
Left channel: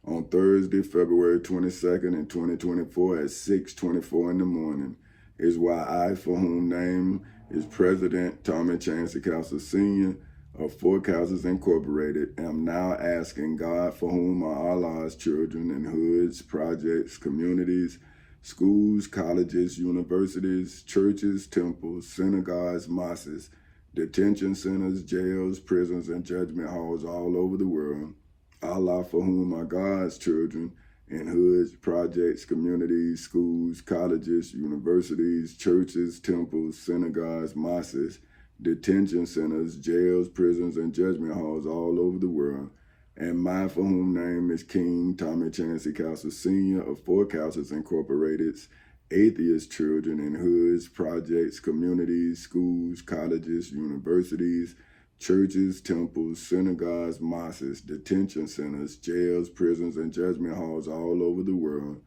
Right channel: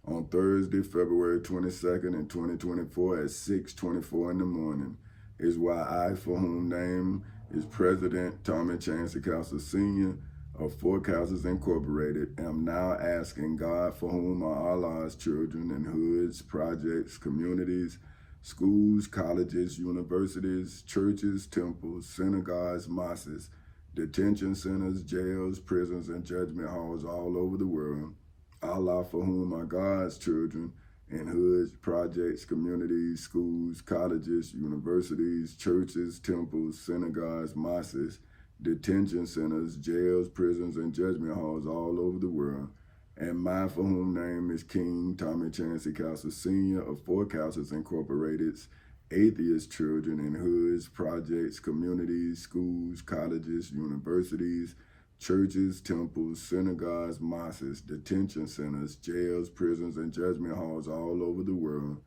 on Thursday, February 22nd in 2024 at 6:24 in the morning, is why I, for whom name is President Tommy Chancey Castle Sr. of Four Castles Incorporated, am now asking God, for whom are Allah's children in hoods, projects, communities, schools, colleges, universities, churches, temples, synagogues, mosques, detention centers, jails, prisons, and judgment halls all over the world. Allah, for whom are God's children in hoods, projects, communities, schools, colleges, universities, churches, temples, synagogues, mosques, detention centers, jails, prisons, and judgment halls all over the world. And my for whom name is King Tommy Chancey Castle Sr. of Four Castles Incorporated's Atheist Children in hoods, projects, communities, schools, colleges, universities, churches, temples, synagogues, mosques, detention centers, jails, prisons, and judgment halls all over the world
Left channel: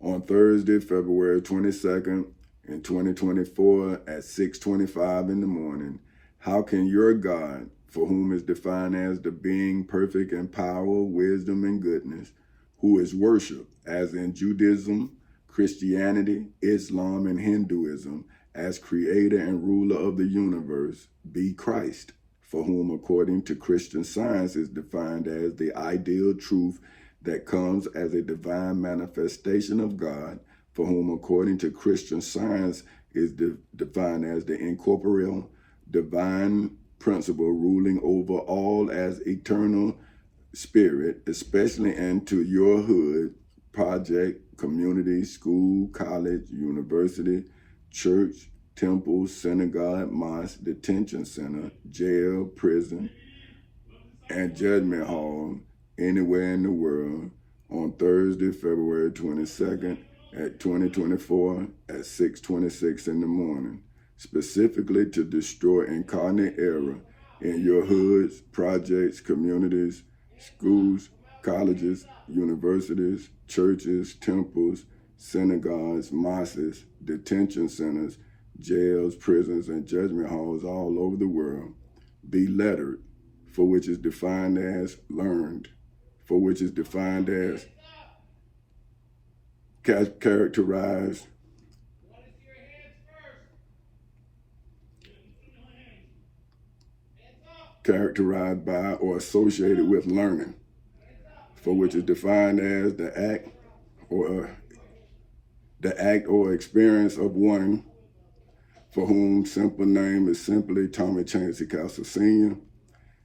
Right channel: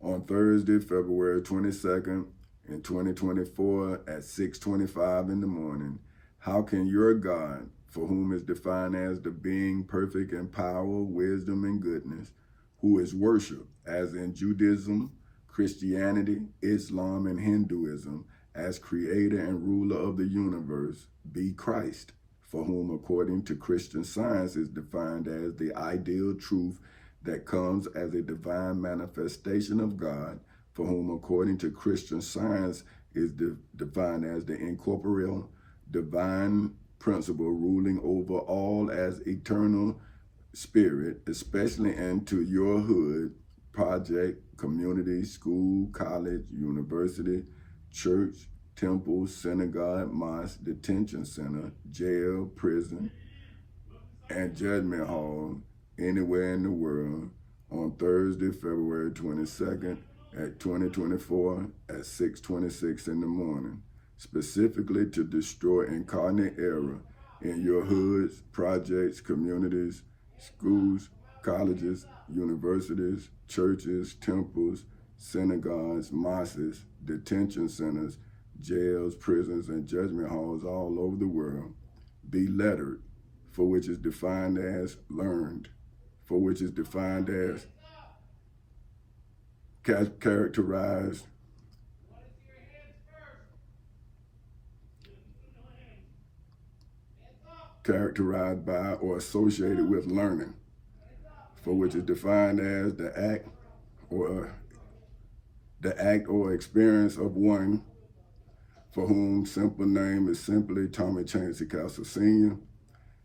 on Thursday, February 22nd in 2024 at 6:25 in the morning. How can your God, for whom is defined as the being perfect in power, wisdom, and goodness, who is worshipped, as in Judaism, Christianity, Islam, and Hinduism, as creator and ruler of the universe, be Christ, for whom, according to Christian Science, is defined as the ideal truth that comes as a divine manifestation of God, for whom, according to Christian Science, is defined as the incorporeal divine principle ruling over all as eternal spirit, especially into your hood, project, community, school, college, university, church, temple, synagogue, mosque, detention center, jail, prison, and judgment hall anywhere in the world on Thursday, February 22nd at 2024 at 6:26 in the morning, specifically to destroy incarnate error in your hoods, projects, communities, schools, colleges, universities, churches, temples, synagogues, mosques, detention centers, jails, prisons, and judgment halls all over the world. Be lettered, for which is defined as learned, for which is defined as characterized by or associated with learning, for which is defined as the act or experience of one for whom simple name is simply Tommy Chancey Castle Sr.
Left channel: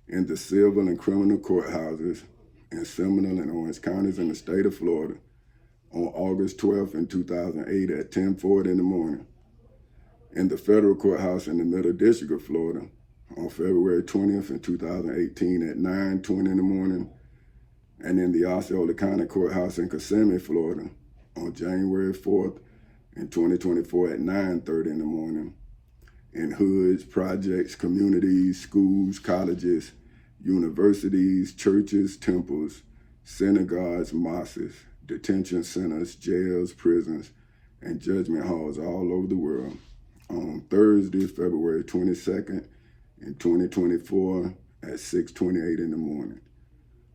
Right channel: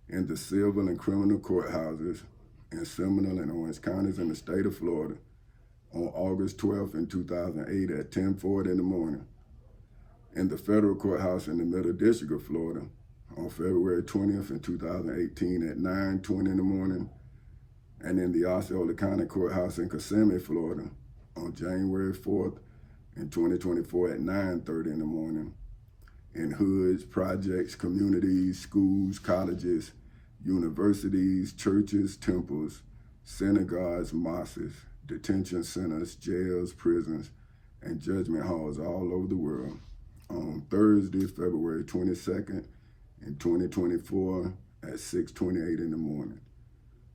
in the civil and criminal courthouses in Seminole and Orange counties in the state of Florida on August 12th in 2008 at 10:40 in the morning, in the federal courthouse in the Middle District of Florida on February 20th in 2018 at 9:20 in the morning, And in the Osceola County Courthouse in Kissimmee, Florida, on January 4th in 2024 at 9:30 in the morning. In hoods, projects, communities, schools, colleges, universities, churches, temples, synagogues, mosques, detention centers, jails, prisons, and judgment halls all over the world. On Thursday, February 22nd in 2024 at 6:28 in the morning.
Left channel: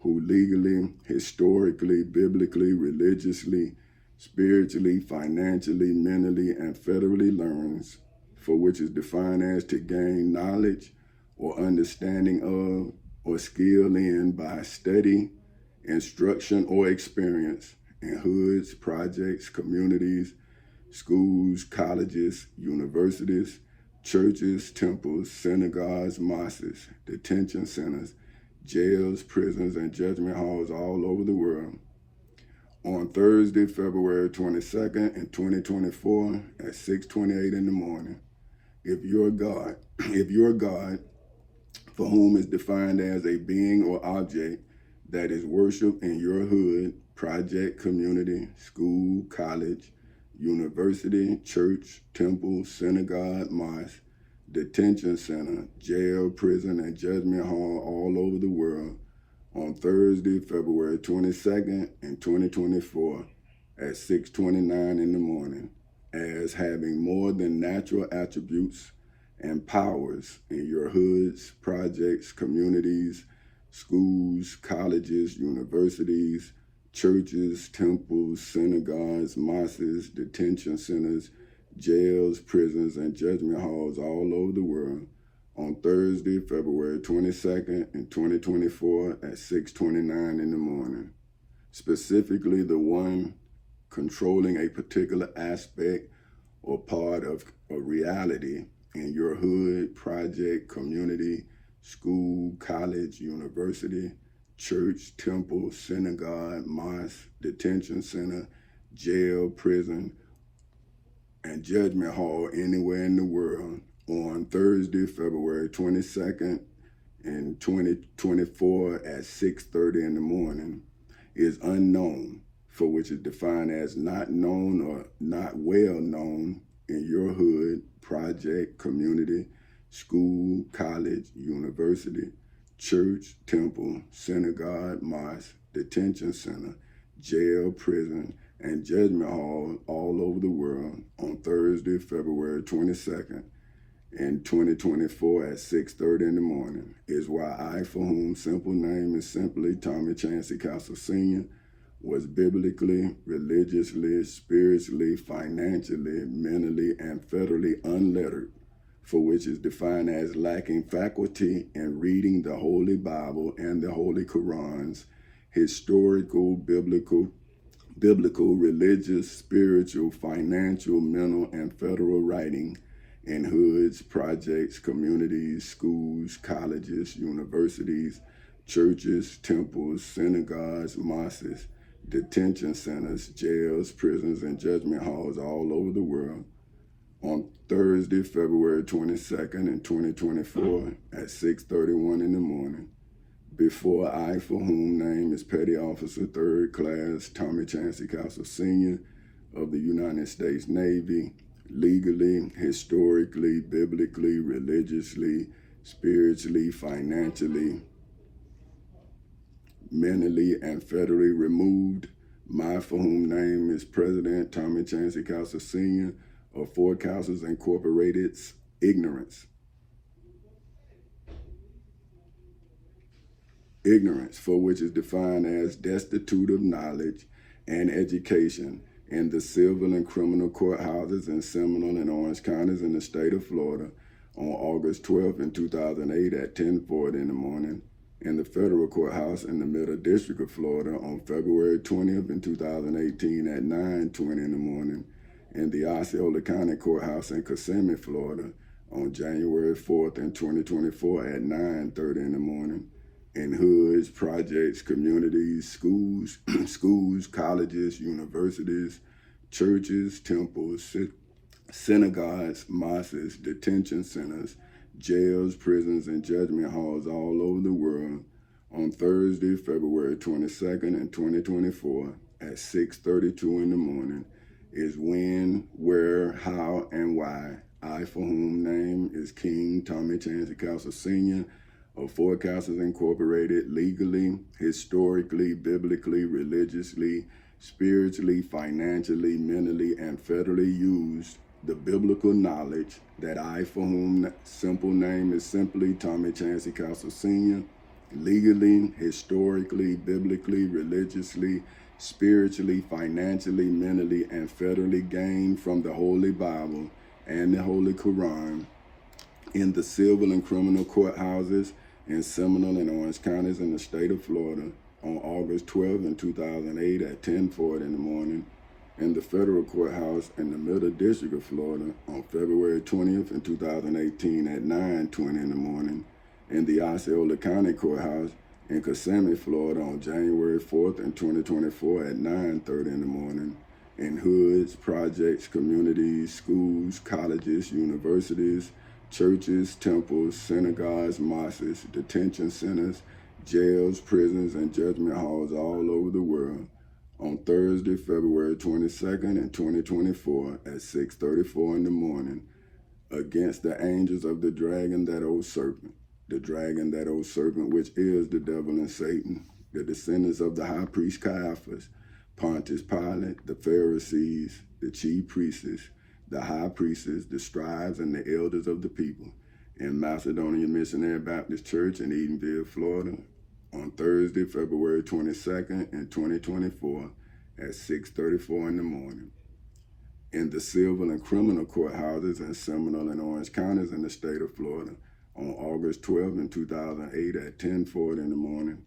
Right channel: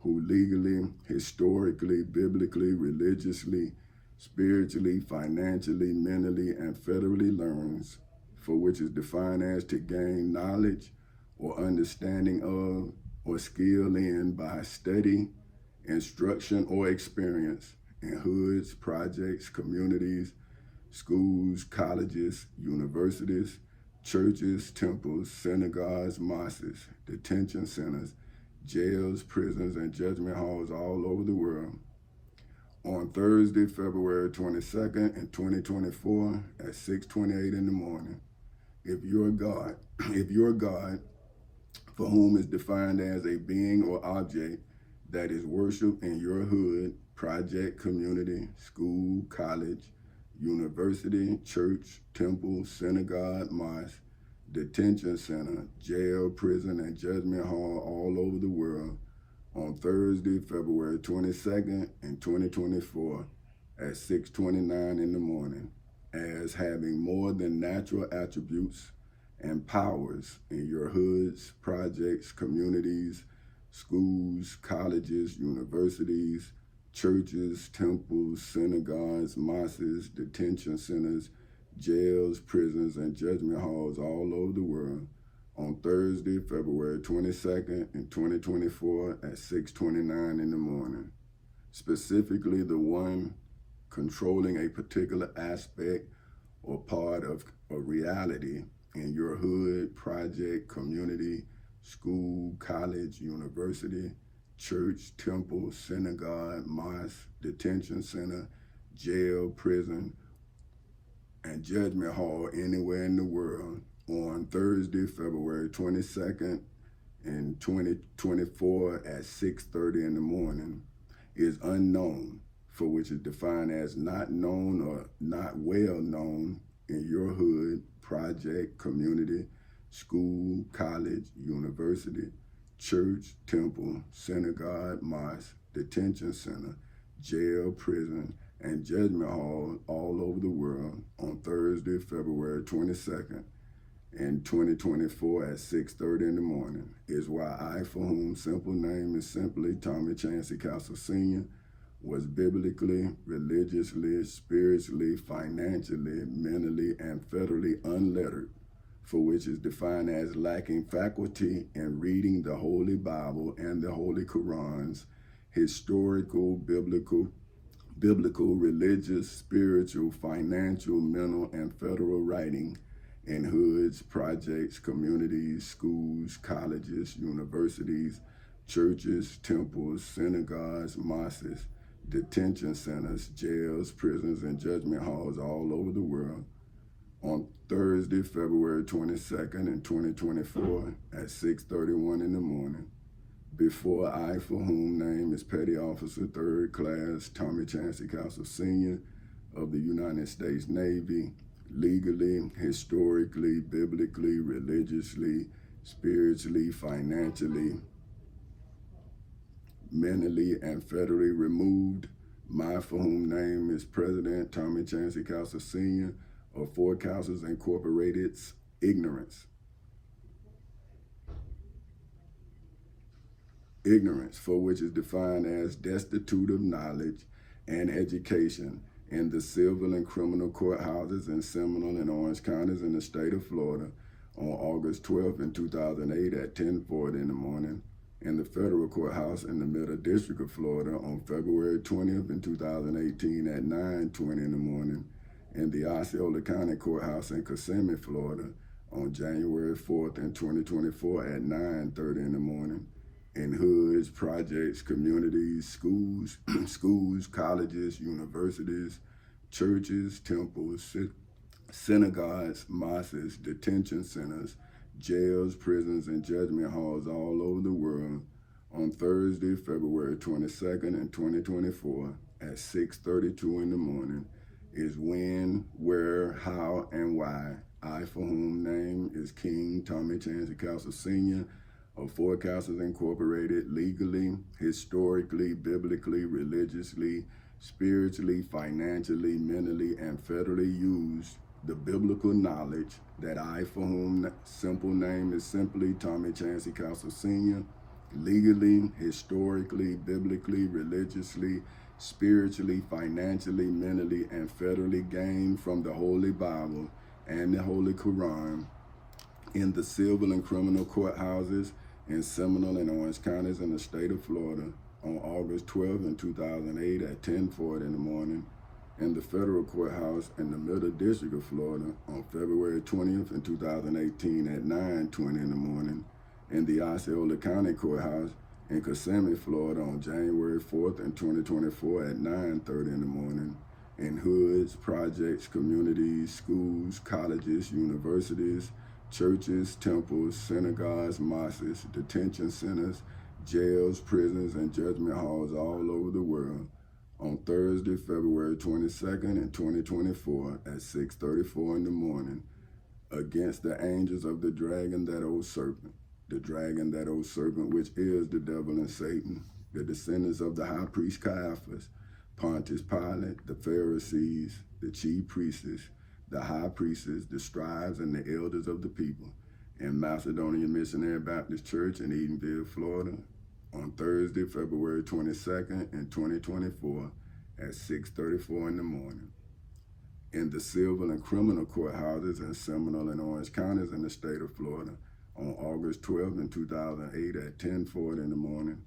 Who legally, historically, biblically, religiously, spiritually, financially, mentally, and federally learns, for which is defined as to gain knowledge or understanding of or skill in by study, instruction, or experience in hoods, projects, communities, schools, colleges, universities, churches, temples, synagogues, mosques, detention centers, jails, prisons, and judgment halls all over the world. On Thursday, February 22nd in 2024 at 6:28 in the morning. If you're God, for whom is defined as a being or object that is worshiped in your hood, project, community, school, college, university, church, temple, synagogue, mosque, detention center, jail, prison, and judgment hall all over the world on Thursday, February 22nd in 2024 at 6:29 in the morning as having more than natural attributes and powers in your hoods, projects, communities, schools, colleges, universities, churches, temples, synagogues, mosques, detention centers, jails, prisons, and judgment halls all over the world on Thursday, February 22nd in 2024 at 6:29 in the morning. Specifically, the one controlling a particular aspect or part of a reality in your hood, project, community, school, college, university, church, temple, synagogue, mosque, detention center, jail, prison, and judgment hall anywhere in the world on Thursday, February 22nd in 2024 at 6:30 in the morning is unknown, for which is defined as not known or not well known in your hood, project, community, school, college, university, church, temple, synagogue, mosque, detention center, jail, prison, and judgment hall all over the world on Thursday, February 22nd in 2024 at 6:30 in the morning is why I, for whom simple name is simply Tommy Chancey Castle Sr., was biblically, religiously, spiritually, financially, mentally, and federally unlettered, for which is defined as lacking faculty in reading the Holy Bible and the Holy Qurans, historical, biblical, religious, spiritual, financial, mental, and federal writing in hoods, projects, communities, schools, colleges, universities, churches, temples, synagogues, mosques, detention centers, jails, prisons, and judgment halls all over the world on Thursday, February 22nd in 2024 at 6:31 in the morning. Before I, for whom name is Petty Officer 3rd Class Tommy Chancey Castle Sr. of the United States Navy, legally, historically, biblically, religiously, spiritually, financially, mentally, and federally removed. My for whom name is President Tommy Chancey Castle Sr. of Fort Castles Incorporated's ignorance, for which is defined as destitute of knowledge and education in the civil and criminal courthouses in Seminole and Orange counties in the state of Florida on August 12th in 2008 at 10:40 in the morning, in the federal courthouse in the Middle District of Florida on February 20th in 2018 at 9:20 in the morning, in the Osceola County Courthouse in Kissimmee, Florida on January 4th in 2024 at 9:30 in the morning, in hoods, projects, communities, schools, colleges, universities, churches, temples, synagogues, mosques, detention centers, jails, prisons, and judgment halls all over the world on Thursday, February 22nd in 2024 at 6:32 in the morning is when, where, how, and why I, for whom name is King Tommy Chancey Castle Sr. of Forecasters Incorporated, legally, historically, biblically, religiously, spiritually, financially, mentally, and federally used the biblical knowledge that I, for whom simple name is simply Tommy Chancey Castle Sr., legally, historically, biblically, religiously, spiritually, financially, mentally, and federally gained from the Holy Bible and the Holy Quran in the civil and criminal courthouses in Seminole and Orange counties in the state of Florida on August 12 in 2008 at 10:40 in the morning, in the federal courthouse in the Middle District of Florida on February 20th in 2018 at 9:20 in the morning, in the Osceola County Courthouse in Kissimmee, Florida on January 4th in 2024 at 9:30 in the morning, in hoods, projects, communities, schools, colleges, universities, churches, temples, synagogues, mosques, detention centers, jails, prisons, and judgment halls all over the world on Thursday, February 22nd in 2024 at 6:34 in the morning, against the angels of the dragon, that old serpent, the dragon, that old serpent, which is the devil and Satan, the descendants of the high priest Caiaphas, Pontius Pilate, the Pharisees, the chief priests, the high priests, the scribes, and the elders of the people, in Macedonia Missionary Baptist Church in Edenville, Florida, on Thursday, February 22nd in 2024 at 6:34 in the morning, in the civil and criminal courthouses in Seminole and Orange counties in the state of Florida on August 12 in 2008 at 10:40 in the morning,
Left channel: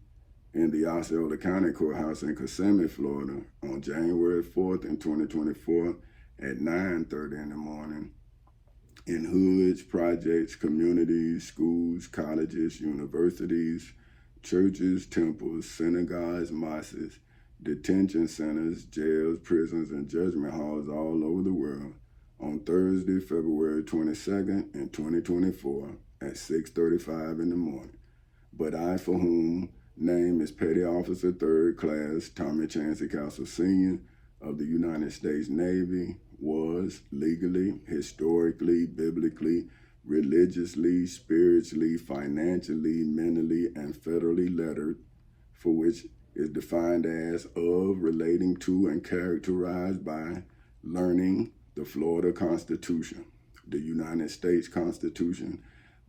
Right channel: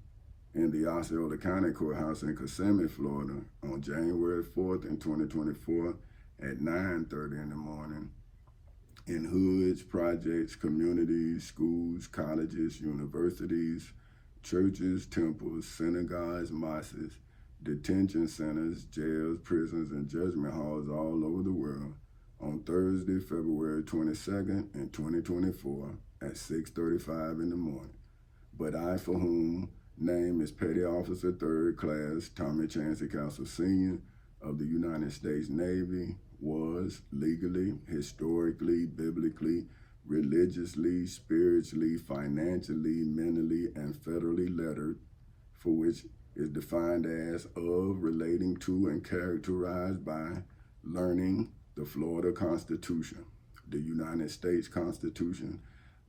in the Osceola County Courthouse in Kissimmee, Florida on January 4th in 2024 at 9:30 in the morning, in hoods, projects, communities, schools, colleges, universities, churches, temples, synagogues, mosques, detention centers, jails, prisons, and judgment halls all over the world on Thursday, February 22nd in 2024 at 6:35 in the morning. But I, for whom name is Petty Officer 3rd Class Tommy Chancey Castle Sr. of the United States Navy, was legally, historically, biblically, religiously, spiritually, financially, mentally, and federally lettered, for which is defined as of, relating to, and characterized by learning the Florida Constitution, the United States Constitution,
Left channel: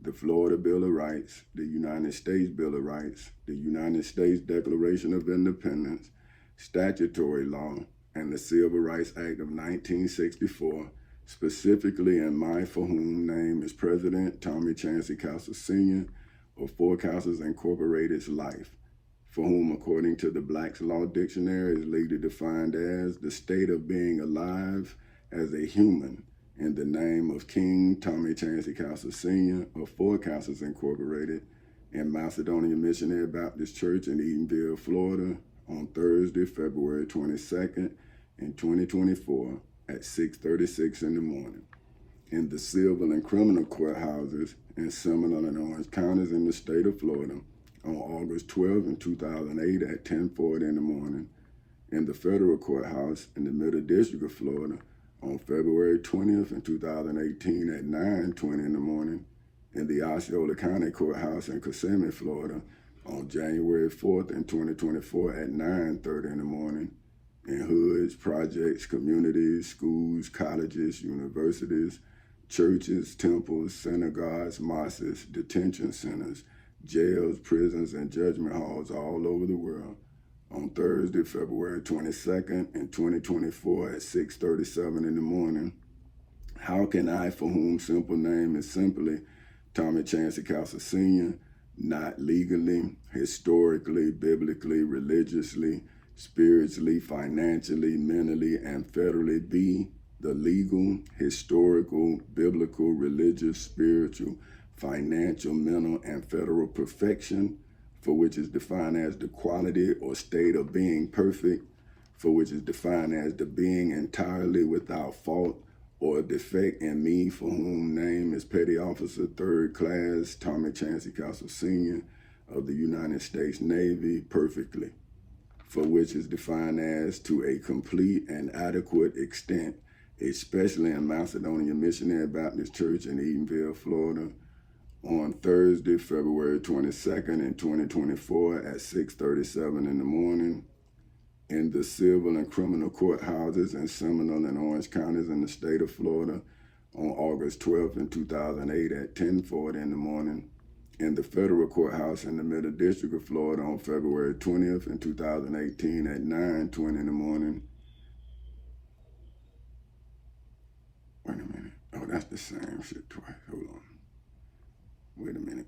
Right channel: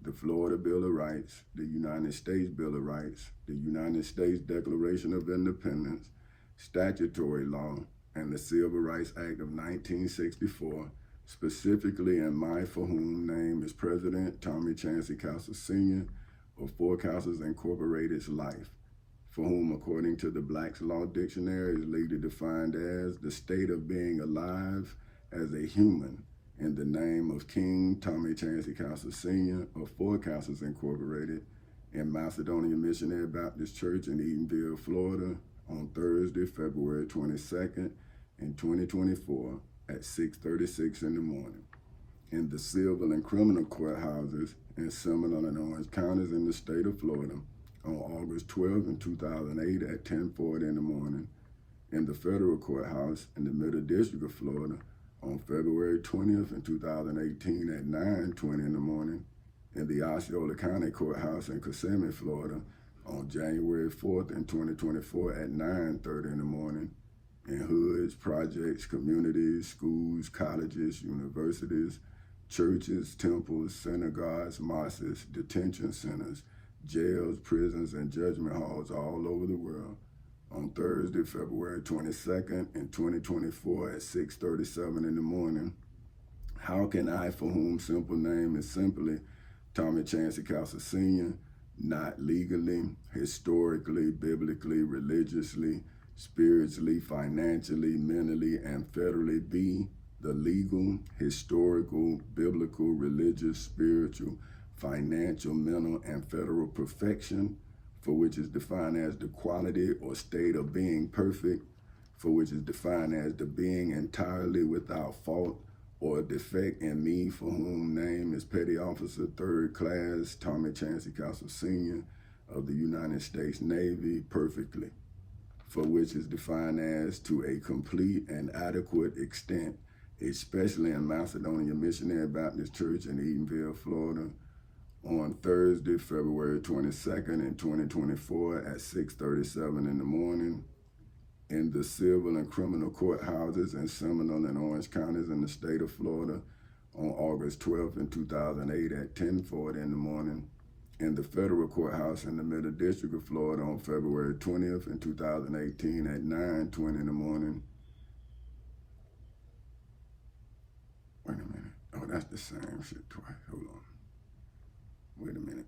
the Florida Bill of Rights, the United States Bill of Rights, the United States Declaration of Independence, statutory law, and the Civil Rights Act of 1964, specifically in my, for whom name is President Tommy Chancey Castle Sr. of Forecasters Incorporated's life, for whom, according to the Black's Law Dictionary, is legally defined as the state of being alive as a human in the name of King Tommy Chancey Castle Sr. of Forecasters Incorporated in Macedonia Missionary Baptist Church in Edenville, Florida on Thursday, February 22nd in 2024 at 6:36 in the morning, in the civil and criminal courthouses in Seminole and Orange counties in the state of Florida on August 12 in 2008 at 10:40 in the morning, in the federal courthouse in the Middle District of Florida on February 20th in 2018 at 9:20 in the morning, in the Osceola County Courthouse in Kissimmee, Florida on January 4th in 2024 at 9:30 in the morning, in hoods, projects, communities, schools, colleges, universities, churches, temples, synagogues, mosques, detention centers, jails, prisons, and judgment halls all over the world on Thursday, February 22nd in 2024 at 6:37 in the morning. How can I, for whom simple name is simply Tommy Chancey Castle Sr., not legally, historically, biblically, religiously, spiritually, financially, mentally, and federally be the legal, historical, biblical, religious, spiritual, financial, mental, and federal perfection, for which is defined as the quality or state of being perfect, for which is defined as the being entirely without fault or defect in me, for whom name is Petty Officer 3rd Class Tommy Chancey Castle Sr. of the United States Navy perfectly, for which is defined as to a complete and adequate extent, especially in Macedonia Missionary Baptist Church in Edenville, Florida, on Thursday, February 22nd in 2024 at 6:37 in the morning, in the civil and criminal courthouses in Seminole and Orange counties in the state of Florida on August 12th in 2008 at 10:40 in the morning, in the federal courthouse in the Middle District of Florida on February 20th in 2018 at 9:20 in the morning. Wait a minute. Oh, that's the same shit twice. Hold on. Wait a minute.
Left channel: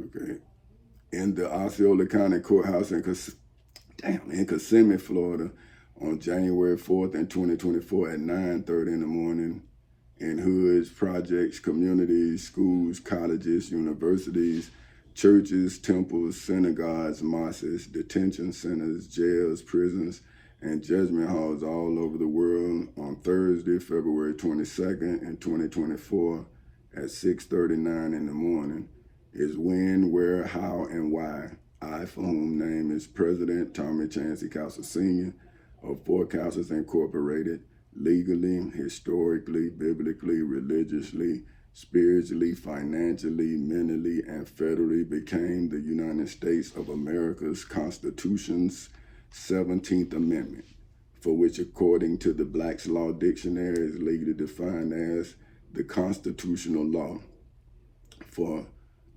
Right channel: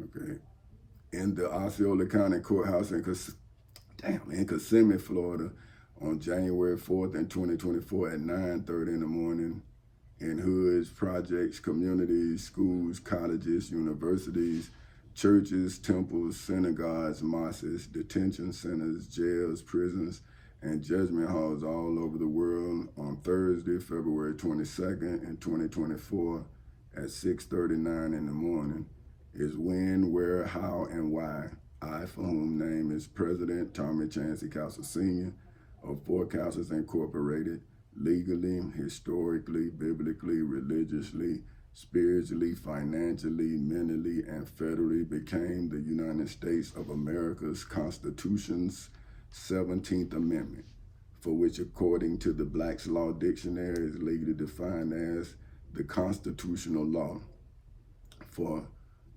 Okay. In the Osceola County Courthouse in Kissimmee, Florida, on January 4th in 2024 at 9:30 in the morning, in hoods, projects, communities, schools, colleges, universities, churches, temples, synagogues, mosques, detention centers, jails, prisons, and judgment halls all over the world on Thursday, February 22nd in 2024 at 6:39 in the morning, is when, where, how, and why. I, for whom name is President Tommy Chancey Cowsell Sr. of Four Cowsells Incorporated, legally, historically, biblically, religiously, spiritually, financially, mentally, and federally became the United States of America's Constitution's 17th Amendment, for which, according to the Black's Law Dictionary, is legally defined as the constitutional law, for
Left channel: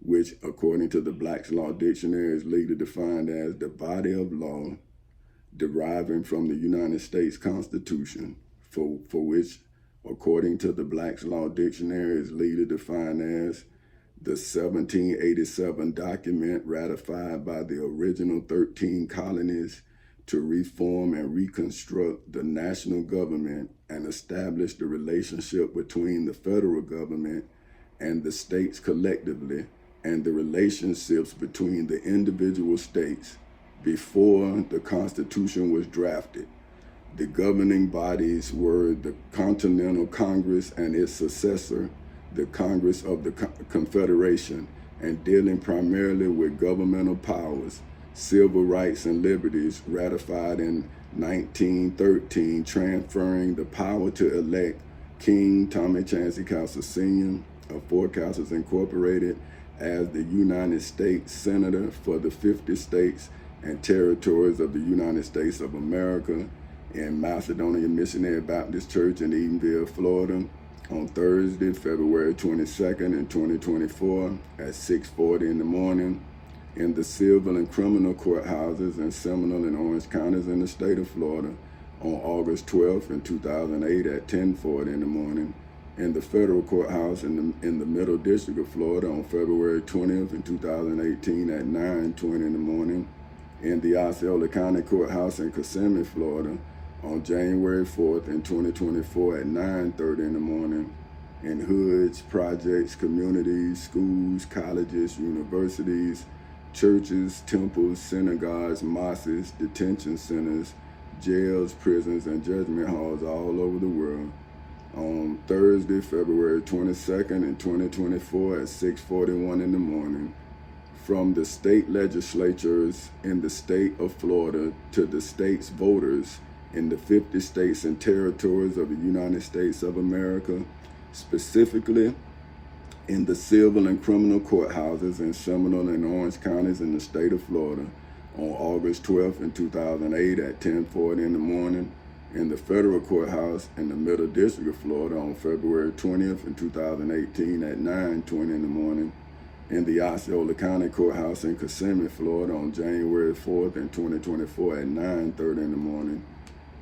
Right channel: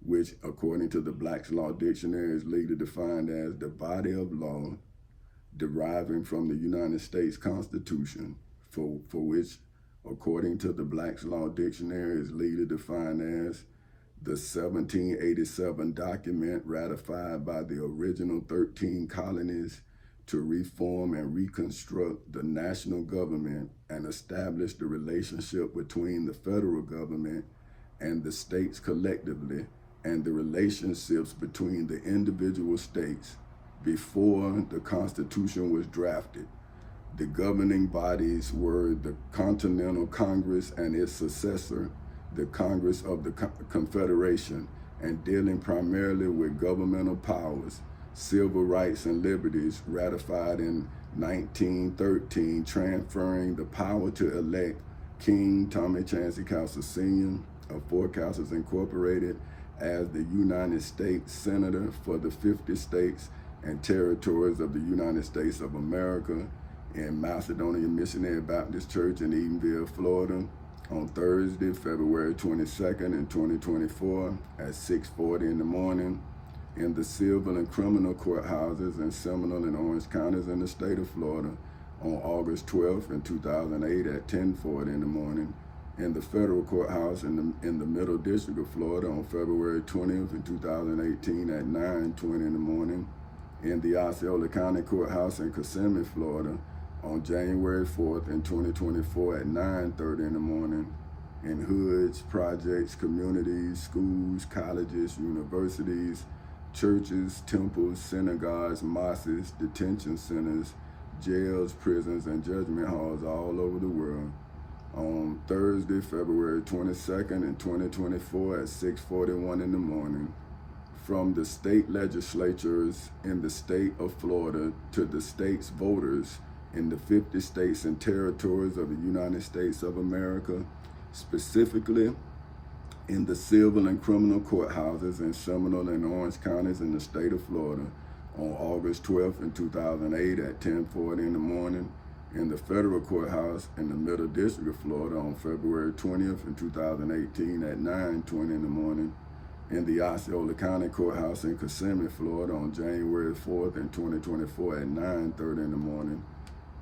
which, according to the Black's Law Dictionary, is legally defined as the body of law deriving from the United States Constitution, for which, according to the Black's Law Dictionary, is legally defined as the 1787 document ratified by the original 13 colonies to reform and reconstruct the national government and establish the relationship between the federal government and the states collectively, and the relationships between the individual states before the Constitution was drafted. The governing bodies were the Continental Congress and its successor, the Congress of the Confederation, and dealing primarily with governmental powers, civil rights and liberties ratified in 1913, transferring the power to elect King Tommy Chancey Cowsell Sr. of Four Cowsells Incorporated as the United States Senator for the 50 states and territories of the United States of America in Macedonia Missionary Baptist Church in Edenville, Florida, on Thursday, February 22nd in 2024 at 6:40 in the morning, in the civil and criminal courthouses in Seminole and Orange counties in the state of Florida on August 12th in 2008 at 10:40 in the morning, in the federal courthouse in the Middle District of Florida on February 20th in 2018 at 9:20 in the morning, in the Osceola County Courthouse in Kissimmee, Florida on January 4th in 2024 at 9:30 in the morning, in hoods, projects, communities, schools, colleges, universities, churches, temples, synagogues, mosques, detention centers, jails, prisons, and judgment halls all over the world on Thursday, February 22nd in 2024 at 6:41 in the morning, from the state legislatures in the state of Florida to the state's voters in the 50 states and territories of the United States of America, specifically in the civil and criminal courthouses in Seminole and Orange counties in the state of Florida on August 12th in 2008 at 10:40 in the morning, in the federal courthouse in the Middle District of Florida on February 20th in 2018 at 9:20 in the morning, in the Osceola County Courthouse in Kissimmee, Florida on January 4th in 2024 at 9:30 in the morning,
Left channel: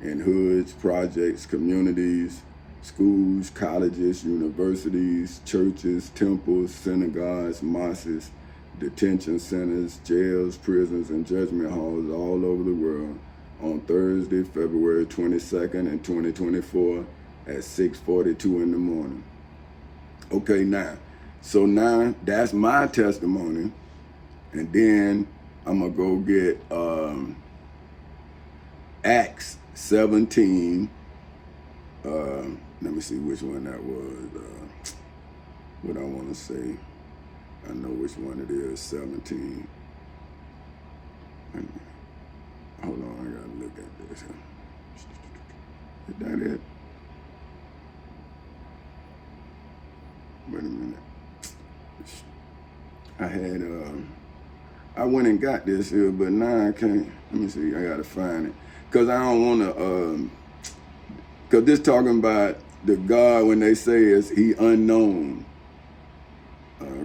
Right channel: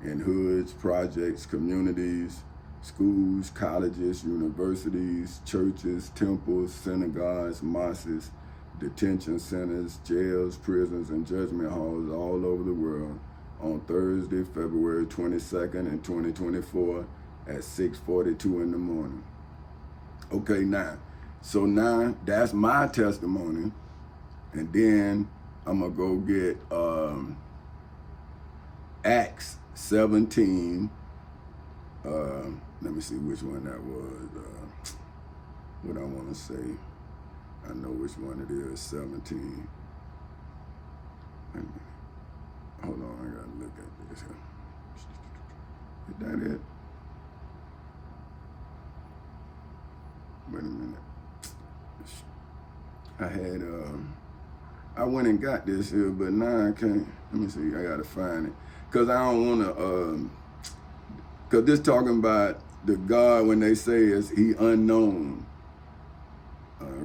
in hoods, projects, communities, schools, colleges, universities, churches, temples, synagogues, mosques, detention centers, jails, prisons, and judgment halls all over the world on Thursday, February 22nd in 2024 at 6:42 in the morning. Okay, now that's my testimony, and then I'm gonna go get 17. Let me see which one that was. What I want to say. I know which one it is. 17. Hold on, I gotta look at this. Is that it? Wait a minute. I went and got this here, but now I can't. Let me see, I gotta find it. Cause I don't wanna, cause this talking about the God when they say is he unknown.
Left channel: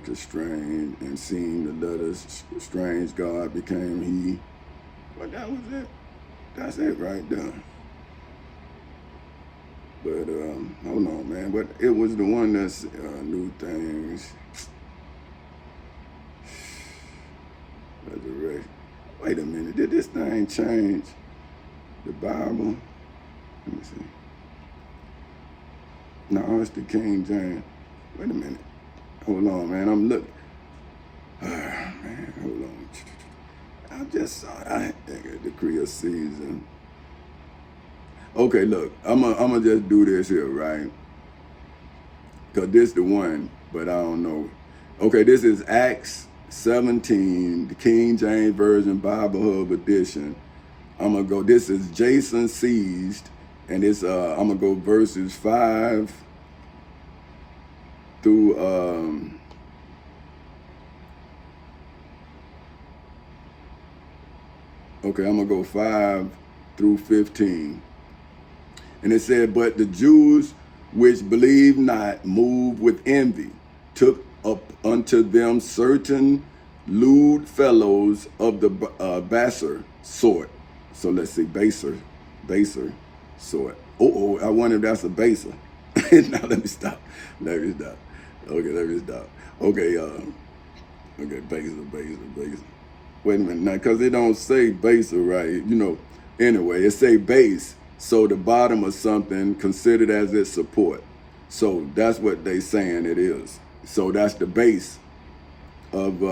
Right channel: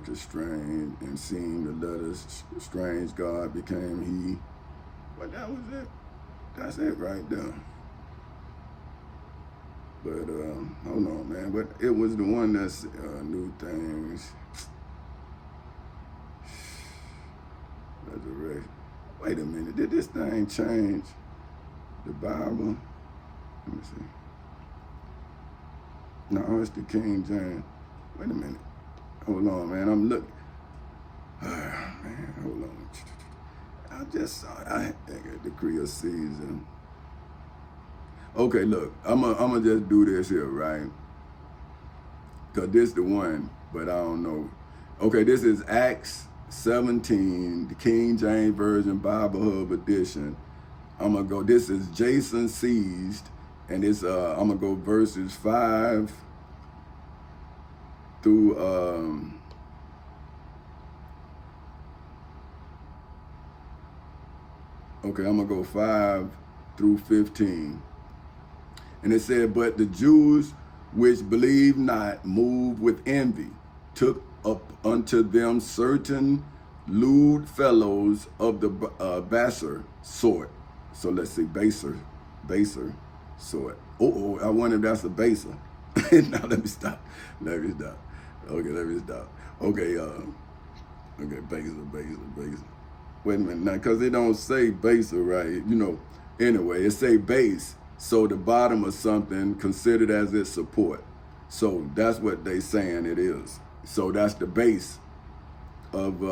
Constrained and seeing the letters, strange God became he. But that was it. That's it right there. But hold on, man. But it was the one that's new things. Resurrection. Wait a minute. Did this thing change the Bible? Let me see. No, it's the King James. Wait a minute. Hold on, man. I'm looking. Man, hold on. I just saw that decree of season. Okay, look. I'm gonna just do this here, right? Cause this the one, but I don't know. Okay, this is Acts 17, the King James Version Bible Hub edition. I'm gonna go. This is Jason seized, and it's I'm gonna go verses 5 through okay, I'm gonna go 5 through 15. And it said, but the Jews which believed not, moved with envy, took up unto them certain lewd fellows of the baser sort. So let's see, baser sort. I wonder if that's a baser. Now let me stop. Okay, let me stop. Okay, okay, baser. Wait a minute now, because it don't say baser, right? You know, anyway, it say base. So the bottom of something considered as its support. So that's what they saying it is. So that's the base of,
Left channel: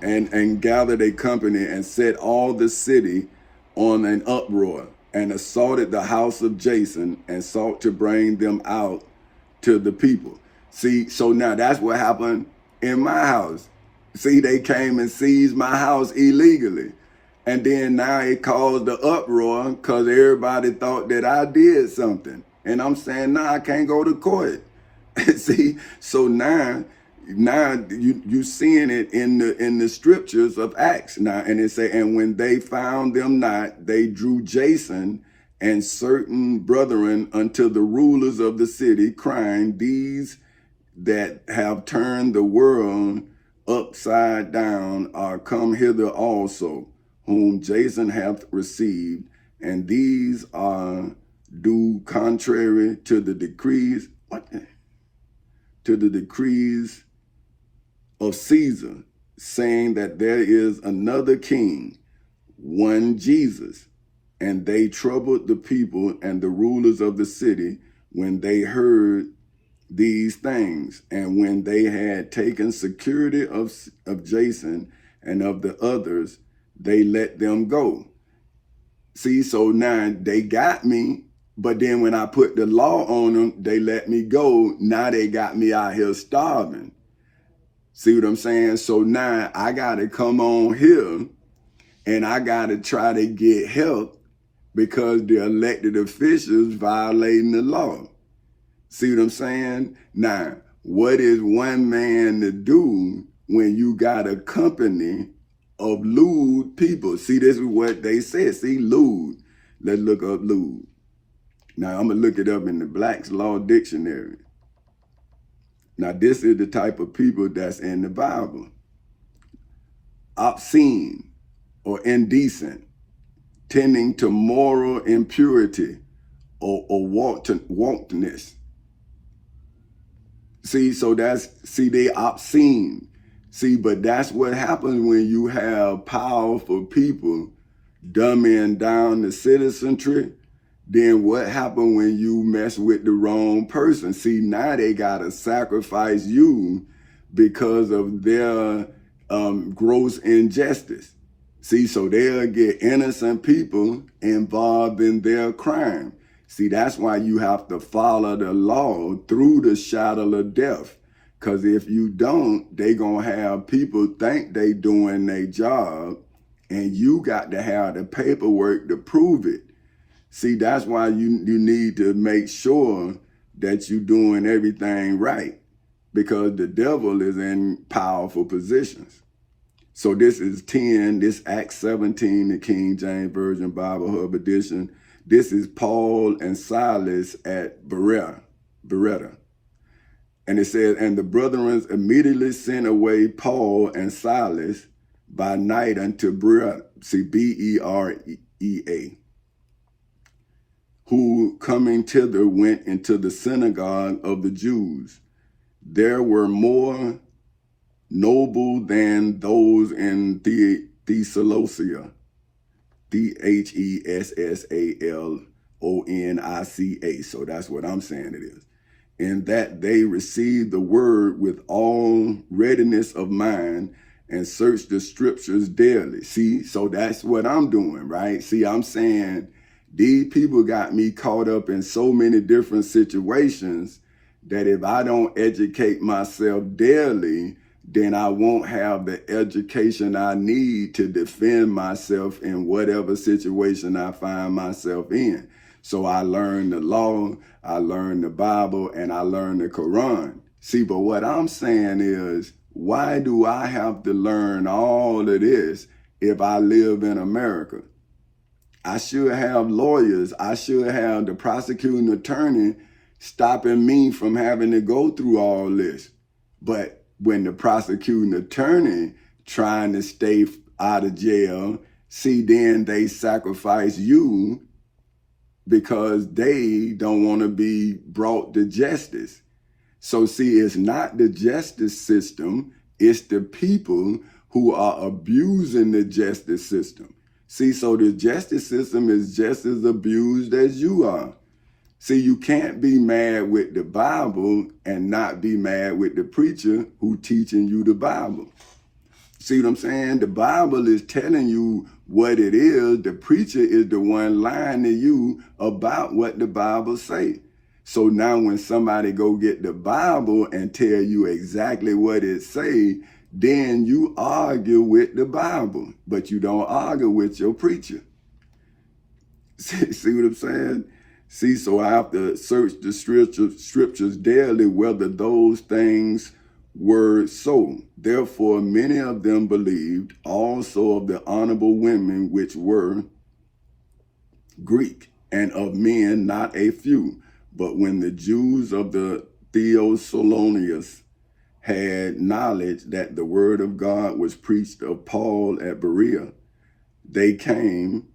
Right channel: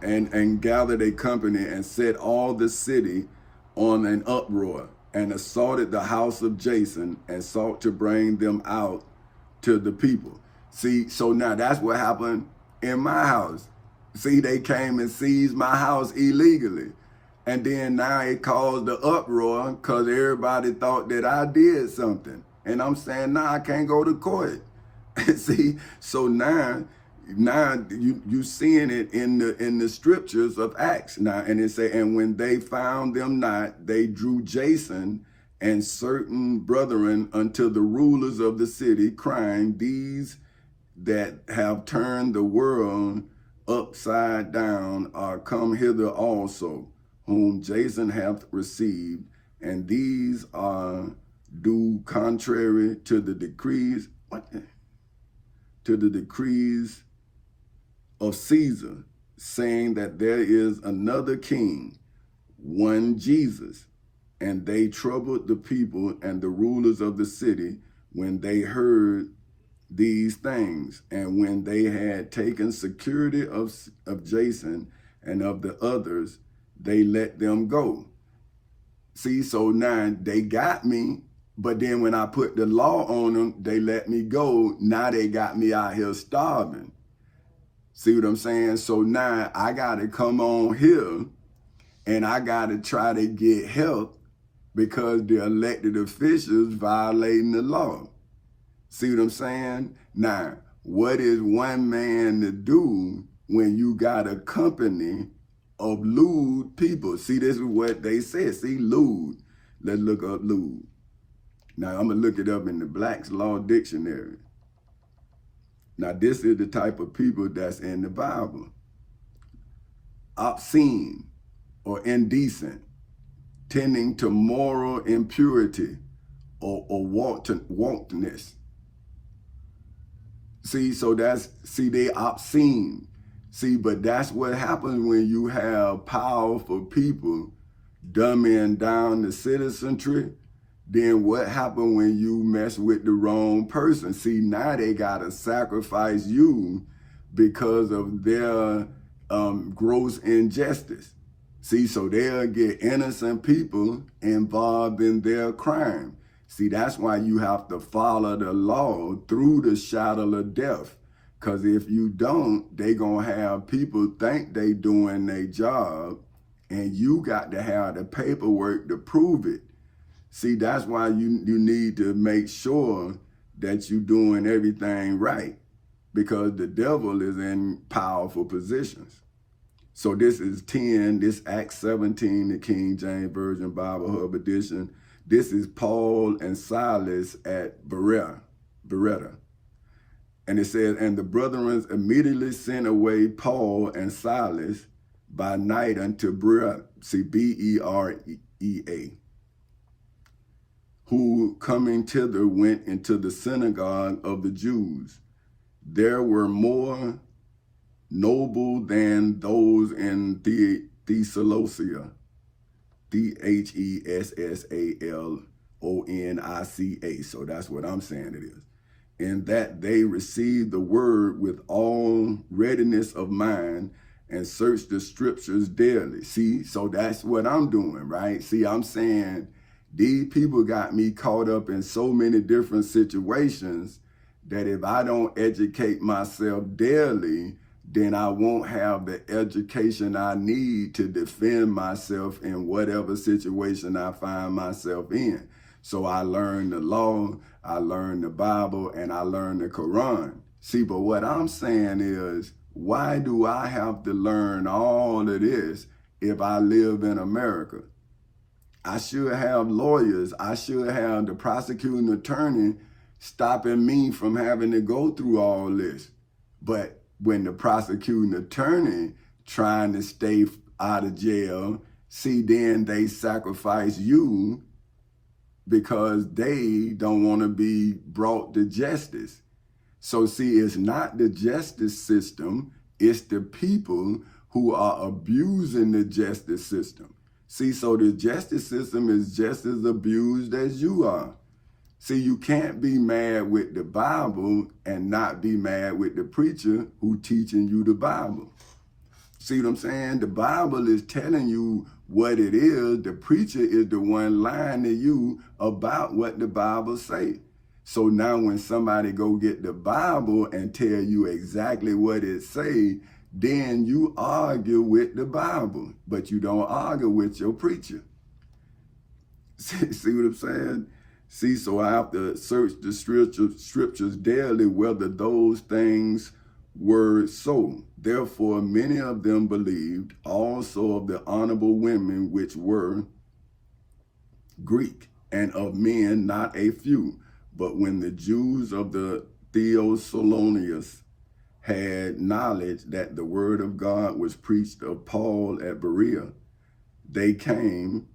and gathered a company and set all the city on an uproar and assaulted the house of Jason and sought to bring them out to the people. See, so now that's what happened in my house. See, they came and seized my house illegally. And then now it caused the uproar because everybody thought that I did something. And I'm saying, nah, I can't go to court. See, so now you seeing it in the scriptures of Acts now, and it say, and when they found them not, they drew Jason and certain brethren unto the rulers of the city, crying, these that have turned the world upside down are come hither also, whom Jason hath received, and these are do contrary to the decrees, to the decrees of Caesar, saying that there is another king, one Jesus. And they troubled the people and the rulers of the city when they heard these things. And when they had taken security of Jason and of the others, they let them go. See, so now they got me, but then when I put the law on them, they let me go. Now they got me out here starving. See what I'm saying? So now I got to come on here and I got to try to get help because the elected officials violating the law. See what I'm saying? Now, what is one man to do when you got a company of lewd people? See, this is what they said. See, lewd. Let's look up lewd. Now, I'm going to look it up in the Black's Law Dictionary. Now, this is the type of people that's in the Bible. Obscene or indecent, tending to moral impurity or wantonness. See, so they obscene. See, but that's what happens when you have powerful people dumbing down the citizenry. Then what happened when you mess with the wrong person? See, now they gotta sacrifice you because of their gross injustice. See, so they'll get innocent people involved in their crime. See, that's why you have to follow the law through the shadow of death. Because if you don't, they going to have people think they doing their job, and you got to have the paperwork to prove it. See, that's why you need to make sure that you're doing everything right, because the devil is in powerful positions. So this is 10, this Acts 17, the King James Version Bible Hub edition. This is Paul and Silas at Berea. And it says, and the brethren immediately sent away Paul and Silas by night unto Berea, see, Berea, who coming thither went into the synagogue of the Jews. There were more noble than those in Thessalonica, Thessalonica. So that's what I'm saying it is. In that they received the word with all readiness of mind and searched the scriptures daily. See, so that's what I'm doing, right? See, I'm saying these people got me caught up in so many different situations that if I don't educate myself daily, then I won't have the education I need to defend myself in whatever situation I find myself in. So I learned the law, I learned the Bible, and I learned the Quran. See, but what I'm saying is, why do I have to learn all of this if I live in America? I should have lawyers. I should have the prosecuting attorney stopping me from having to go through all this. But when the prosecuting attorney trying to stay out of jail, see, then they sacrifice you because they don't want to be brought to justice. So see, it's not the justice system, it's the people who are abusing the justice system. See, so the justice system is just as abused as you are. See, you can't be mad with the Bible and not be mad with the preacher who teaching you the Bible. See what I'm saying? The Bible is telling you what it is. The preacher is the one lying to you about what the Bible say. So now when somebody go get the Bible and tell you exactly what it say, then you argue with the Bible, but you don't argue with your preacher. See what I'm saying? See, so I have to search the scriptures daily whether those things were so. Therefore, many of them believed, also of the honorable women which were Greek, and of men not a few. But when the Jews of the Thessalonians had knowledge that the word of God was preached of Paul at Berea, they came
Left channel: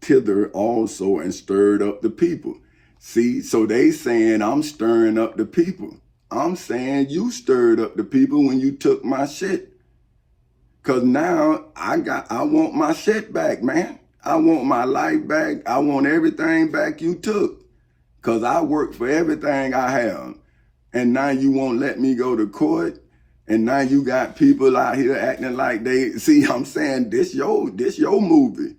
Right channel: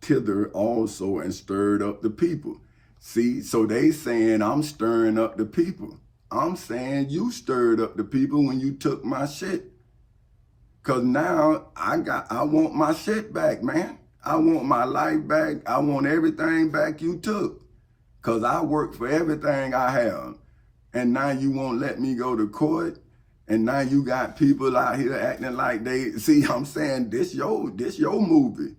thither also and stirred up the people. See, so they saying I'm stirring up the people. I'm saying you stirred up the people when you took my shit. Cause now I want my shit back, man. I want my life back. I want everything back you took. Cause I worked for everything I have. And now you won't let me go to court. And now you got people out here acting like they, see, I'm saying this your movie.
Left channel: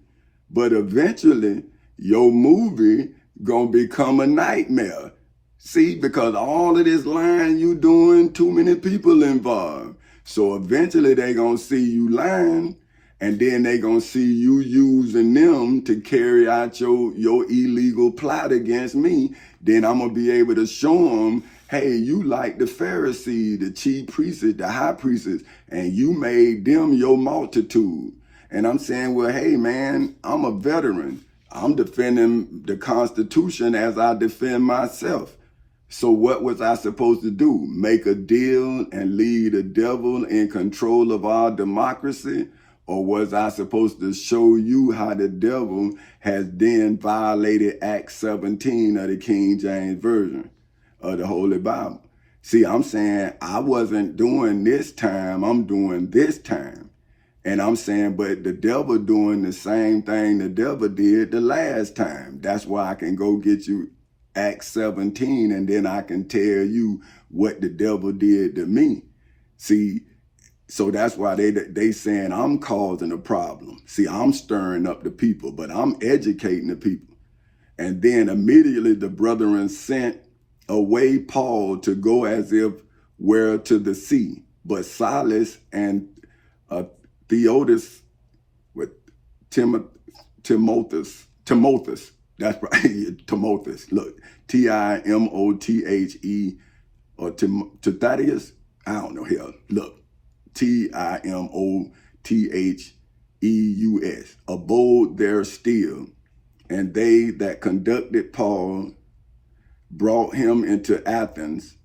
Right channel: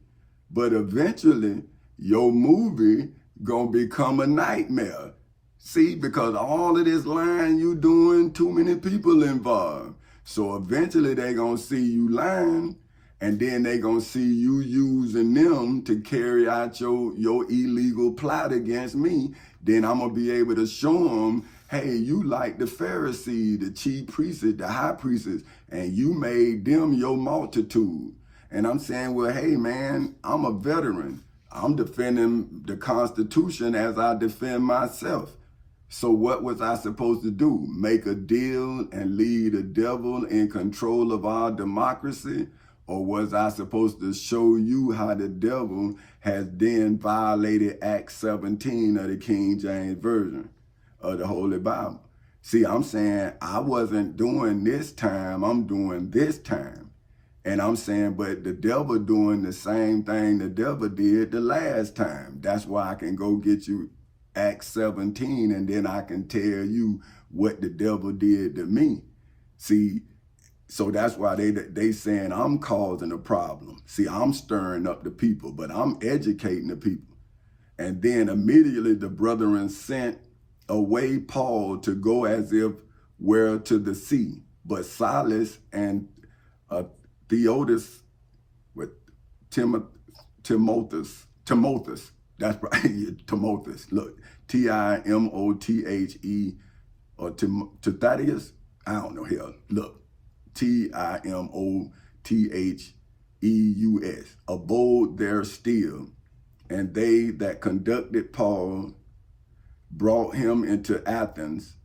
But eventually, your movie gonna become a nightmare. See, because all of this lying you doing, too many people involved. So eventually they gonna see you lying, and then they gonna see you using them to carry out your illegal plot against me. Then I'm gonna be able to show them, hey, you like the Pharisees, the chief priests, the high priests, and you made them your multitude. And I'm saying, well, hey, man, I'm a veteran. I'm defending the Constitution as I defend myself. So what was I supposed to do? Make a deal and leave the devil in control of our democracy? Or was I supposed to show you how the devil has then violated Acts 17 of the King James Version of the Holy Bible? See, I'm saying I wasn't doing this time, I'm doing this time. And I'm saying, but the devil doing the same thing the devil did the last time. That's why I can go get you Acts 17 and then I can tell you what the devil did to me. See, So that's why they saying I'm causing a problem. See, I'm stirring up the people, but I'm educating the people. And then immediately the brethren sent away Paul to go as if were to the sea. But Silas and Theodotus with Timotheus, that's right, Timotheus. Look, Timothe or Timotheus. I don't know here. Look, Timotheus abode there still, and they that conducted Paul brought him into Athens,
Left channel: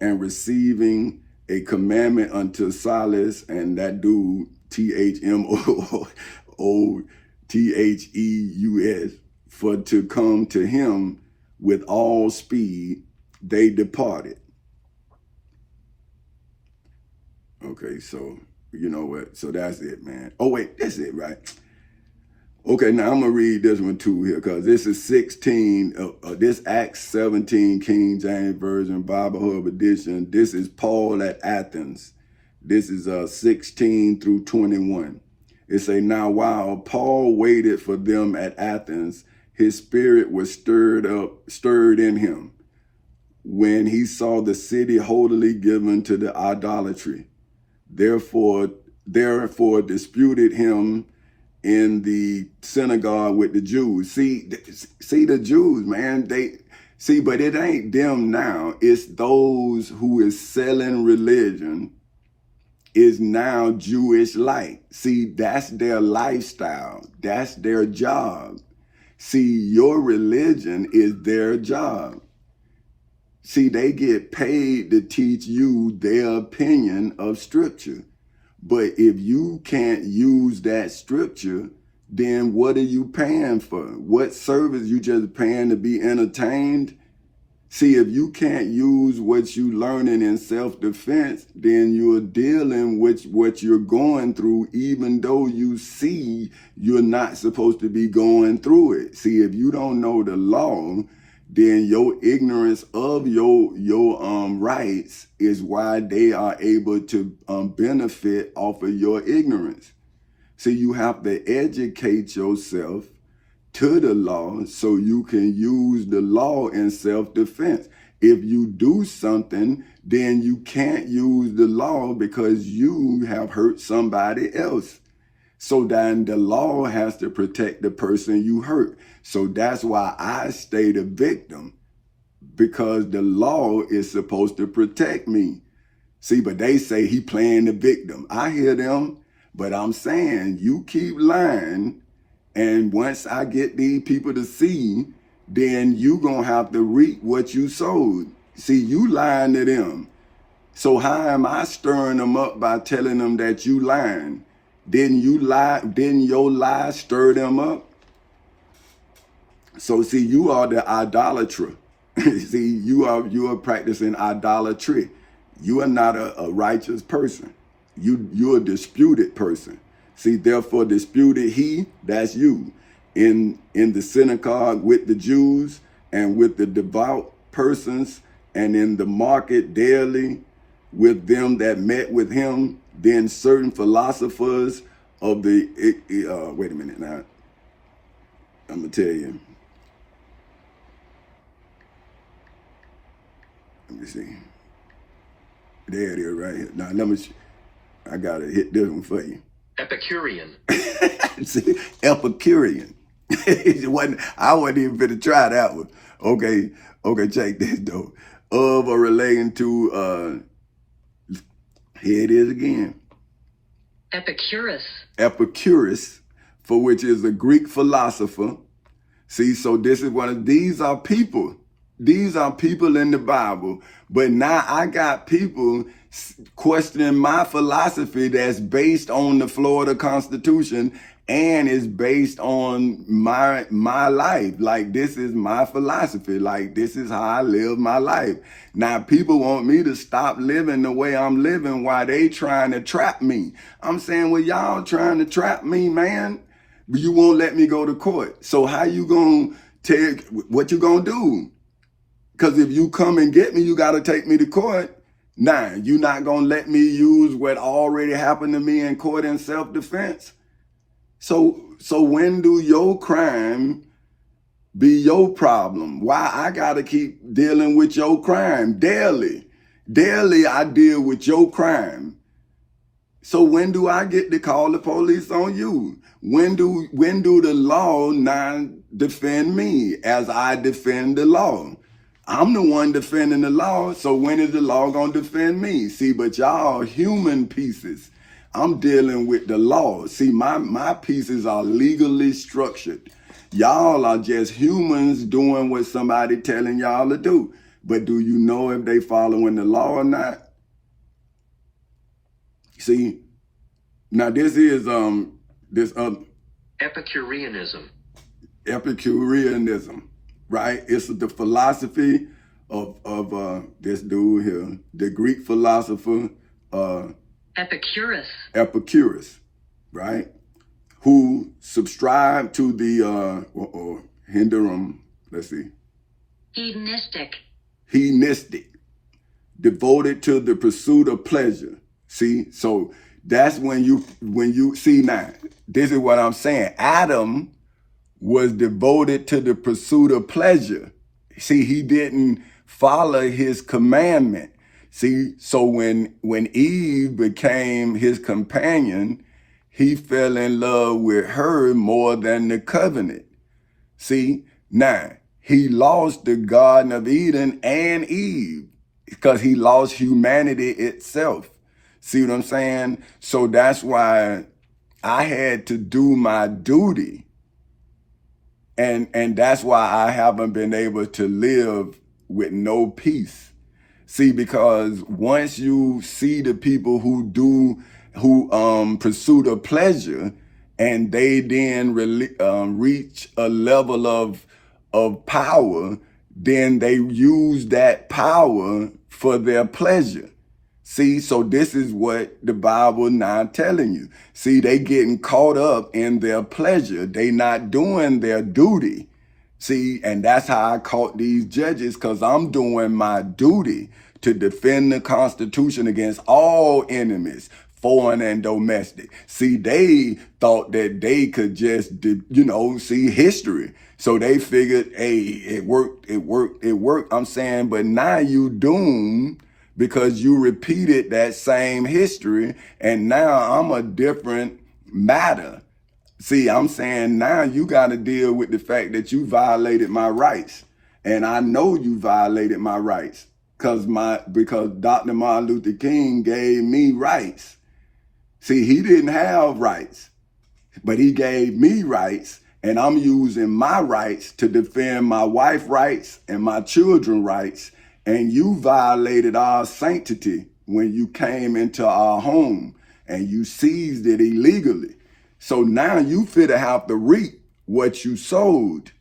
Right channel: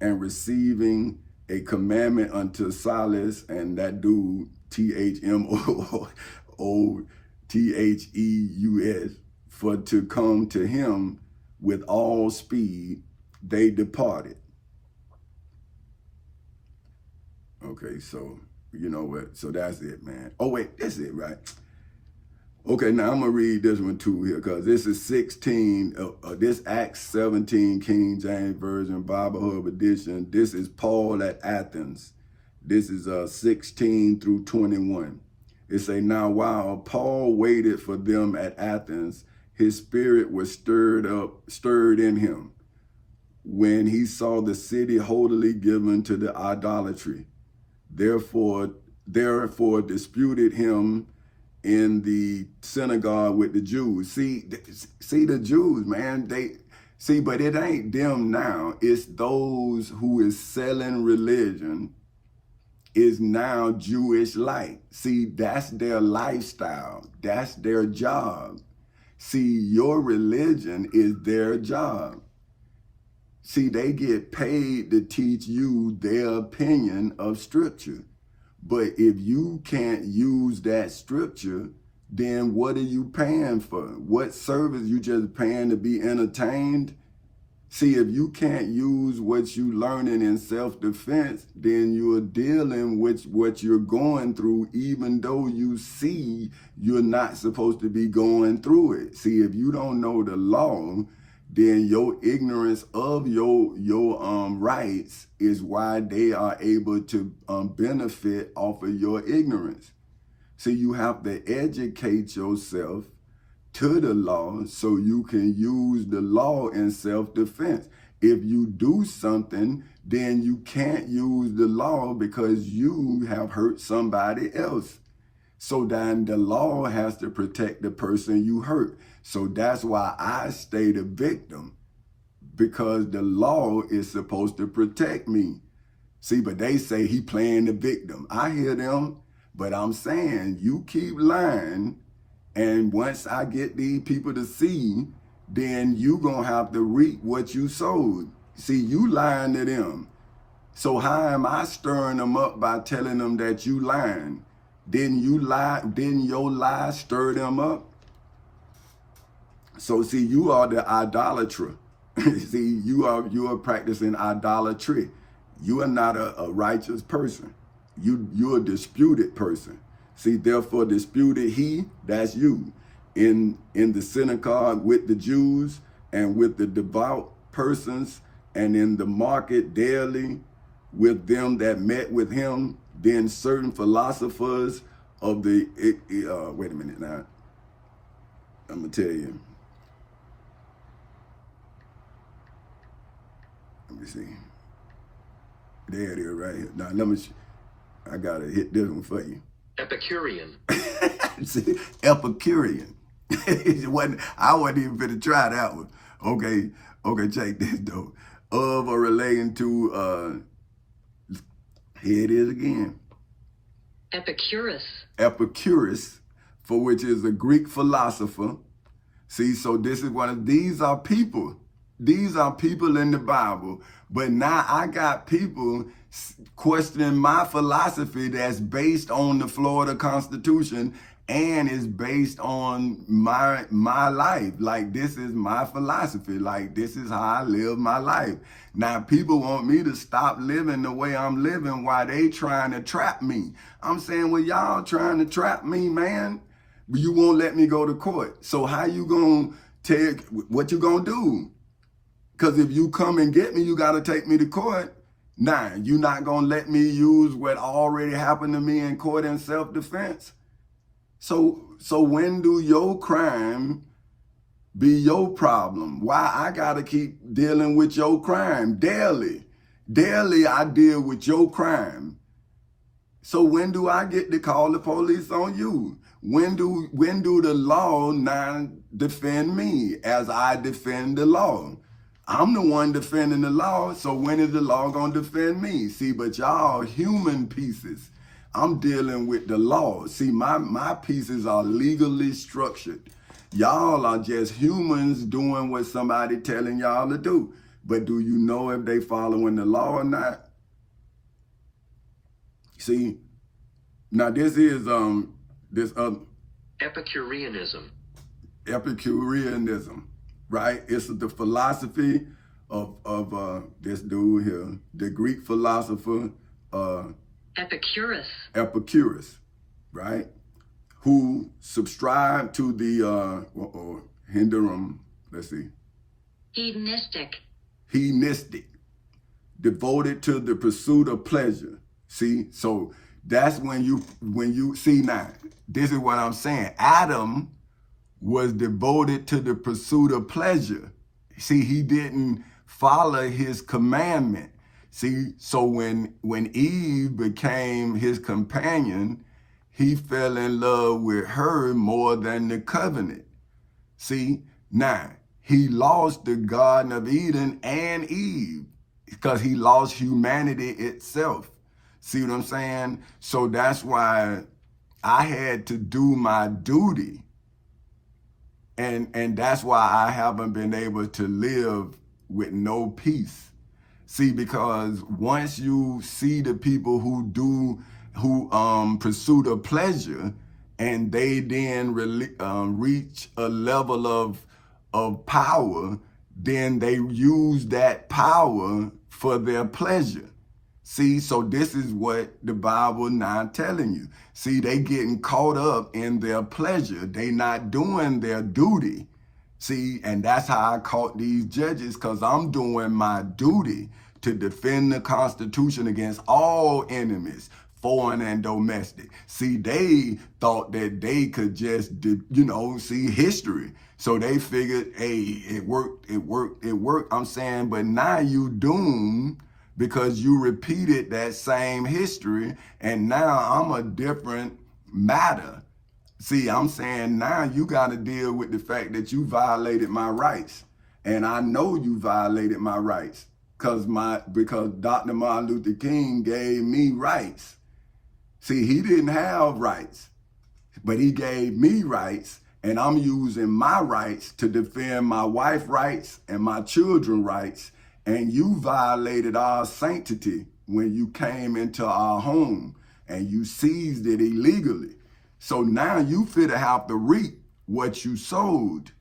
and receiving a commandment unto Silas and that dude Timotheus for to come to him with all speed, they departed. Okay, so you know what? So that's it, man. Oh wait, that's it, right? Okay, now I'm gonna read this one too here, because this is 16. This Acts 17 King James Version Bible Hub edition. This is Paul at Athens. This is 16 through 21. It say, now while Paul waited for them at Athens, his spirit was stirred in him, when he saw the city wholly given to the idolatry. Therefore disputed him in the synagogue with the Jews. See the Jews, man, but it ain't them now. It's those who is selling religion is now Jewish light. See, that's their lifestyle. That's their job. See, your religion is their job. See, they get paid to teach you their opinion of scripture. But if you can't use that scripture, then what are you paying for? What service? You just paying to be entertained? See, if you can't use what you learning in self-defense, then you're dealing with what you're going through, even though you see you're not supposed to be going through it. See, if you don't know the law, then your ignorance of your rights is why they are able to benefit off of your ignorance. See, you have to educate yourself to the law so you can use the law in self-defense. If you do something, then you can't use the law because you have hurt somebody else. So then the law has to protect the person you hurt. So that's why I stay the victim, because the law is supposed to protect me. See, but they say he playing the victim. I hear them, but I'm saying you keep lying, and once I get these people to see, then you gonna have to reap what you sowed. See, you lying to them. So how am I stirring them up by telling them that you lying? Didn't you lie? Didn't your lie stir them up? So see, you are the idolater. See, you are practicing idolatry. You are not a righteous person. You're a disputed person. See, therefore disputed he, that's you, in the synagogue with the Jews and with the devout persons, and in the market daily with them that met with him. Then certain philosophers of the, wait a minute now, I'm gonna tell you. Let me see. There it is right here. Now, I gotta hit this one for you. Epicurean. See, Epicurean. I wasn't even finna try that one. Okay, check this though. Of or relating to, here it is again. Epicurus, for which is a Greek philosopher. See, so this is these are people. These are people in the Bible. But now I got people questioning my philosophy that's based on the Florida Constitution and is based on my life. Like, this is my philosophy. Like, this is how I live my life. Now, people want me to stop living the way I'm living while they trying to trap me. I'm saying, well, y'all trying to trap me, man. But you won't let me go to court. So how you gonna what you gonna do? Because if you come and get me, you got to take me to court. Now, you not gonna let me use what already happened to me in court in self-defense? So when do your crime be your problem? Why I gotta keep dealing with your crime daily? Daily I deal with your crime. So when do I get to call the police on you? When do the law not defend me as I defend the law? I'm the one defending the law, so when is the law gonna defend me? See, but y'all human pieces. I'm dealing with the law. See, my pieces are legally structured. Y'all are just humans doing what somebody telling y'all to do. But do you know if they following the law or not? See, now this is this Epicureanism. Epicureanism, right? It's the philosophy of this dude here, the Greek philosopher Epicurus, right? Who subscribed to the Hinderum, let's see. Hedonistic, devoted to the pursuit of pleasure. See, so that's when you see now, this is what I'm saying. Adam was devoted to the pursuit of pleasure. See, he didn't follow his commandment. See, so when Eve became his companion, he fell in love with her more than the covenant. See, now he lost the Garden of Eden and Eve because he lost humanity itself. See what I'm saying? So that's why I had to do my duty. And that's why I haven't been able to live with no peace. See, because once you see the people who pursue the pleasure, and they then reach a level of power, then they use that power for their pleasure. See, so this is what the Bible not telling you. See, they getting caught up in their pleasure. They not doing their duty. See, and that's how I caught these judges, because I'm doing my duty to defend the Constitution against all enemies, foreign and domestic. See, they thought that they could just, see history. So they figured, hey, it worked. I'm saying, but now you doomed because you repeated that same history, and now I'm a different matter. See, I'm saying now you got to deal with the fact that you violated my rights. And I know you violated my rights because Dr. Martin Luther King gave me rights. See, he didn't have rights, but he gave me rights, and I'm using my rights to defend my wife's rights and my children's rights. And you violated our sanctity when you came into our home and you seized it illegally. So now you finna have to reap what you sowed.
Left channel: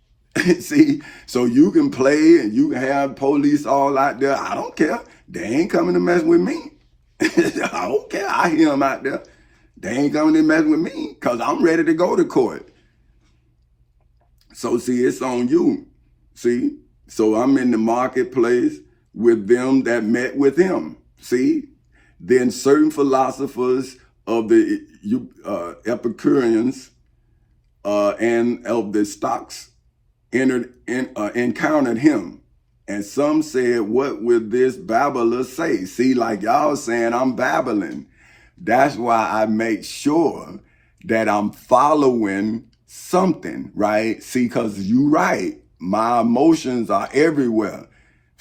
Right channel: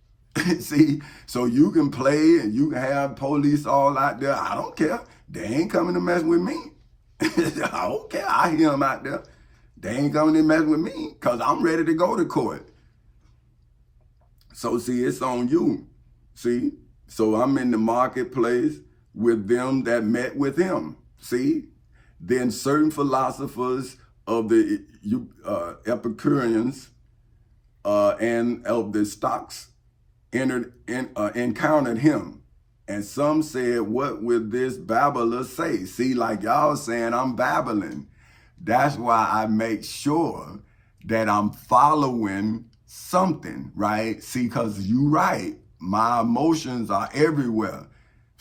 See, so you can play and you can have police all out there. I don't care. They ain't coming to mess with me. I don't care. I hear them out there. They ain't coming to mess with me because I'm ready to go to court. So see, it's on you. See, so I'm in the marketplace with them that met with him. See, then certain philosophers of the Epicureans and of the Stoics encountered him. And some said, what will this babbler say? See, like y'all saying I'm babbling. That's why I make sure that I'm following something, right? See, because you right, my emotions are everywhere.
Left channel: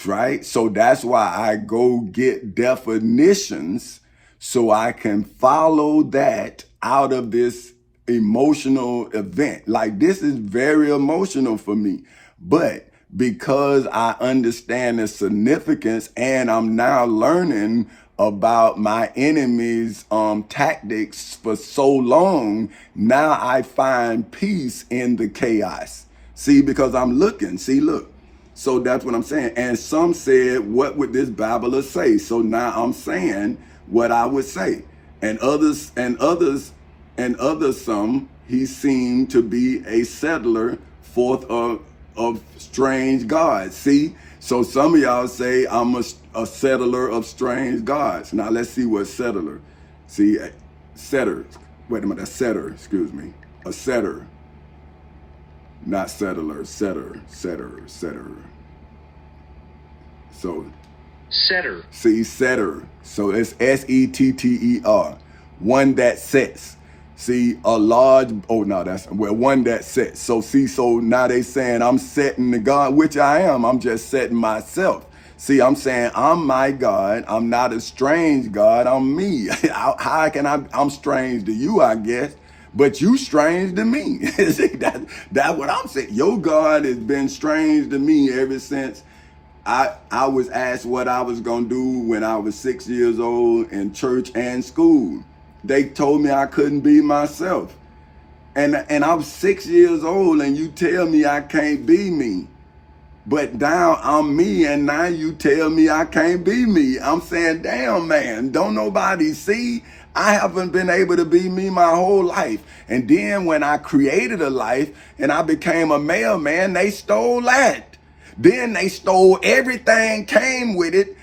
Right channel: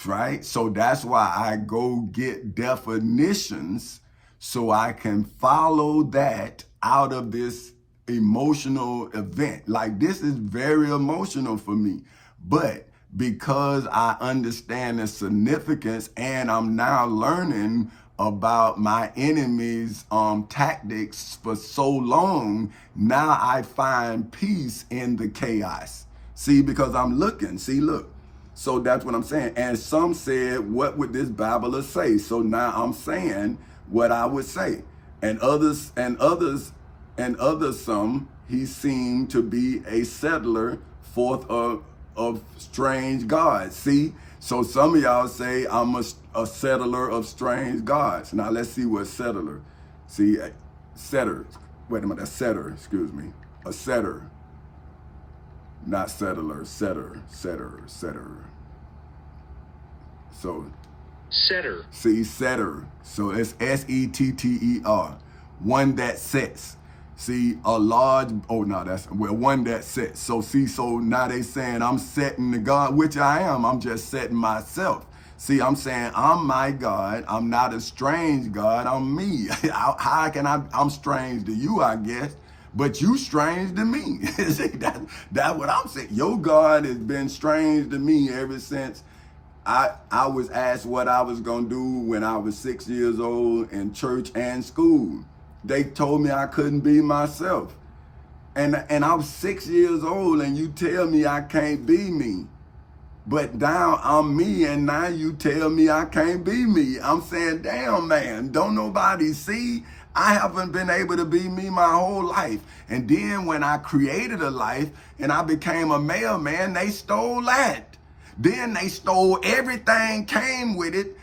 Right? So that's why I go get definitions so I can follow that out of this emotional event. Like, this is very emotional for me, but because I understand the significance and I'm now learning about my enemy's tactics for so long, now I find peace in the chaos. See, because I'm looking, see, look. So that's what I'm saying. And some said, what would this babbler say? So now I'm saying what I would say. And others, some, he seemed to be a settler forth of strange gods. See, So some of y'all say I'm a settler of strange gods. Now let's see what settler. See, setter. Wait a minute, a setter, excuse me. A setter. Not settler, setter. So, Setter. see, setter. So it's setter. One that sets. See, a large, oh no, that's, well, one that sets. So see, so now they saying I'm setting the God, which I am. I'm just setting myself. See, I'm saying I'm my God. I'm not a strange God. I'm me. How can I'm strange to you, I guess. But you strange to me. See, that's what I'm saying. Your God has been strange to me ever since I was asked what I was gonna do when I was 6 years old in church and school. They told me I couldn't be myself. And I was 6 years old and you tell me I can't be me. But now I'm me and now you tell me I can't be me. I'm saying, damn man, don't nobody see? I haven't been able to be me my whole life. And then when I created a life and I became a mailman, they stole that. Then they stole everything, came with it.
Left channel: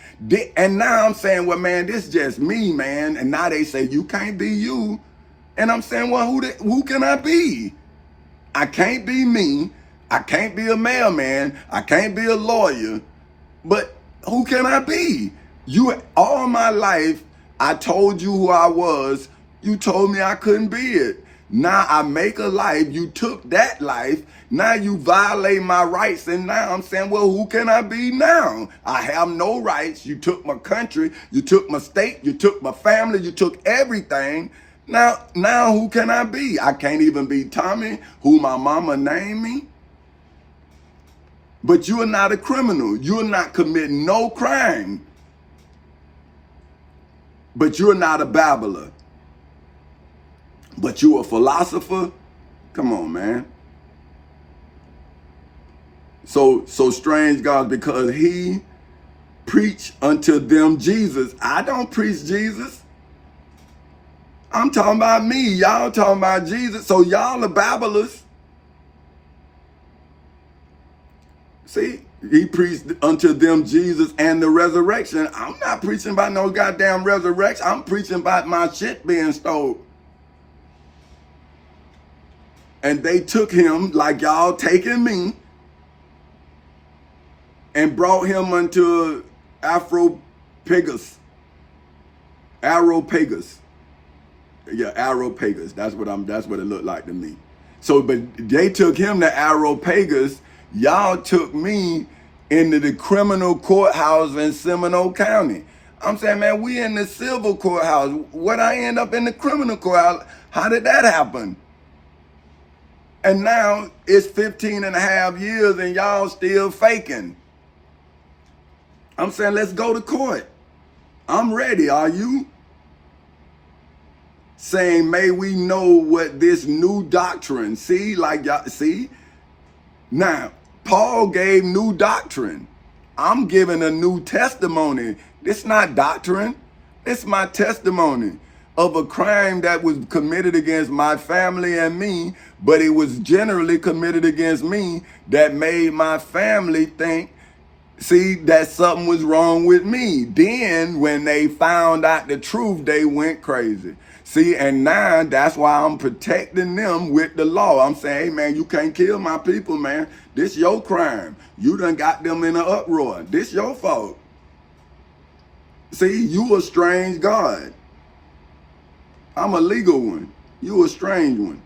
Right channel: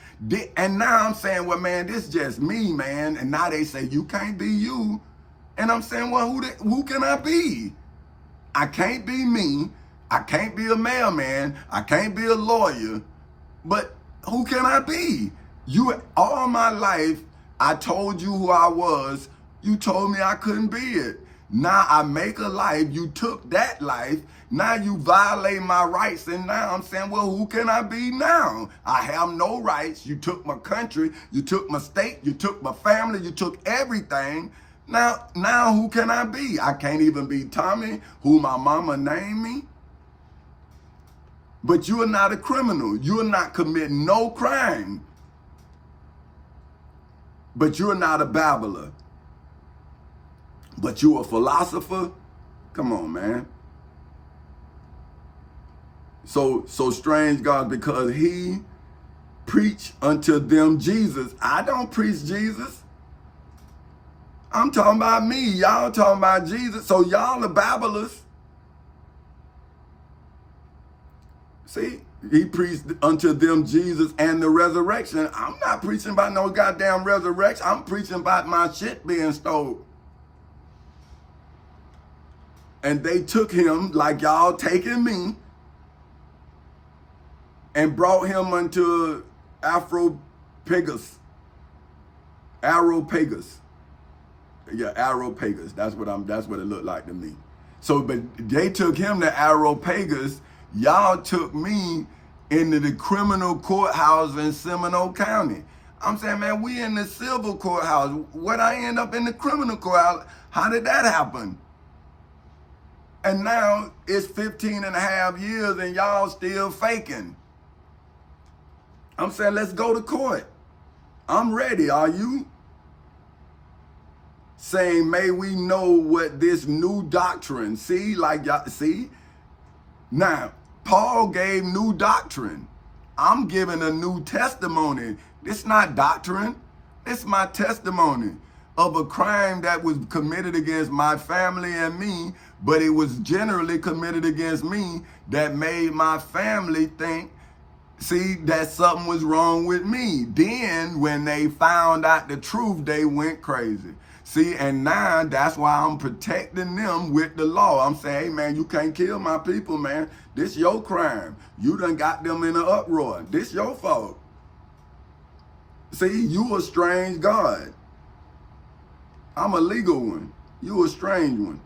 And now I'm saying, well, man, this is just me, man. And now they say, you can't be you. And I'm saying, well, who can I be? I can't be me. I can't be a mailman. I can't be a lawyer. But who can I be? You, all my life, I told you who I was. You told me I couldn't be it. Now I make a life. You took that life. Now you violate my rights. And now I'm saying, well, who can I be now? I have no rights. You took my country. You took my state. You took my family. You took everything. Now who can I be? I can't even be Tommy, who my mama named me. But you're not a criminal. You're not committing no crime. But you're not a babbler. But you're a philosopher. Come on, man. So strange God, because he preached unto them Jesus. I don't preach Jesus. I'm talking about me. Y'all talking about Jesus. So y'all are babblers. See, he preached unto them Jesus and the resurrection. I'm not preaching about no goddamn resurrection. I'm preaching about my shit being stole. And they took him like y'all taking me and brought him unto Areopagus. Yeah, Areopagus. That's what it looked like to me. So, but they took him to Areopagus. Y'all took me into the criminal courthouse in Seminole County. I'm saying, man, we in the civil courthouse. What I end up in the criminal courthouse? How did that happen? And now it's 15 and a half years and y'all still faking. I'm saying, let's go to court. I'm ready. Are you? Saying, may we know what this new doctrine, see, like y'all, see? Now, Paul gave new doctrine. I'm giving a new testimony. This not doctrine. It's my testimony of a crime that was committed against my family and me, but it was generally committed against me that made my family think, see, that something was wrong with me. Then when they found out the truth, they went crazy. See, and now that's why I'm protecting them with the law. I'm saying, hey, man, you can't kill my people, man. This your crime. You done got them in an uproar. This your fault. See, you a strange God. I'm a legal one. You a strange one.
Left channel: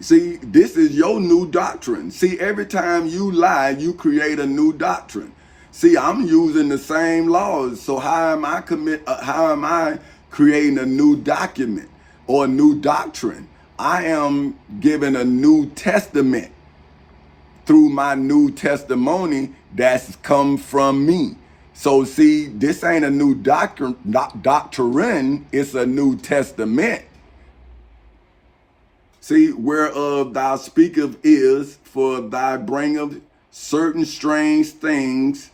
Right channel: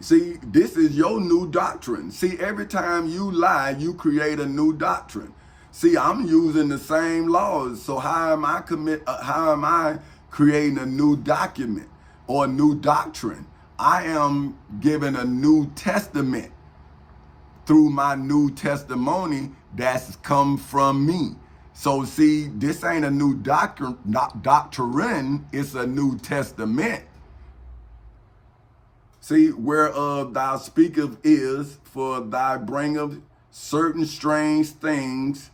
See, this is your new doctrine. See, every time you lie, you create a new doctrine. See, I'm using the same laws. So how am I creating a new document or a new doctrine? I am giving a new testament through my new testimony that's come from me. So see, this ain't a new doctrine, it's a new testament. See, whereof thou speakest is, for thy bringeth certain strange things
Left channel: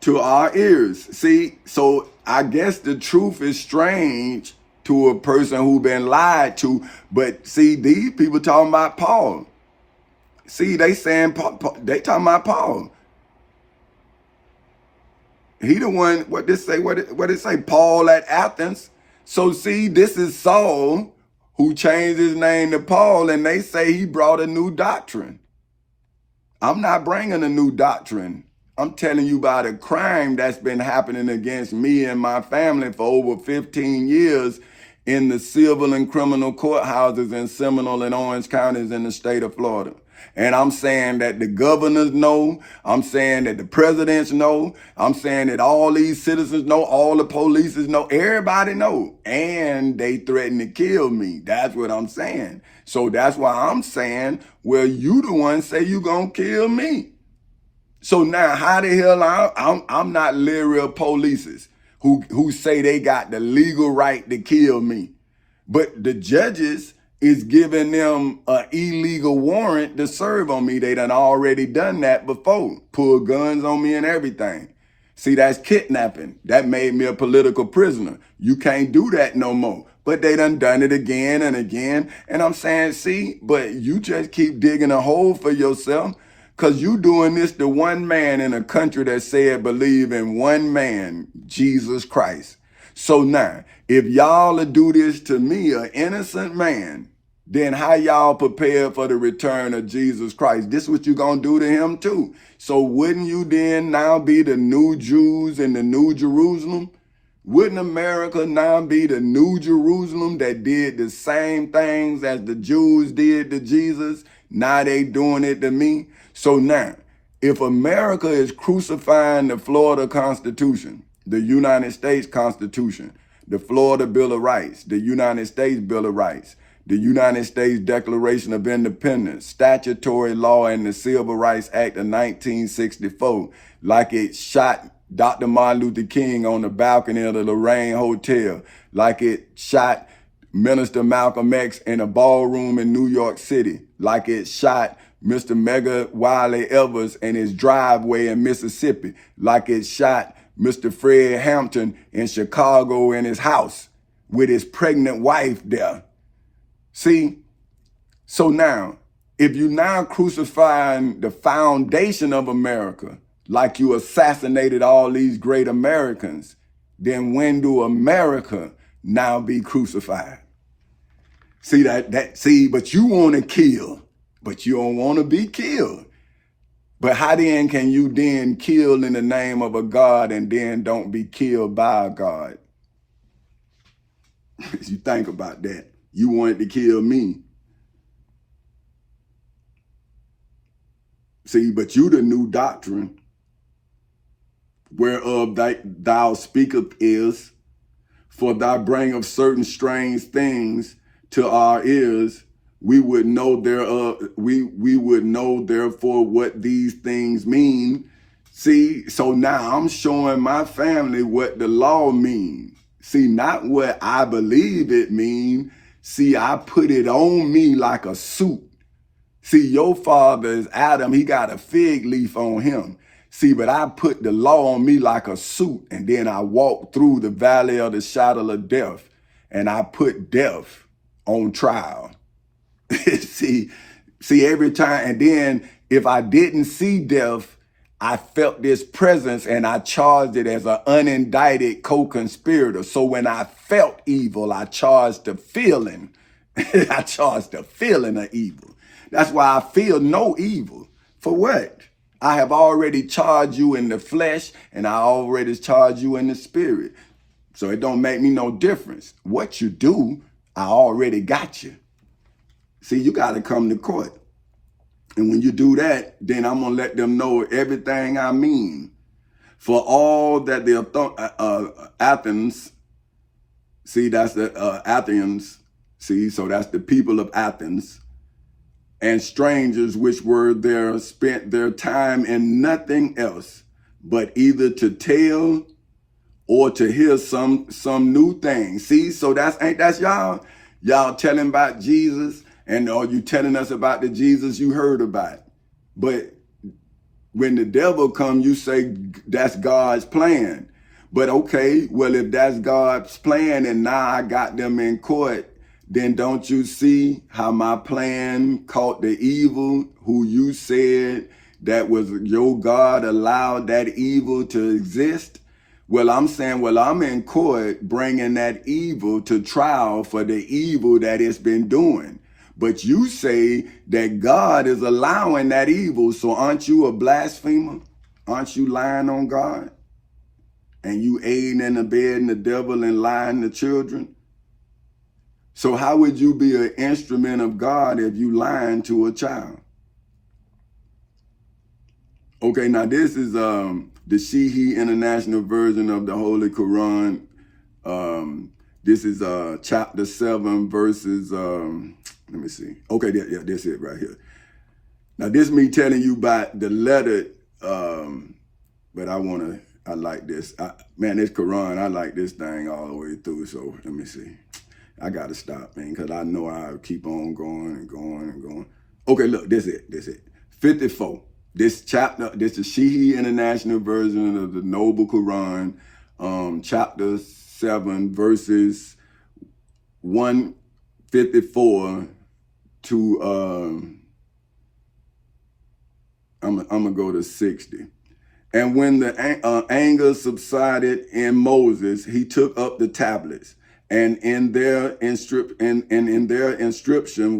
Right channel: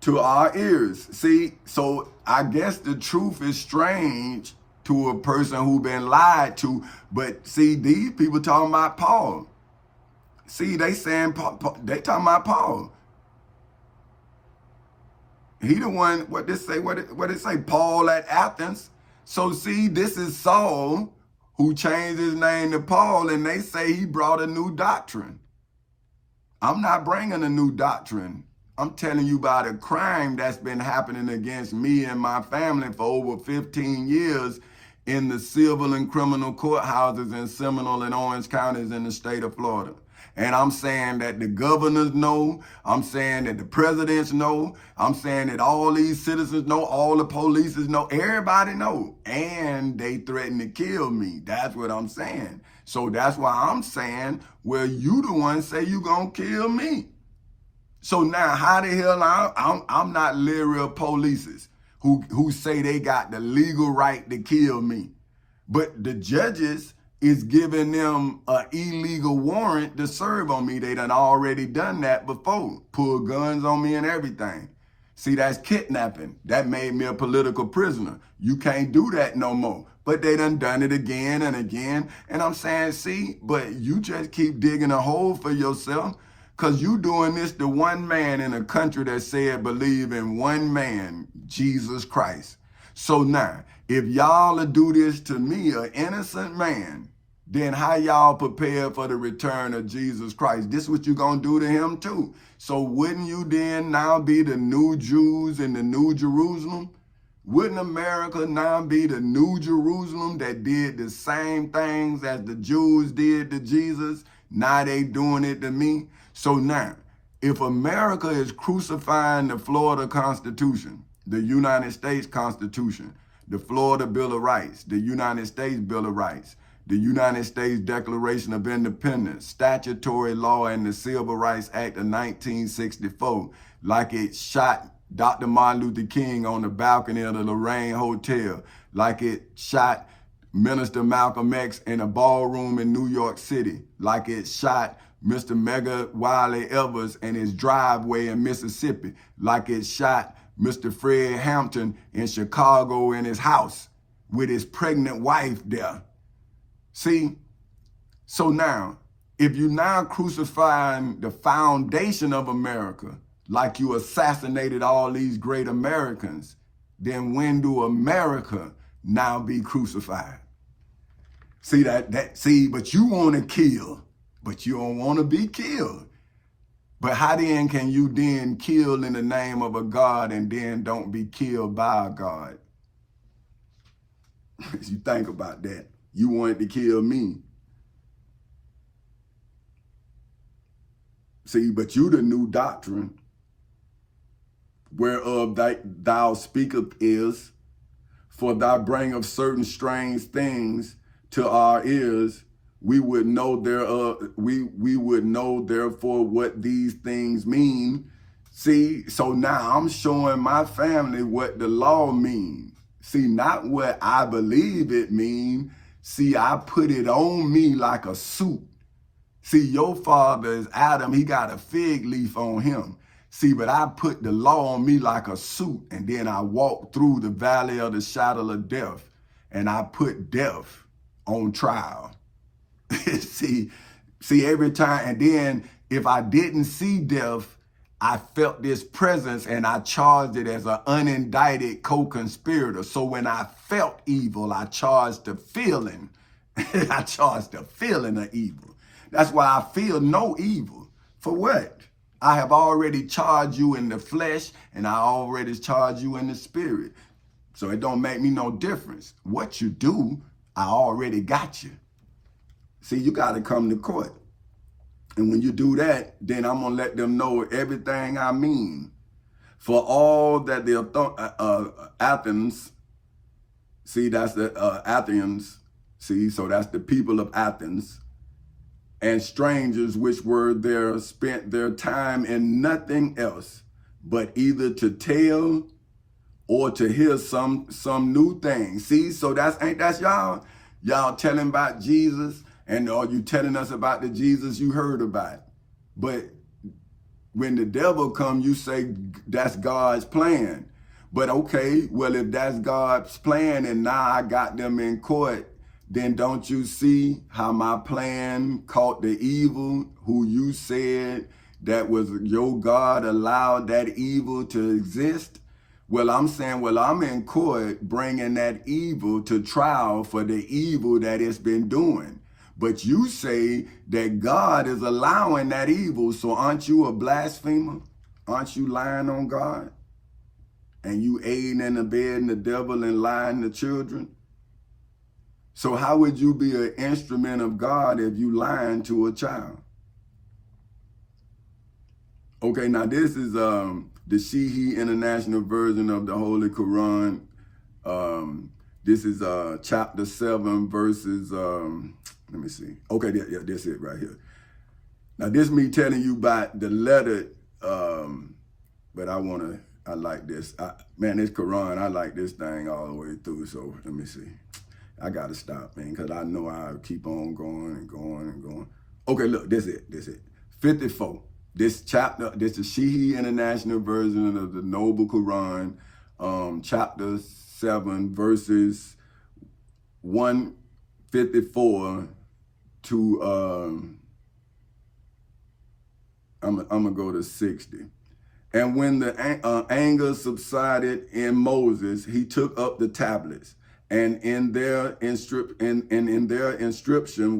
to our ears. See, so I guess the truth is strange to a person who been lied to. But see, these people talking about Paul. See, they saying they talking about Paul. He the one, what it say, Paul at Athens. So see, this is Saul who changed his name to Paul, and they say he brought a new doctrine. I'm not bringing a new doctrine. I'm telling you about a crime that's been happening against me and my family for over 15 years in the civil and criminal courthouses in Seminole and Orange counties in the state of Florida. And I'm saying that the governors know, I'm saying that the presidents know, I'm saying that all these citizens know, all the police know, everybody know. And they threaten to kill me. That's what I'm saying. So that's why I'm saying, well, you the one say you gonna kill me. So now how the hell I'm not leery of polices who say they got the legal right to kill me. But the judges is giving them an illegal warrant to serve on me. They done already done that before. Pull guns on me and everything. See, that's kidnapping. That made me a political prisoner. You can't do that no more. But they done it again and again. And I'm saying, see, but you just keep digging a hole for yourself, because you doing this to one man in a country that said believe in one man, Jesus Christ. So now, if y'all will do this to me, an innocent man, then how y'all prepare for the return of Jesus Christ? This what you gonna do to him too. So wouldn't you then now be the new Jews in the new Jerusalem? Wouldn't America now be the new Jerusalem that did the same things as the Jews did to Jesus? Now they doing it to me. So now, if America is crucifying the Florida Constitution, the United States Constitution, the Florida Bill of Rights, the United States Bill of Rights, the United States Declaration of Independence, statutory law, and the Civil Rights Act of 1964, like it shot Dr. Martin Luther King on the balcony of the Lorraine Hotel, like it shot Minister Malcolm X in a ballroom in New York City, like it shot Mr. Mega Wiley Evers in his driveway in Mississippi, like it shot Mr. Fred Hampton in Chicago in his house with his pregnant wife there. See, so now, if you now crucifying the foundation of America, like you assassinated all these great Americans, then when do America now be crucified? See but you want to kill, but you don't want to be killed. But how then can you then kill in the name of a God and then don't be killed by a God? You think about that. You wanted to kill me. See, but you the new doctrine, whereof thou speakest is, for thou bring of certain strange things to our ears. We would know thereof, we would know therefore what these things mean. See, so now I'm showing my family what the law means. See, not what I believe it means. See, I put it on me like a suit. See, your father is Adam. He got a fig leaf on him. See, but I put the law on me like a suit, and then I walk through the valley of the shadow of death, and I put death on trial. see, every time, and then if I didn't see death, I felt this presence and I charged it as an unindicted co-conspirator. So when I felt evil, I charged the feeling. I charged the feeling of evil. That's why I feel no evil. For what? I have already charged you in the flesh, and I already charged you in the spirit. So it don't make me no difference. What you do, I already got you. See, you got to come to court. And when you do that, then I'm going to let them know everything I mean. For all that the Athens, see, that's the Athenians, see, so that's the people of Athens, and strangers which were there spent their time in nothing else, but either to tell or to hear some new thing. See, so ain't that y'all telling about Jesus, and are you telling us about the Jesus you heard about? But when the devil come, you say that's God's plan. But okay, well, if that's God's plan and now I got them in court, then don't you see how my plan caught the evil, who you said that was your God allowed that evil to exist? Well, I'm saying, well, I'm in court bringing that evil to trial for the evil that it's been doing. But you say that God is allowing that evil. So aren't you a blasphemer? Aren't you lying on God? And you aiding and abetting the devil and lying to children? So how would you be an instrument of God if you lying to a child? Okay, now this is the Shihi International Version of the Holy Quran. This is chapter 7, verses, let me see. Okay, yeah, that's it right here. Now this me telling you about the letter, but I like this. Man, this Quran, I like this thing all the way through, so let me see. I gotta stop, man, because I know I'll keep on going and going and going. Okay, look, this it. 54. This chapter, this is Shihi International Version of the Noble Quran, chapter 7, verses 154 to, I'm gonna go to 60. And when the anger subsided in Moses, he took up the tablets, and in their inscription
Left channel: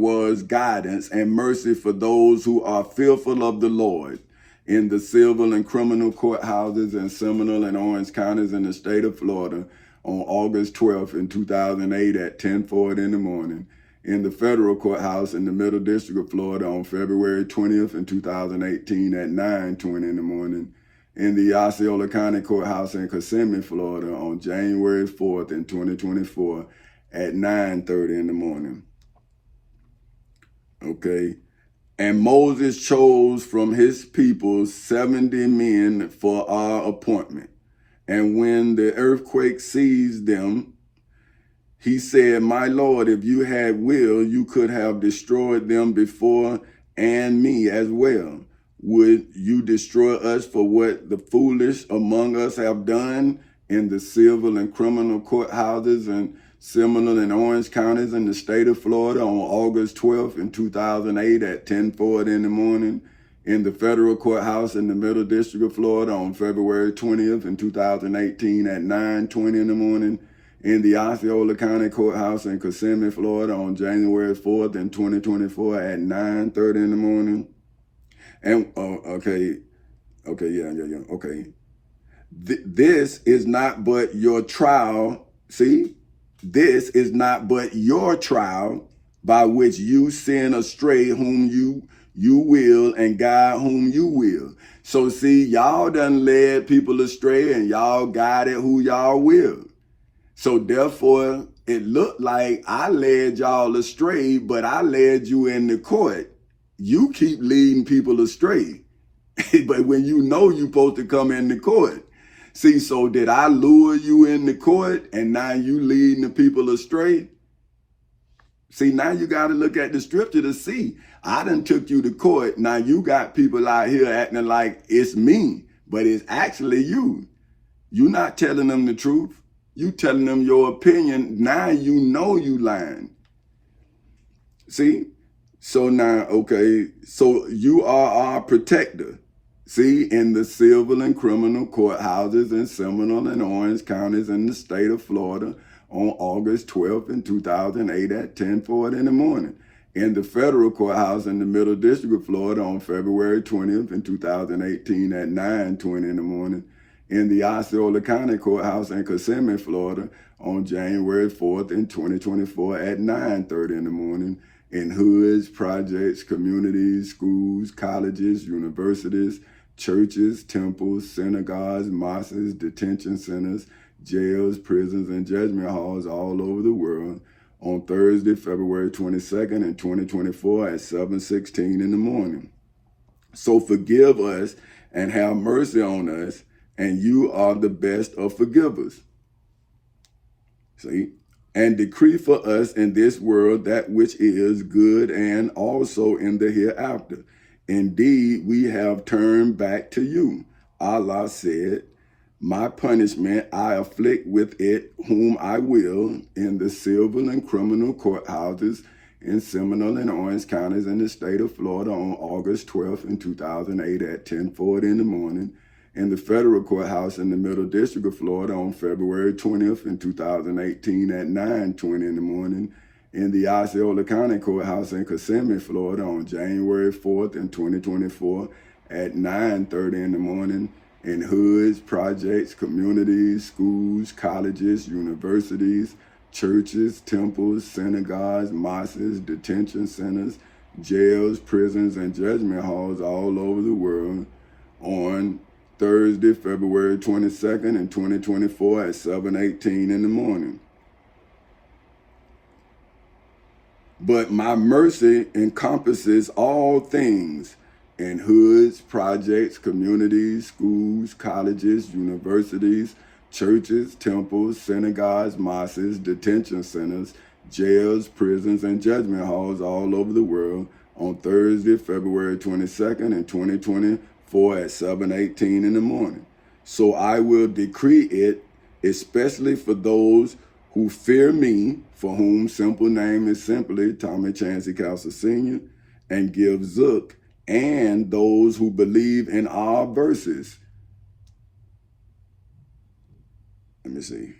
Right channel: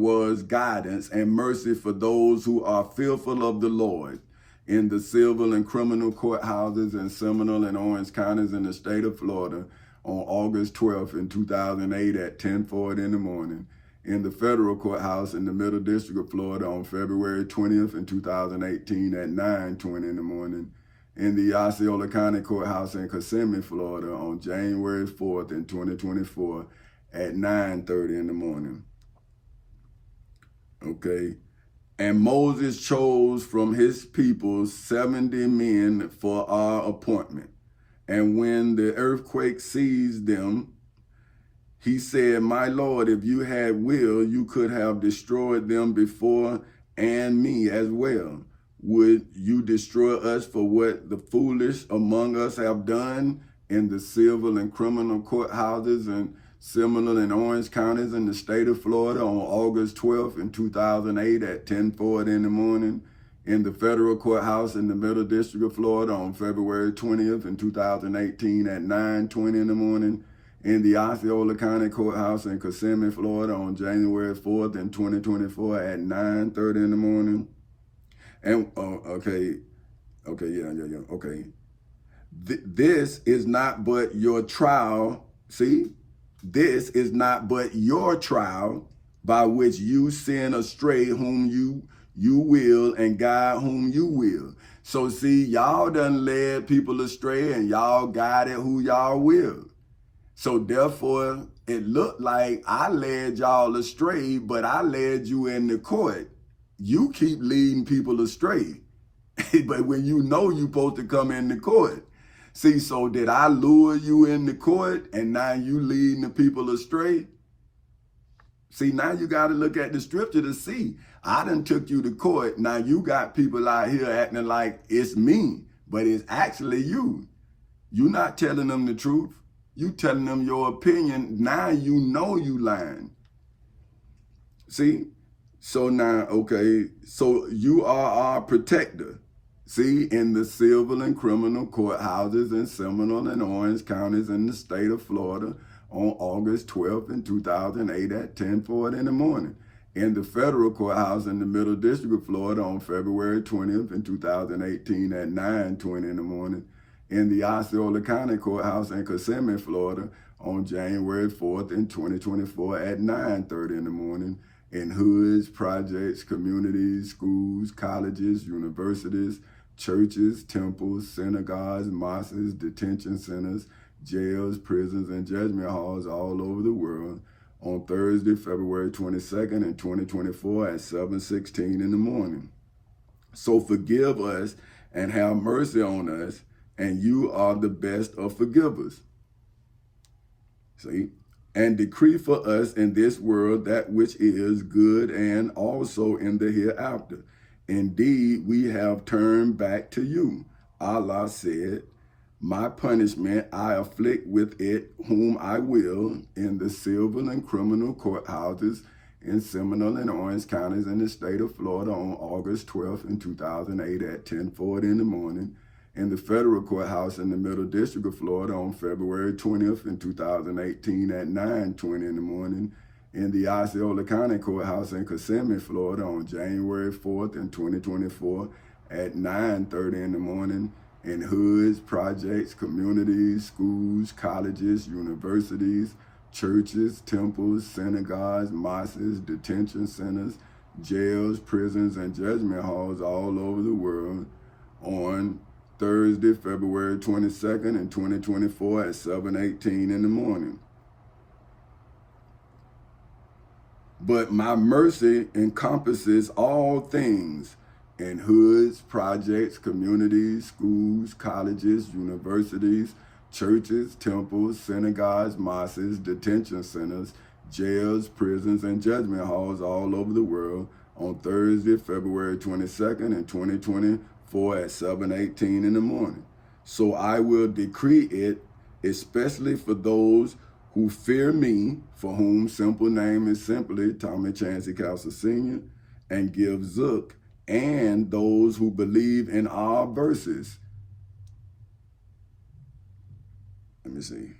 was guidance and mercy for those who are fearful of the Lord. In the civil and criminal courthouses in Seminole and Orange counties in the state of Florida on August 12th in 2008 at 10:40 in the morning. In the federal courthouse in the Middle District of Florida on February 20th in 2018 at 9:20 in the morning. In the Osceola County Courthouse in Kissimmee, Florida on January 4th in 2024 at 9:30 in the morning. Okay. And Moses chose from his people 70 men for our appointment. And when the earthquake seized them, he said, my Lord, if you had will, you could have destroyed them before and me as well. Would you destroy us for what the foolish among us have done in the civil and criminal courthouses in Seminole and Orange counties in the state of Florida on August 12th in 2008 at 10:40 in the morning? In the federal courthouse in the Middle District of Florida on February 20th in 2018 at 9:20 in the morning? In the Osceola County Courthouse in Kissimmee, Florida on January 4th in 2024 at 9:30 in the morning? And okay. This is not but your trial. See, this is not but your trial by which you send astray whom you will and guide whom you will. So see, y'all done led people astray and y'all guided who y'all will. So therefore, it looked like I led y'all astray, but I led you in the court. You keep leading people astray. But when you know you're supposed to come in the court. See, so did I lure you in the court and now you leading the people astray? See, now you got to look at the scripture to see. I done took you to court. Now you got people out here acting like it's me, but it's actually you. You're not telling them the truth. You telling them your opinion. Now you know you lying. See? So now, okay, so you are our protector. See, in the civil and criminal courthouses in Seminole and Orange counties in the state of Florida on August 12th in 2008 at 10:40 in the morning. In the federal courthouse in the Middle District of Florida on February 20th in 2018 at 9:20 in the morning. In the Osceola County Courthouse in Kissimmee, Florida on January 4th in 2024 at 9:30 in the morning. In hoods, projects, communities, schools, colleges, universities, churches, temples, synagogues, mosques, detention centers, jails, prisons, and judgment halls all over the world on Thursday, February 22nd in 2024 at 7:16 in the morning. So forgive us and have mercy on us, and you are the best of forgivers. See? And decree for us in this world that which is good and also in the hereafter. Indeed, we have turned back to you. Allah said, my punishment I afflict with it whom I will in the civil and criminal courthouses in Seminole and Orange counties in the state of Florida on August 12th in 2008 at 10:40 in the morning. in the federal courthouse in the Middle District of Florida on February 20th in 2018 at 9:20 in the morning, in the Osceola County Courthouse in Kissimmee, Florida on January 4th in 2024 at 9:30 in the morning, in hoods, projects, communities, schools, colleges, universities, churches, temples, synagogues, mosques, detention centers, jails, prisons, and judgment halls all over the world on Thursday, February 22nd in 2024 at 7:18 in the morning. But my mercy encompasses all things in hoods, projects, communities, schools, colleges, universities, churches, temples, synagogues, mosques, detention centers, jails, prisons, and judgment halls all over the world on Thursday, February 22nd in 2024 at 7:18 in the morning. So I will decree it, especially for those who fear me, for whom simple name is simply Tommy Chancey Castle Sr., and give Zook, and those who believe in our verses. Let me see.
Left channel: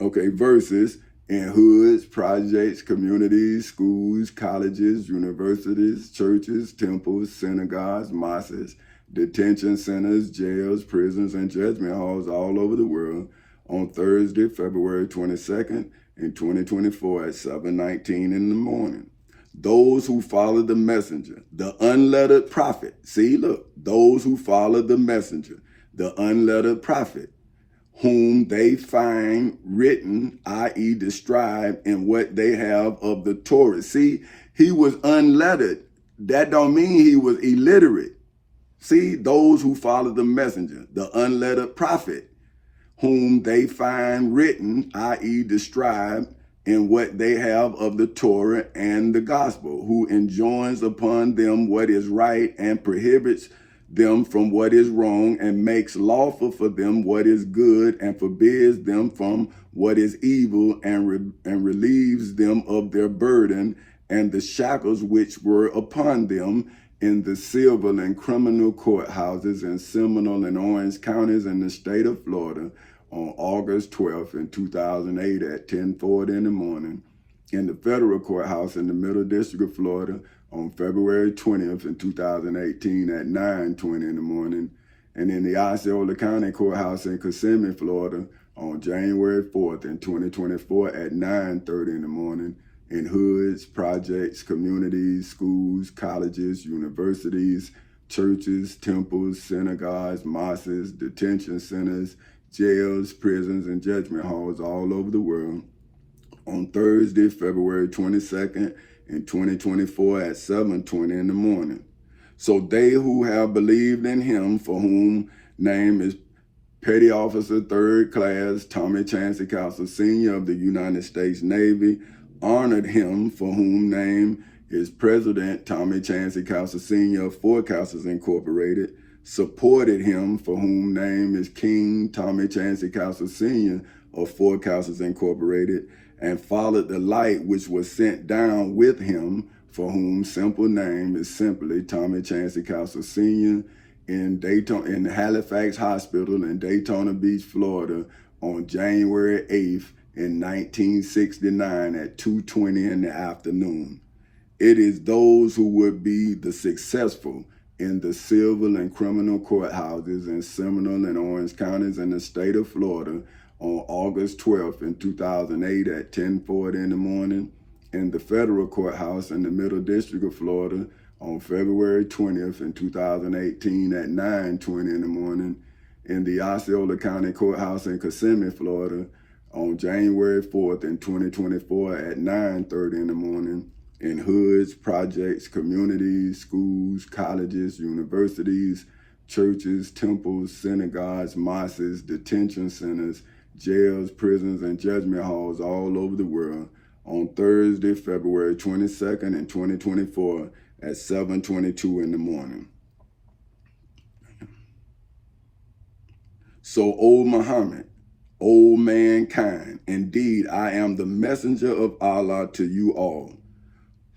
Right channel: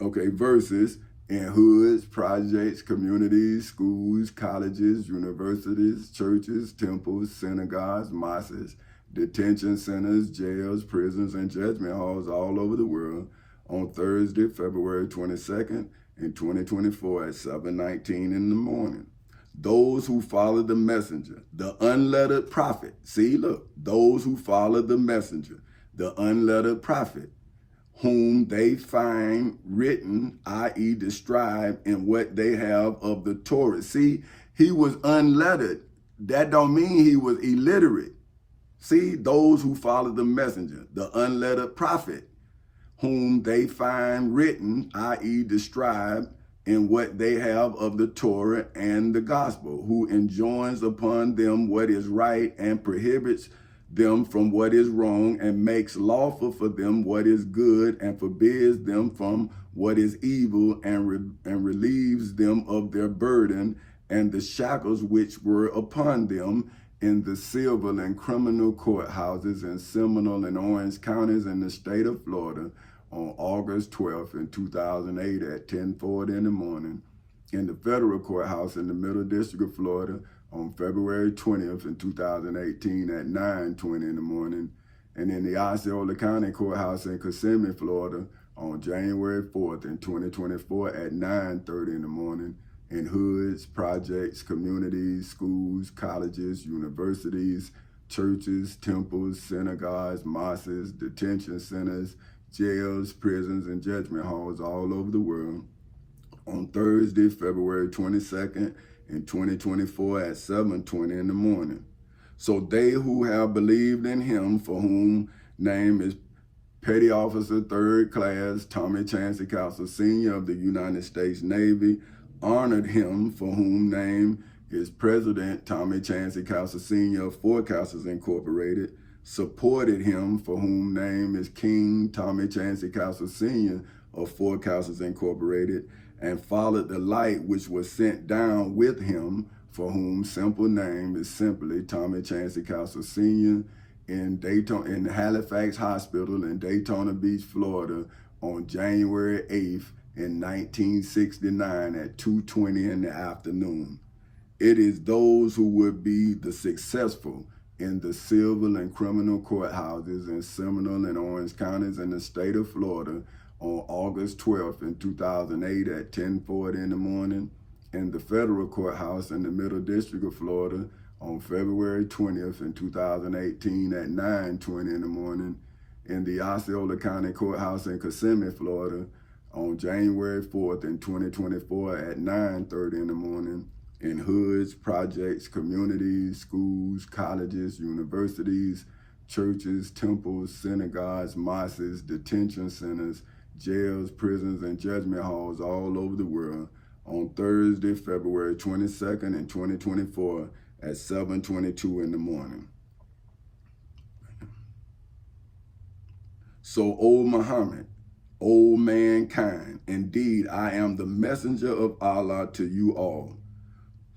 Okay, verses in hoods, projects, communities, schools, colleges, universities, churches, temples, synagogues, mosques, detention centers, jails, prisons, and judgment halls all over the world on Thursday, February 22nd in 2024 at 7:19 in the morning. Those who follow the messenger, the unlettered prophet. See, look, those who follow the messenger, the unlettered prophet, whom they find written, i.e. described in what they have of the Torah. See, he was unlettered. That don't mean he was illiterate. See, those who follow the messenger, the unlettered prophet, whom they find written, i.e. described in what they have of the Torah and the gospel, who enjoins upon them what is right and prohibits them from what is wrong, and makes lawful for them what is good, and forbids them from what is evil, and relieves them of their burden and the shackles which were upon them, in the civil and criminal courthouses in Seminole and Orange counties in the state of Florida on August 12th in 2008 at 10:40 in the morning, in the federal courthouse in the Middle District of Florida on February 20th in 2018 at 9:20 in the morning, and in the Osceola County Courthouse in Kissimmee, Florida on January 4th in 2024 at 9:30 in the morning, in hoods, projects, communities, schools, colleges, universities, churches, temples, synagogues, mosques, detention centers, jails, prisons, and judgment halls all over the world on Thursday, February 22nd in 2024 at 7:20 in the morning. So they who have believed in him, for whom name is Petty Officer 3rd Class Tommy Chancey Castle Sr. of the United States Navy, honored him, for whom name is President Tommy Chancey Castle Sr. of Four Castles Incorporated, supported him, for whom name is King Tommy Chancey Castle Sr. of Four Castles Incorporated, and followed the light which was sent down with him, for whom simple name is simply Tommy Chancey Castle Sr. in Halifax Hospital in Daytona Beach, Florida on January 8th in 1969 at 2:20 in the afternoon. It is those who would be the successful in the civil and criminal courthouses in Seminole and Orange counties in the state of Florida on August 12th in 2008 at 10:40 in the morning, in the federal courthouse in the Middle District of Florida on February 20th in 2018 at 9:20 in the morning, in the Osceola County Courthouse in Kissimmee, Florida on January 4th in 2024 at 9:30 in the morning, in hoods, projects, communities, schools, colleges, universities, churches, temples, synagogues, mosques, detention centers, jails, prisons, and judgment halls all over the world on Thursday, February 22nd in 2024 at 7:22 in the morning. So, O Muhammad, O mankind, indeed I am the messenger of Allah to you all.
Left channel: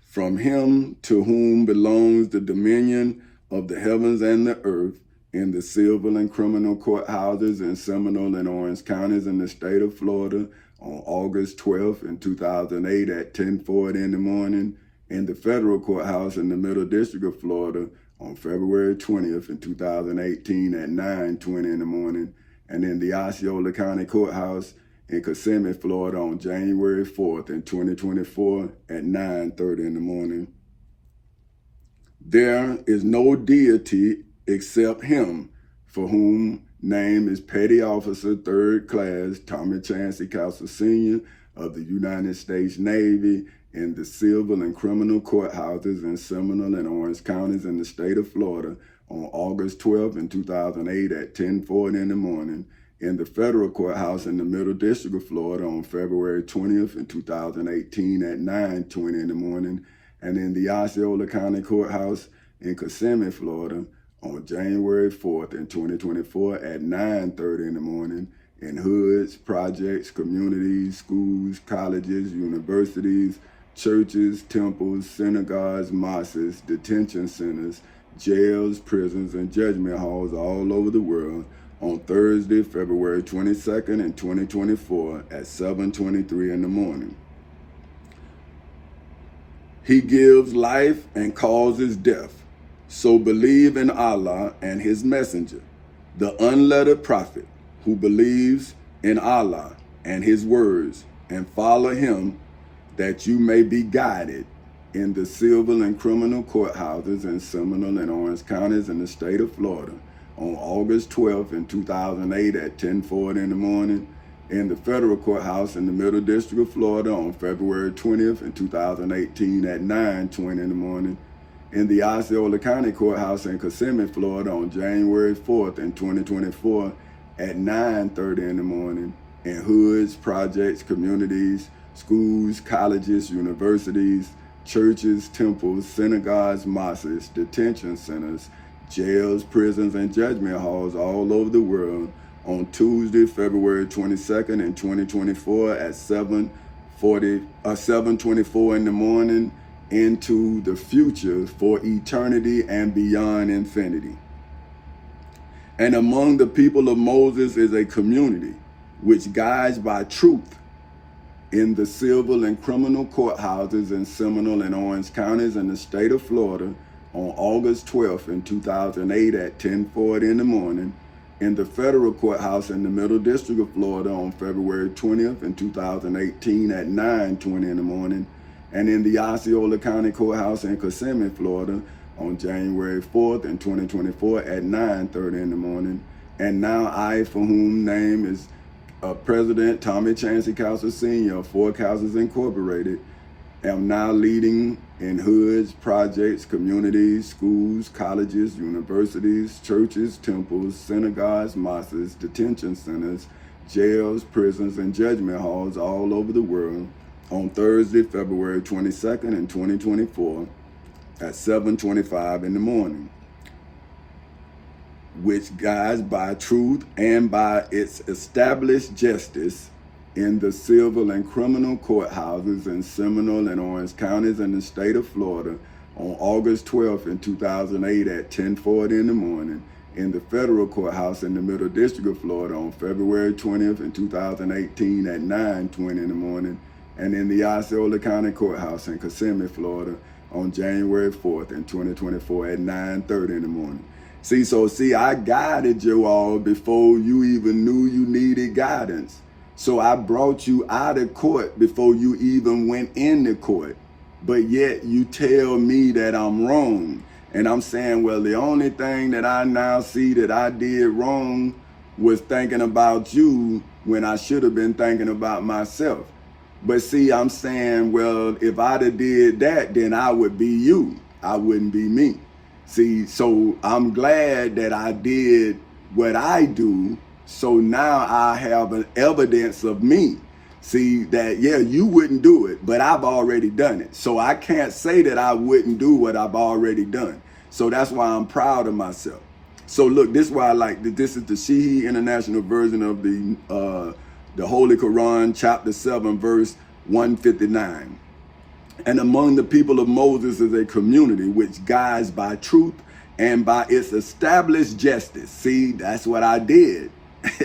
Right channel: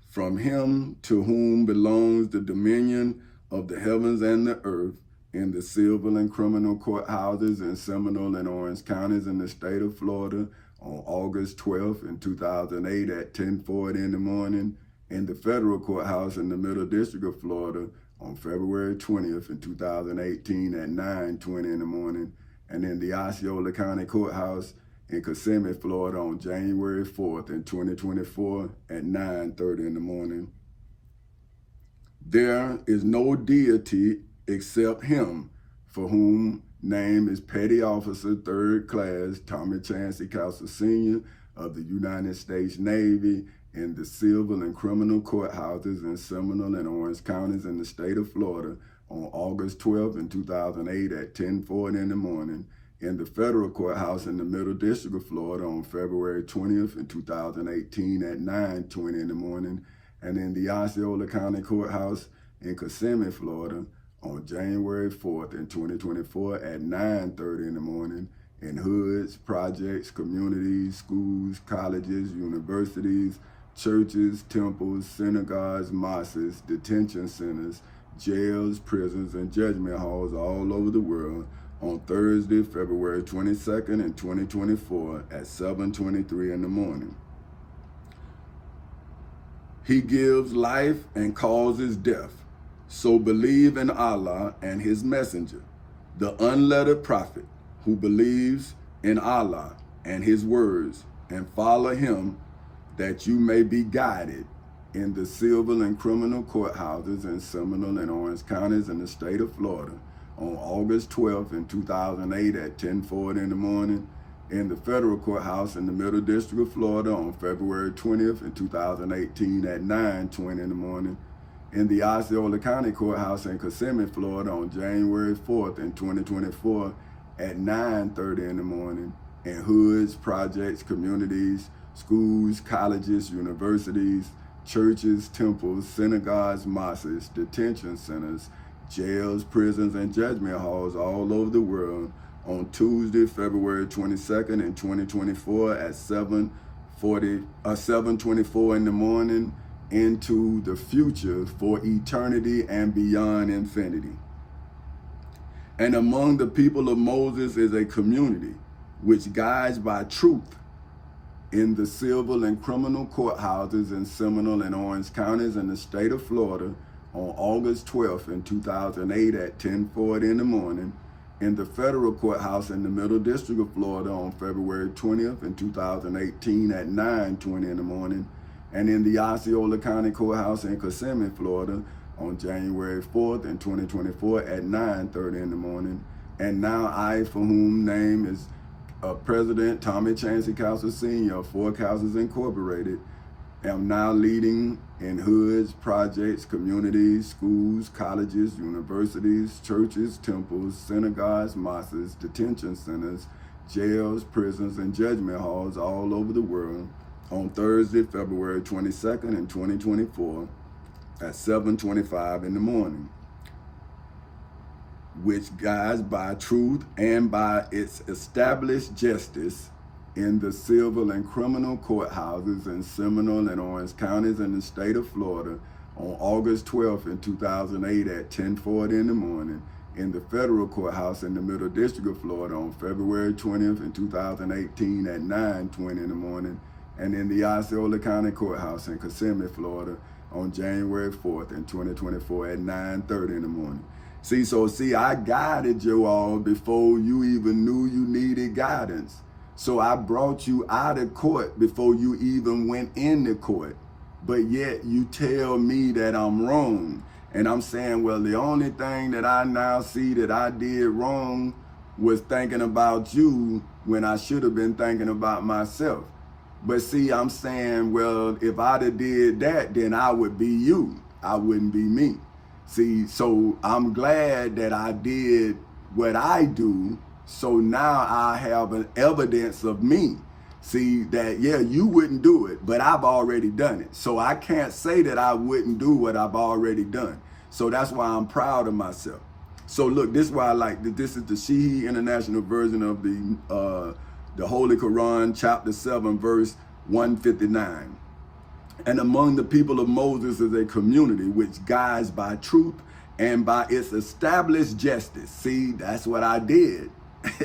From him to whom belongs the dominion of the heavens and the earth, in the civil and criminal courthouses in Seminole and Orange counties in the state of Florida on August 12th in 2008 at 10:40 in the morning, in the federal courthouse in the Middle District of Florida on February 20th in 2018 at 9:20 in the morning, and in the Osceola County Courthouse in Kissimmee, Florida on January 4th in 2024 at 9:30 in the morning. There is no deity except him, for whom name is Petty Officer 3rd Class Tommy Chancey Castle Sr. of the United States Navy in the civil and criminal courthouses in Seminole and Orange counties in the state of Florida on August 12th in 2008 at 10:40 in the morning, in the federal courthouse in the Middle District of Florida on February 20th in 2018 at 9:20 in the morning, and in the Osceola County Courthouse in Kissimmee, Florida on January 4th in 2024 at 9:30 in the morning, in hoods, projects, communities, schools, colleges, universities, churches, temples, synagogues, mosques, detention centers, jails, prisons, and judgment halls all over the world on Thursday, February 22nd in 2024 at 7:23 in the morning. He gives life and causes death. So believe in Allah and his messenger, the unlettered prophet who believes in Allah and his words, and follow him that you may be guided in the civil and criminal courthouses in Seminole and Orange counties in the state of Florida on August 12th in 2008 at 10:40 in the morning, in the federal courthouse in the Middle District of Florida on February 20th in 2018 at 9:20 in the morning, in the Osceola County Courthouse in Kissimmee, Florida on January 4th in 2024 at 9:30 in the morning, in hoods, projects, communities, schools, colleges, universities, churches, temples, synagogues, mosques, detention centers, jails, prisons, and judgment halls all over the world on Tuesday, February 22nd in 2024 at 7:24 in the morning, into the future for eternity and beyond infinity. And among the people of Moses is a community which guides by truth in the civil and criminal courthouses in Seminole and Orange counties in the state of Florida on August 12th in 2008 at 10:40 in the morning, in the federal courthouse in the Middle District of Florida on February 20th in 2018 at 9:20 in the morning, and in the Osceola County Courthouse in Kissimmee, Florida on January 4th in 2024 at 9:30 in the morning. And now I, for whom name is President Tommy Chancey Castle Sr. of Four Castles Incorporated, am now leading in hoods, projects, communities, schools, colleges, universities, churches, temples, synagogues, mosques, detention centers, jails, prisons, and judgment halls all over the world on Thursday, February 22nd in 2024 at 7:25 in the morning, which guides by truth and by its established justice in the civil and criminal courthouses in Seminole and Orange counties in the state of Florida on August 12th in 2008 at 10:40 in the morning, in the federal courthouse in the Middle District of Florida on February 20th in 2018 at 9:20 in the morning, and in the Osceola County Courthouse in Kissimmee, Florida on January 4th in 2024 at 9:30 in the morning. See, I guided you all before you even knew you needed guidance. So I brought you out of court before you even went into court. But yet you tell me that I'm wrong. And I'm saying, well, the only thing that I now see that I did wrong was thinking about you when I should have been thinking about myself. But see, I'm saying, well, if I'd have did that, then I would be you. I wouldn't be me. See, so I'm glad that I did what I do. So now I have an evidence of me. See, that, yeah, you wouldn't do it, but I've already done it. So I can't say that I wouldn't do what I've already done. So that's why I'm proud of myself. So look, this is why I like this is the Shihi International version of the Holy Quran, chapter 7, verse 159. And among the people of Moses is a community which guides by truth and by its established justice. See, that's what I did.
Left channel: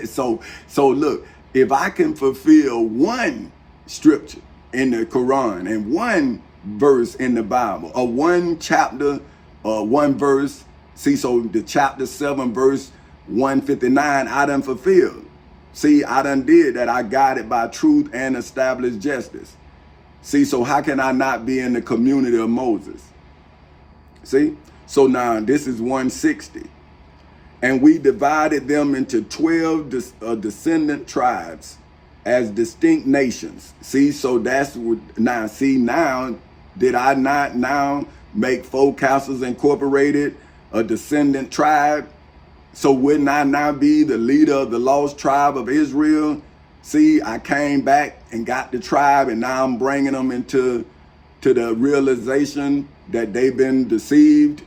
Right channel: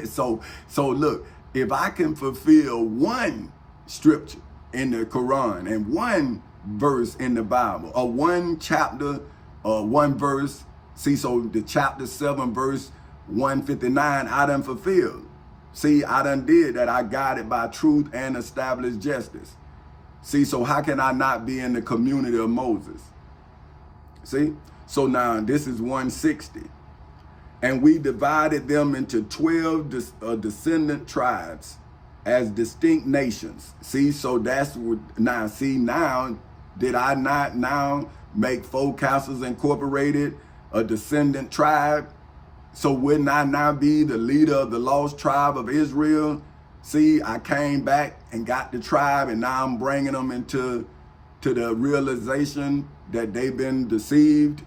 So look, if I can fulfill one scripture in the Quran and one verse in the Bible, or one chapter, one verse, see, so the chapter 7, verse 159, I done fulfilled. See, I done did that. I got it by truth and established justice. See, so how can I not be in the community of Moses? See, so now this is 160. And we divided them into 12 descendant tribes as distinct nations. See, so that's what, now, see, now, did I not now make 4 Castles Incorporated a descendant tribe? So wouldn't I now be the leader of the lost tribe of Israel? See, I came back and got the tribe, and now I'm bringing them into the realization that they've been deceived,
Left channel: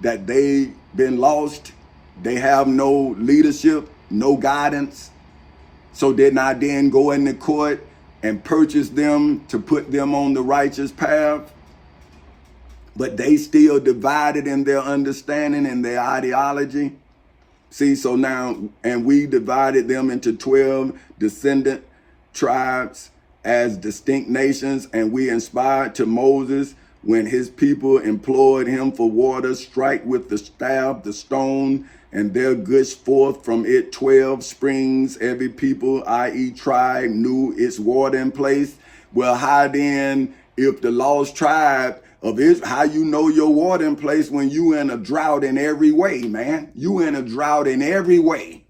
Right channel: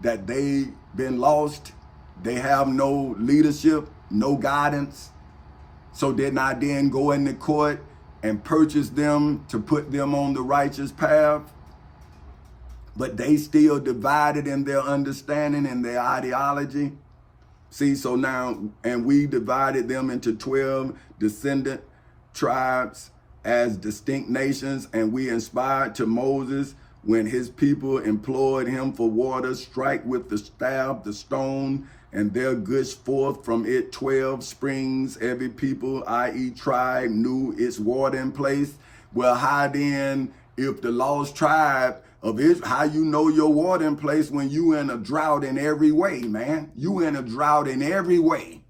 that they've been lost. They have no leadership, no guidance. So didn't I then go into court and purchase them to put them on the righteous path? But they still divided in their understanding and their ideology. See, so now, and we divided them into 12 descendant tribes as distinct nations, and we inspired to Moses when his people implored him for water, strike with the staff the stone, and there gushed forth from it 12 springs. Every people, i.e. tribe, knew its watering place. Well, how then, if the lost tribe of Israel, how you know your watering place when you in a drought in every way, man? You in a drought in every way.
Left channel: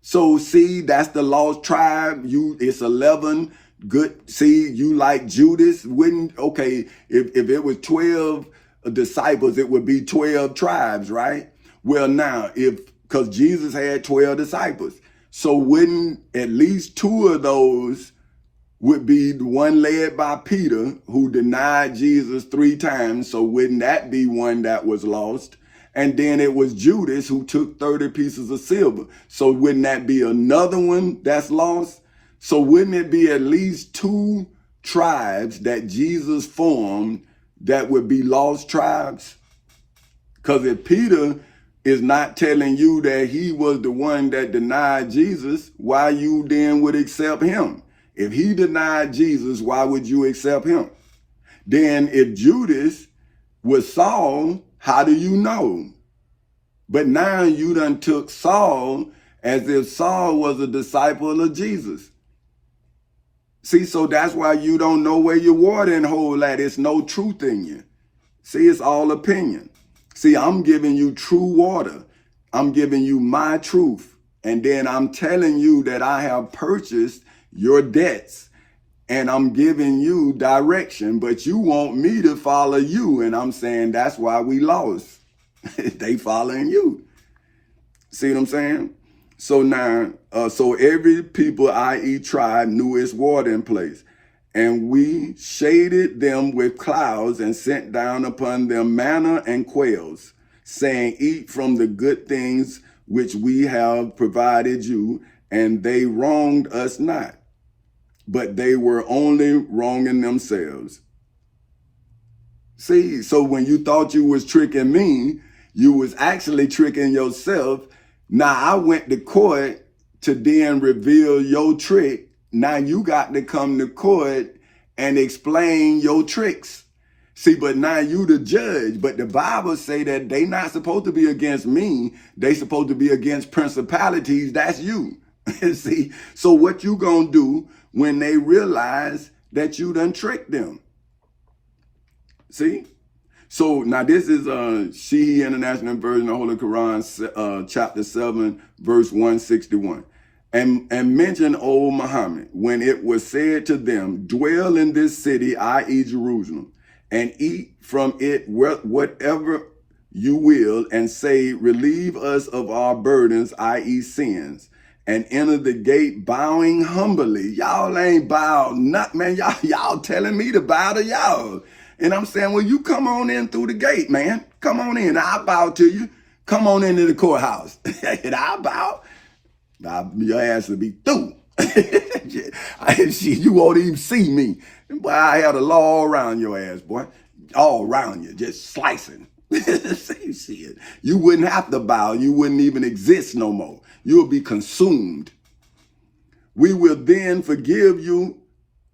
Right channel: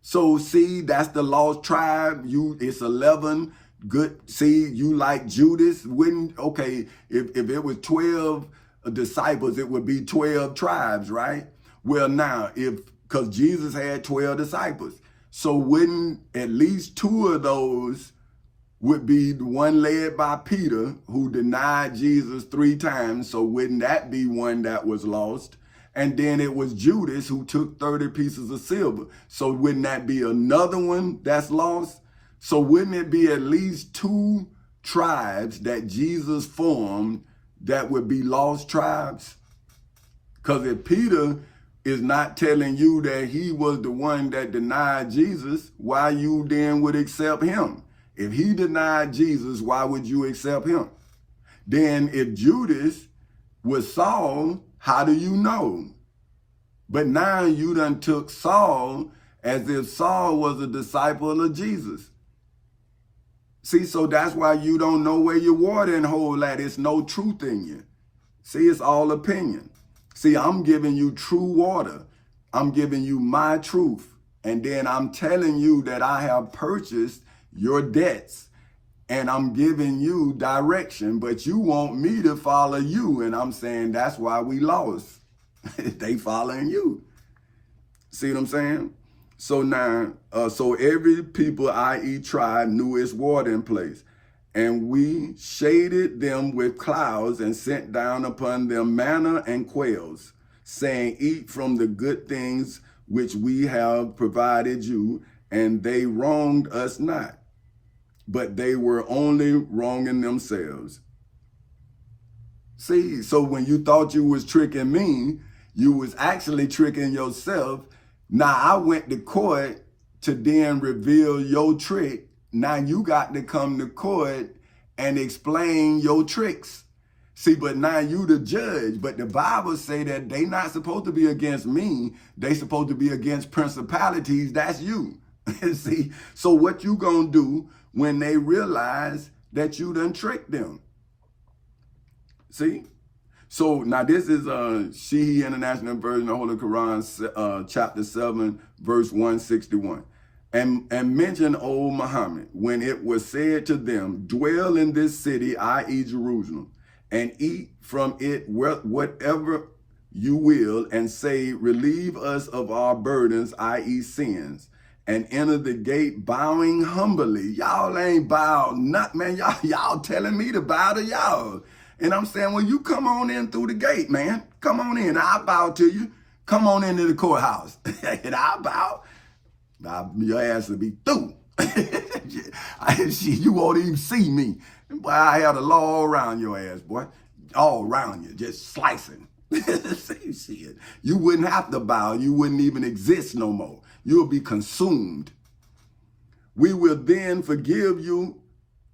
So see, that's the lost tribe. It's 11 good. See, you like Judas, wouldn't, okay, if it was 12 disciples, it would be 12 tribes, right? Well, now, because Jesus had 12 disciples, so wouldn't at least 2 of those would be the one led by Peter, who denied Jesus 3 times. So wouldn't that be one that was lost? And then it was Judas who took 30 pieces of silver. So wouldn't that be another one that's lost? So wouldn't it be at least 2 tribes that Jesus formed that would be lost tribes? Because if Peter is not telling you that he was the one that denied Jesus, why you then would accept him? If he denied Jesus, why would you accept him? Then if Judas was Saul, how do you know? But now you done took Saul as if Saul was a disciple of Jesus. See, so that's why you don't know where your watering hole at. It's no truth in you. See, it's all opinion. See, I'm giving you true water. I'm giving you my truth. And then I'm telling you that I have purchased your debts, and I'm giving you direction, but you want me to follow you. And I'm saying that's why we lost. They following you. See what I'm saying? So now, so every people, i.e. tribe, knew its watering place. And we shaded them with clouds and sent down upon them manna and quails, saying, eat from the good things which we have provided you. And they wronged us not, but they were only wronging themselves. See, so when you thought you was tricking me, you was actually tricking yourself. Now I went to court to then reveal your trick. Now you got to come to court and explain your tricks. See, but now you the judge, but the Bible say that they not supposed to be against me. They supposed to be against principalities. That's you. See, so what you gonna do when they realize that you done tricked them? See? So now this is Shihi International Version of Holy Quran, chapter 7, verse 161. And mention old Muhammad, when it was said to them, dwell in this city, i.e. Jerusalem, and eat from it whatever you will, and say, relieve us of our burdens, i.e. sins, and enter the gate bowing humbly. Y'all ain't bowed nothing, man. Y'all telling me to bow to y'all. And I'm saying, well, you come on in through the gate, man. Come on in. I'll bow to you. Come on into the courthouse. And I'll bow. Your ass will be through. You won't even see me. Boy, I have the law all around your ass, boy. All around you, just slicing. See, shit. You wouldn't have to bow. You wouldn't even exist no more. You'll be consumed. We will then forgive you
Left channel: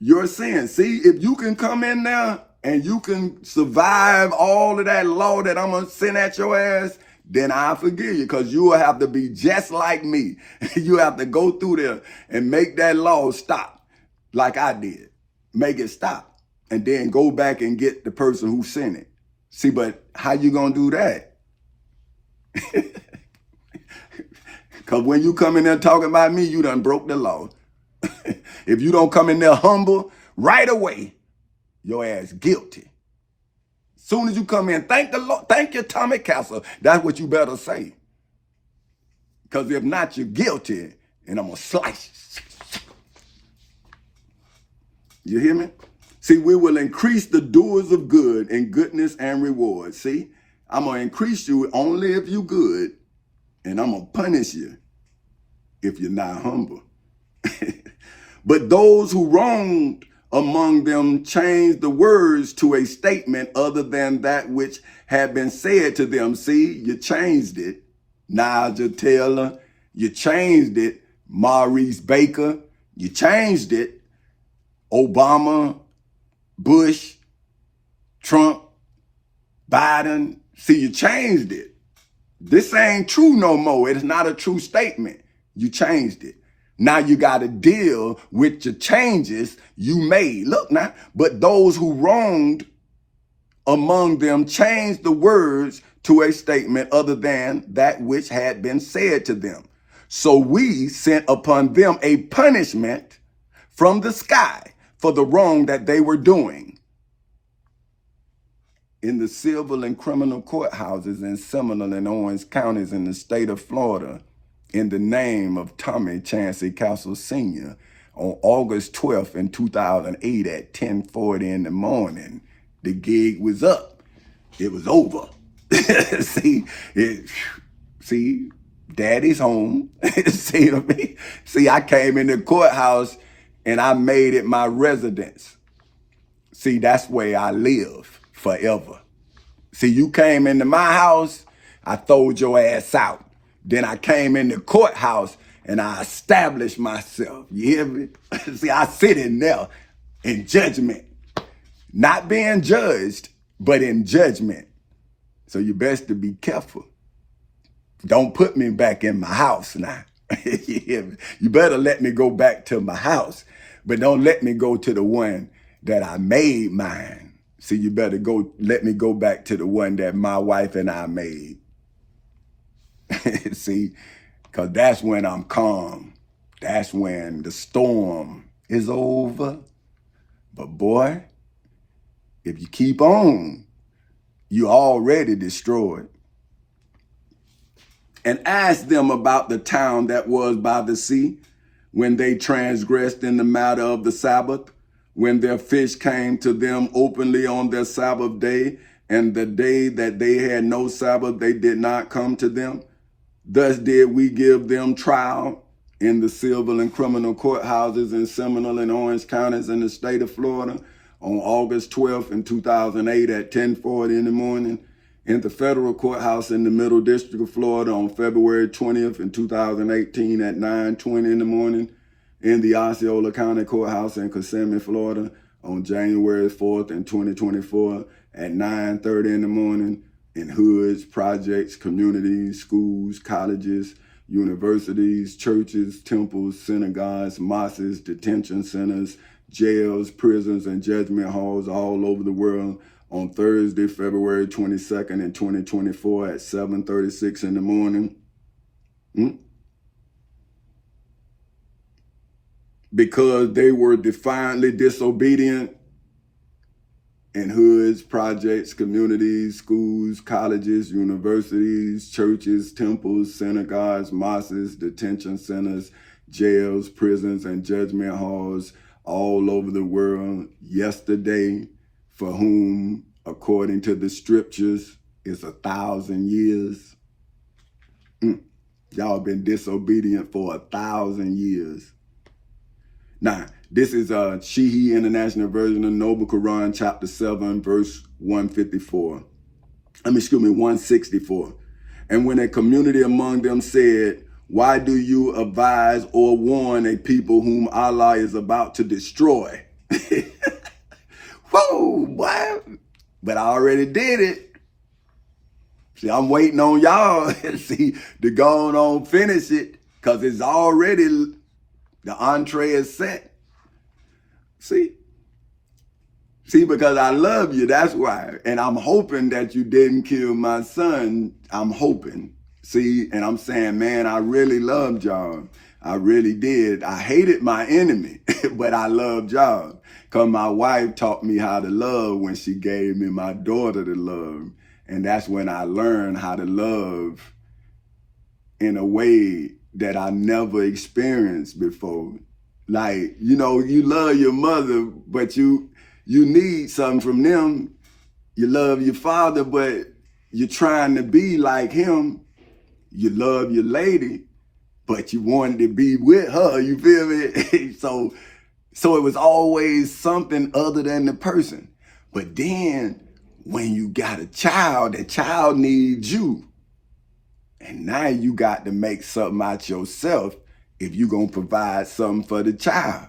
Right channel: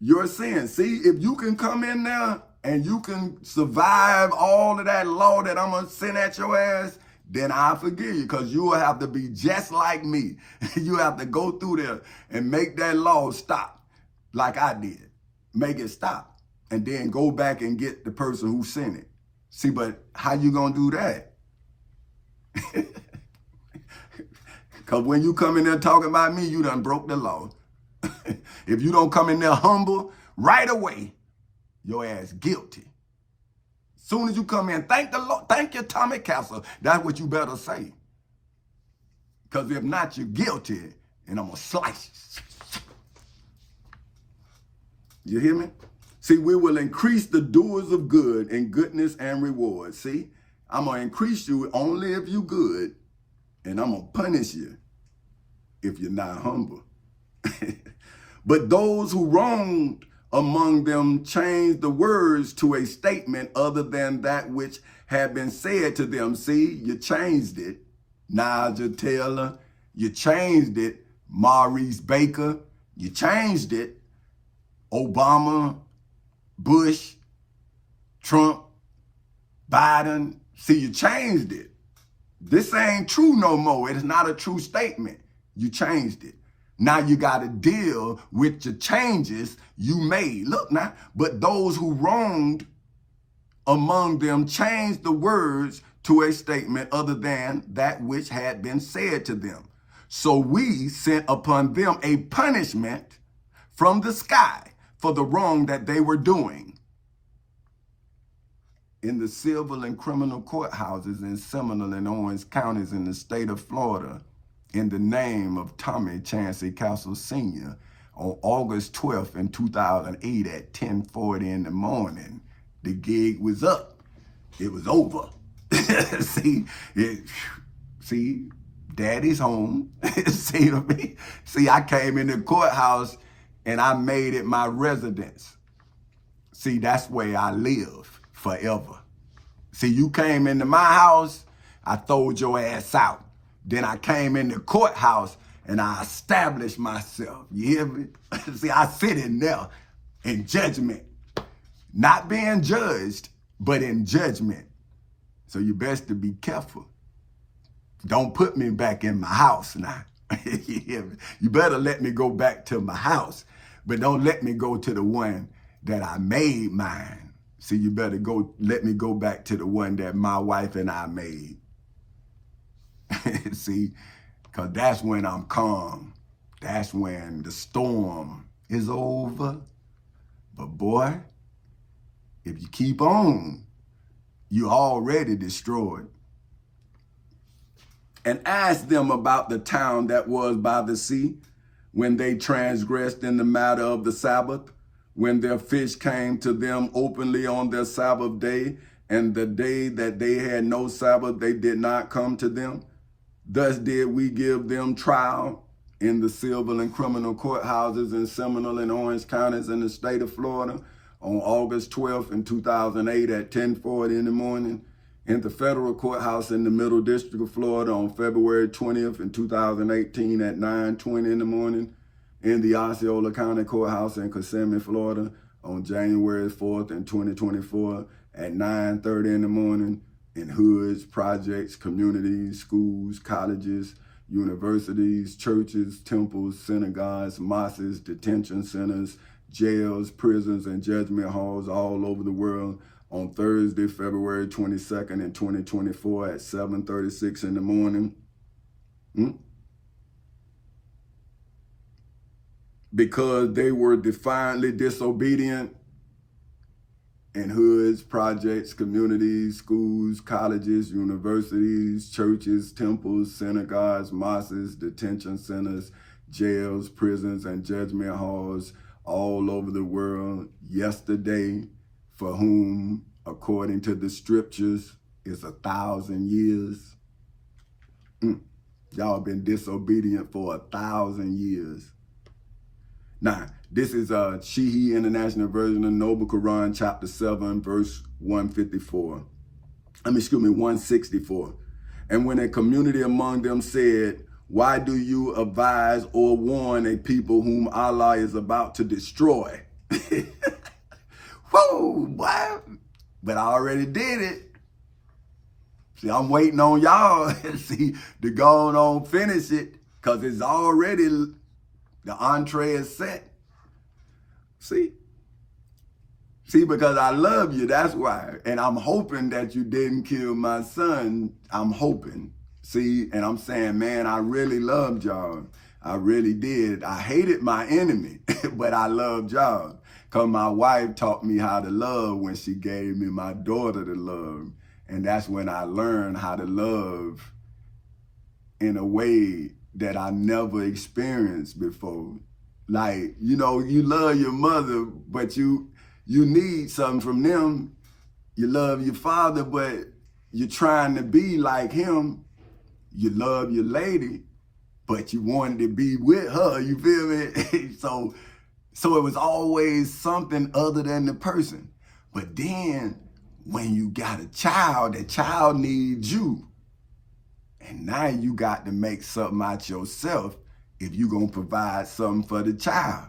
your sins. See, if you can come in there and you can survive all of that law that I'm going to send at your ass, then I'll forgive you, because you will have to be just like me. You have to go through there and make that law stop like I did. Make it stop. And then go back and get the person who sent it. See, but how you going to do that? Because when you come in there talking about me, you done broke the law. If you don't come in there humble right away, your ass guilty. Soon as you come in, thank the Lord, thank you, Tommy Castle. That's what you better say. Because if not, you're guilty, and I'm going to slice you. You hear me? See, we will increase the doers of good in goodness and reward. See, I'm going to increase you only if you're good, and I'm going to punish you if you're not humble. But those who wronged among them changed the words to a statement other than that which had been said to them. See, you changed it. Nigel Taylor, you changed it. Maurice Baker, you changed it. Obama, Bush, Trump, Biden, see, you changed it. This ain't true no more. It's not a true statement. You changed it. Now you got to deal with the changes you made. Look now, but those who wronged among them changed the words to a statement other than that which had been said to them. So we sent upon them a punishment from the sky for the wrong that they were doing. In the civil and criminal courthouses in Seminole and Orange counties in the state of Florida, in the name of Tommy Chancey Castle Sr., on August 12th in 2008 at 10:40 in the morning, the gig was up. It was over. See, daddy's home. See what I mean? See, I came in the courthouse and I made it my residence. See, that's where I live forever. See, you came into my house, I throwed your ass out. Then I came in the courthouse and I established myself. You hear me? See, I sit in there in judgment. Not being judged, but in judgment. So you best to be careful. Don't put me back in my house now. You hear me? You better let me go back to my house, but don't let me go to the one that I made mine. See, you better let me go back to the one that my wife and I made. See, because that's when I'm calm. That's when the storm is over. But boy, if you keep on, you already destroyed. And ask them about the town that was by the sea, when they transgressed in the matter of the Sabbath, when their fish came to them openly on their Sabbath day, and the day that they had no Sabbath, they did not come to them. Thus did we give them trial in the civil and criminal courthouses in Seminole and Orange counties in the state of Florida on August 12th in 2008 at 10:40 in the morning, in the federal courthouse in the Middle District of Florida on February 20th in 2018 at 9:20 in the morning, in the Osceola County Courthouse in Kissimmee, Florida on January 4th in 2024 at 9:30 in the morning, in hoods, projects, communities, schools, colleges, universities, churches, temples, synagogues, mosques, detention centers, jails, prisons, and judgment halls all over the world on Thursday, February 22nd in 2024 at 7:36 in the morning. Because they were defiantly disobedient in hoods, projects, communities, schools, colleges, universities, churches, temples, synagogues, mosques, detention centers, jails, prisons, and judgment halls all over the world yesterday, for whom, according to the scriptures, is 1,000 years. Y'all been disobedient for 1,000 years. Now, this is Sheehy International Version of Noble Quran, chapter 7, verse 154. 164. And when a community among them said, why do you advise or warn a people whom Allah is about to destroy? Whoa, boy. But I already did it. See, I'm waiting on y'all to go on finish it, because it's already, the entree is set. See, because I love you, that's why. And I'm hoping that you didn't kill my son. I'm hoping. See, and I'm saying, man, I really loved y'all. I really did. I hated my enemy, but I loved y'all. Because my wife taught me how to love when she gave me my daughter to love. And that's when I learned how to love in a way that I never experienced before. Like, you know, you love your mother, but you need something from them. You love your father, but you're trying to be like him. You love your lady, but you wanted to be with her, you feel me? So it was always something other than the person. But then when you got a child, the child needs you. And now you got to make something out yourself if you're going to provide something for the child.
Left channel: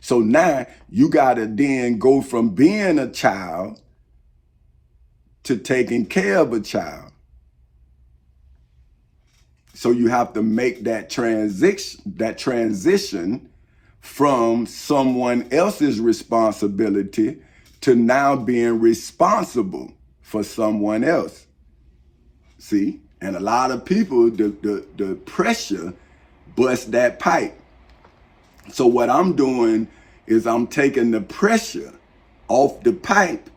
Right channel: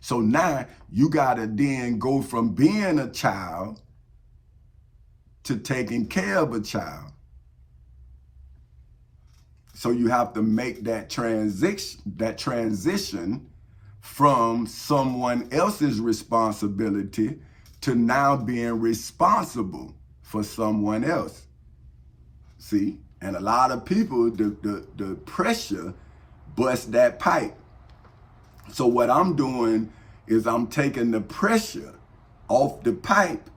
So now you got to then go from being a child to taking care of a child. So you have to make that transition from someone else's responsibility to now being responsible for someone else. See? And a lot of people, the pressure busts that pipe. So what I'm doing is I'm taking the pressure off the pipe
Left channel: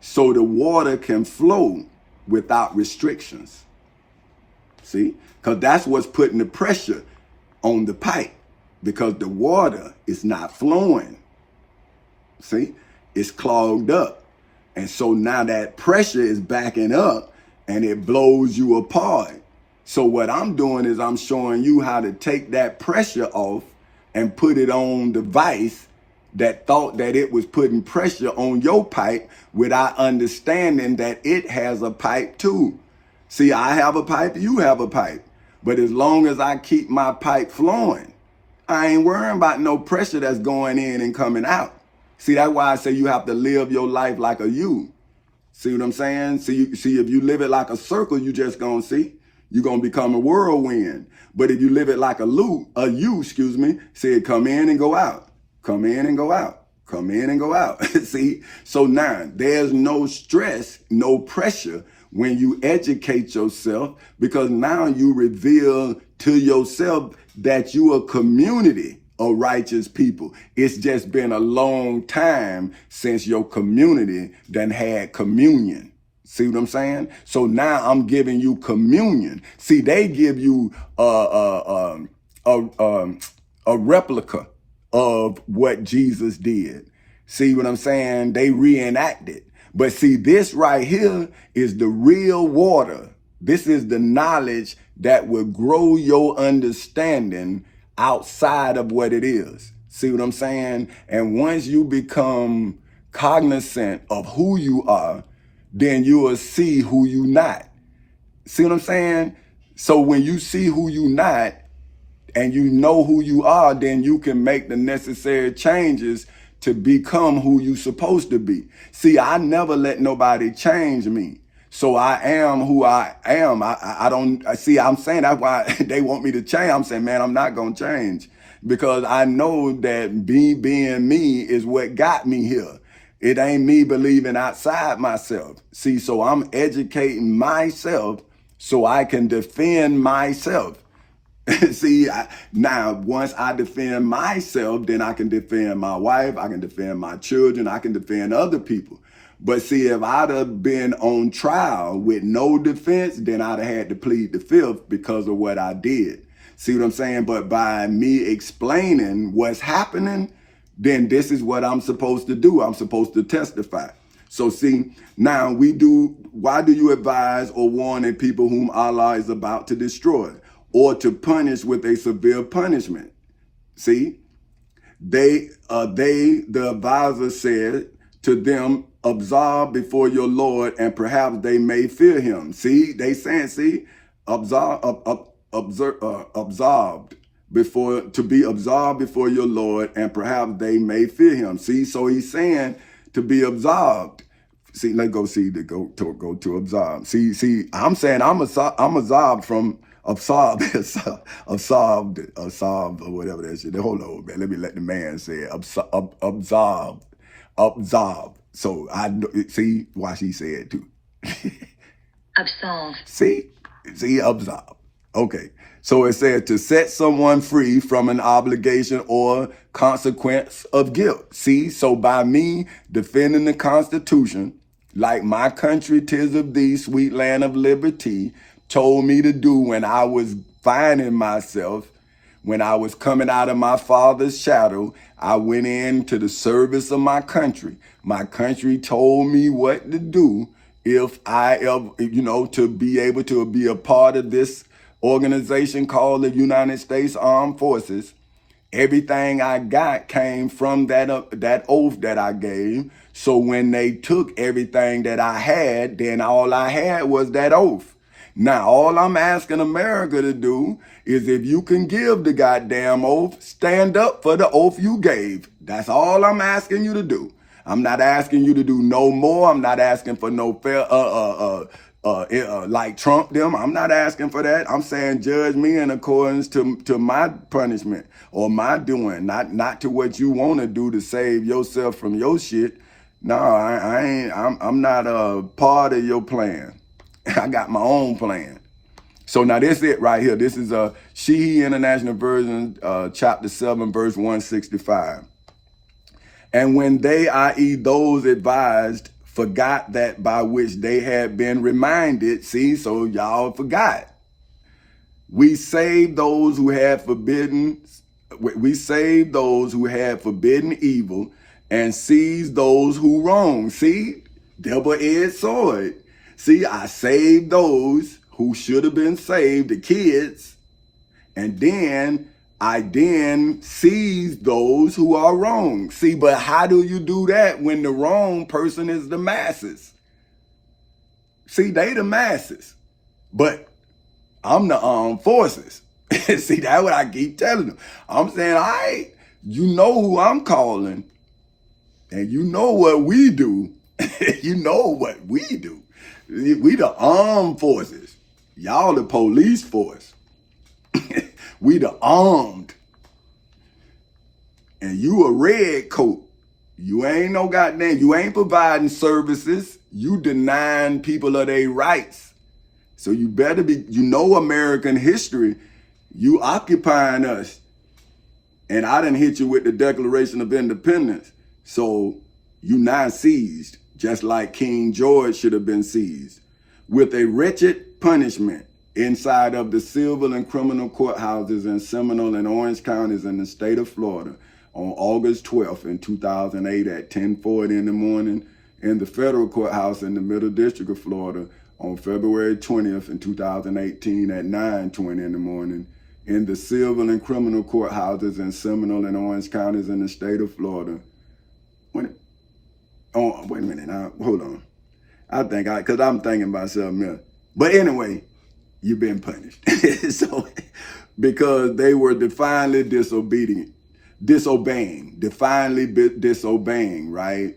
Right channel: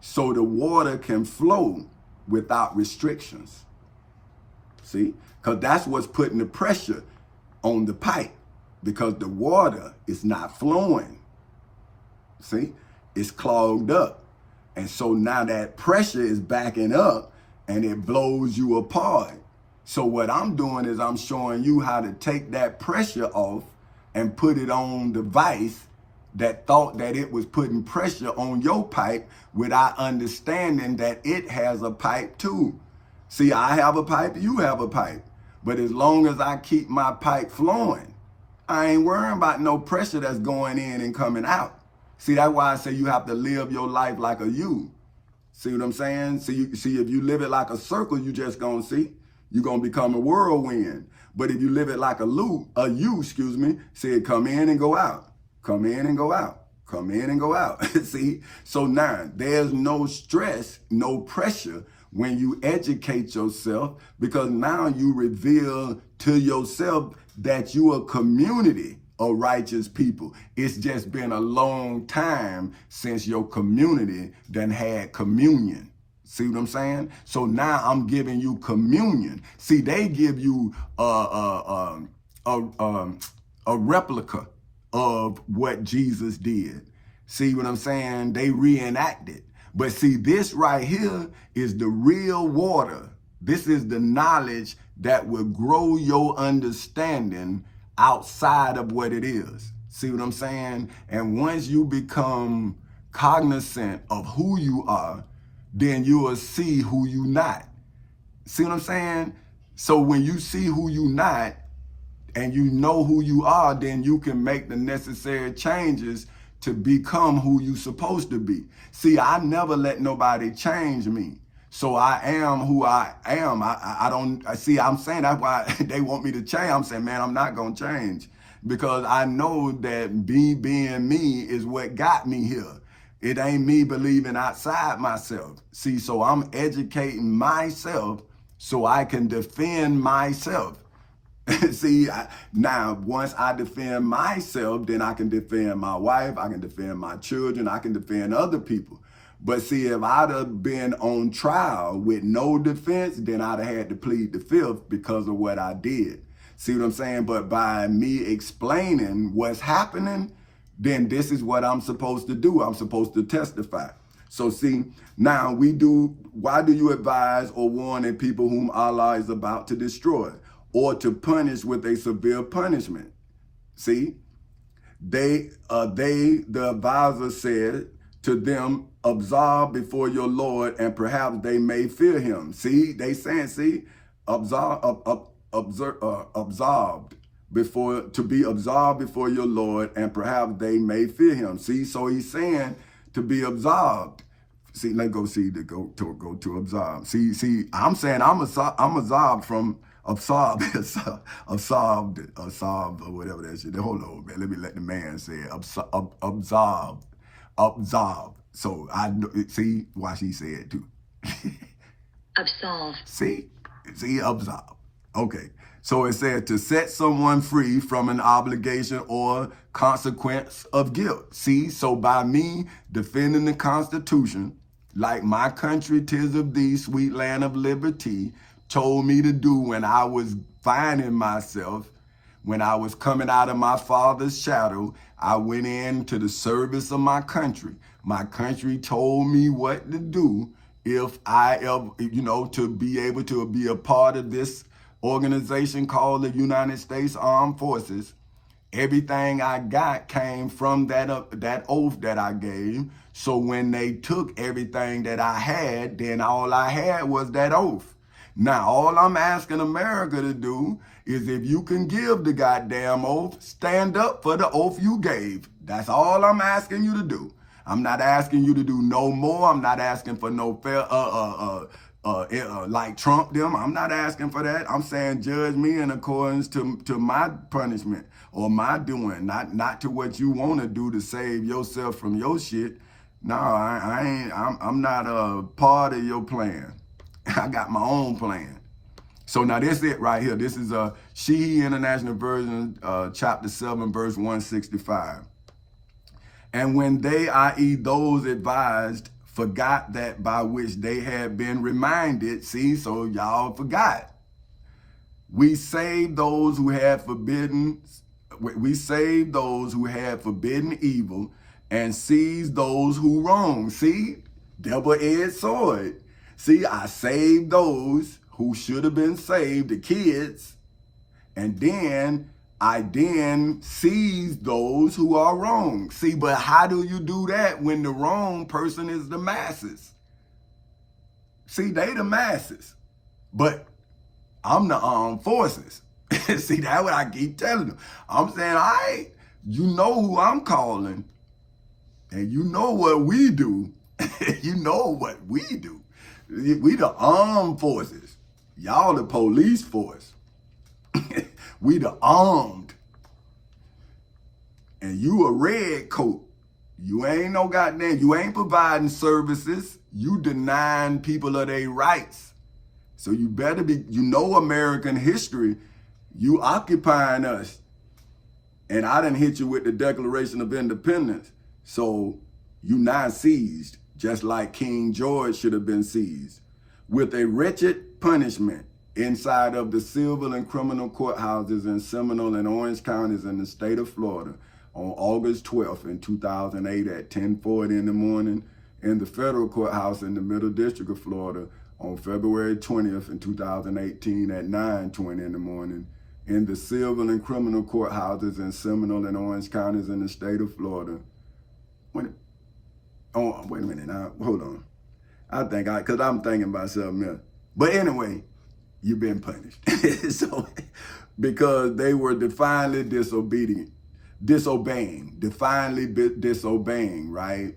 so the water can flow without restrictions. See? Because that's what's putting the pressure on the pipe, because the water is not flowing. See? It's clogged up. And so now that pressure is backing up and it blows you apart. So what I'm doing is I'm showing you how to take that pressure off and put it on the vice that thought that it was putting pressure on your pipe without understanding that it has a pipe too. See, I have a pipe, you have a pipe. But as long as I keep my pipe flowing, I ain't worrying about no pressure that's going in and coming out. See, that's why I say you have to live your life like a U. See what I'm saying? See, if you live it like a circle, you just gonna see. You're gonna become a whirlwind. But if you live it like a U, say it come in and go out. Come in and go out. Come in and go out. See? So now there's no stress, no pressure when you educate yourself, because now you reveal to yourself that you a community of righteous people. It's just been a long time since your community done had communion. See what I'm saying? So now I'm giving you communion. See, they give you a replica of what Jesus did. See what I'm saying? They reenact it. But see, this right here is the real water. This is the knowledge that will grow your understanding outside of what it is. See what I'm saying? And once you become cognizant of who you are, then you will see who you not. See what I'm saying? So when you see who you not and you know who you are, then you can make the necessary changes to become who you supposed to be. See, I never let nobody change me. So I am who I am. I don't see, I'm saying that's why they want me to change. I'm saying, man, I'm not going to change, because I know that me being me is what got me here. It ain't me believing outside myself. See, so I'm educating myself so I can defend myself. See, now once I defend myself, then I can defend my wife, I can defend my children, I can defend other people. But see, if I'd have been on trial with no defense, then I'd have had to plead the fifth because of what I did. See what I'm saying? But by me explaining what's happening, then this is what I'm supposed to do. I'm supposed to testify. So see, now why do you advise or warn a people whom Allah is about to destroy, or to punish with a severe punishment? See, the advisor said to them absolved before your Lord, and perhaps they may fear him. See, they saying, see, absolved before, to be absolved before your Lord, and perhaps they may fear him. See, so he's saying to be absolved. See, let's go see to go to absolve. See, I'm saying I'm absolved from absolved or whatever that shit. Hold on, man. Let me let the man say it. Absolved. So I see why she said too. Absolved. See, absolved. Okay. So it said to set someone free from an obligation or consequence of guilt. See, so by me defending the Constitution, like my country, 'tis of thee, sweet land of liberty, told me to do when I was finding myself, when I was coming out of my father's shadow, I went into the service of my country. My country told me what to do if I ever, to be able to be a part of this organization called the United States Armed Forces. Everything I got came from that oath that I gave. So when they took everything that I had, then all I had was that oath. Now, all I'm asking America to do is, if you can give the goddamn oath, stand up for the oath you gave. That's all I'm asking you to do. I'm not asking you to do no more. I'm not asking for no fair, like Trump them. I'm not asking for that. I'm saying judge me in accordance to my punishment or my doing, not to what you want to do to save yourself from your shit. No, I ain't. I'm not a part of your plan. I got my own plan. So now this it right here. This is a Sheehy International Version, chapter 7, verse 165. And when they, i.e. those advised, forgot that by which they had been reminded, see, so y'all forgot. We saved those who had forbidden evil and seized those who wronged. See, double-edged sword. See, I saved those who should have been saved, the kids, and then I seized those who are wrong. See, but how do you do that when the wrong person is the masses? See, they the masses, but I'm the armed forces. See, that's what I keep telling them. I'm saying, all right, you know who I'm calling, and you know what we do. You know what we do. We the armed forces. Y'all the police force. We the armed. And you a red coat. You ain't no goddamn, you ain't providing services. You denying people of their rights. So you better be, American history. You occupying us. And I done hit you with the Declaration of Independence. So you now seized, just like King George should have been seized, with a wretched punishment inside of the civil and criminal courthouses in Seminole and Orange counties in the state of Florida on August 12th in 2008 at 10:40 in the morning, in the federal courthouse in the Middle District of Florida on February 20th in 2018 at 9:20 in the morning, in the civil and criminal courthouses in Seminole and Orange counties in the state of Florida. Wait a minute, now, hold on. Because I'm thinking about something else. But anyway, you've been punished. So, because they were defiantly disobeying, right?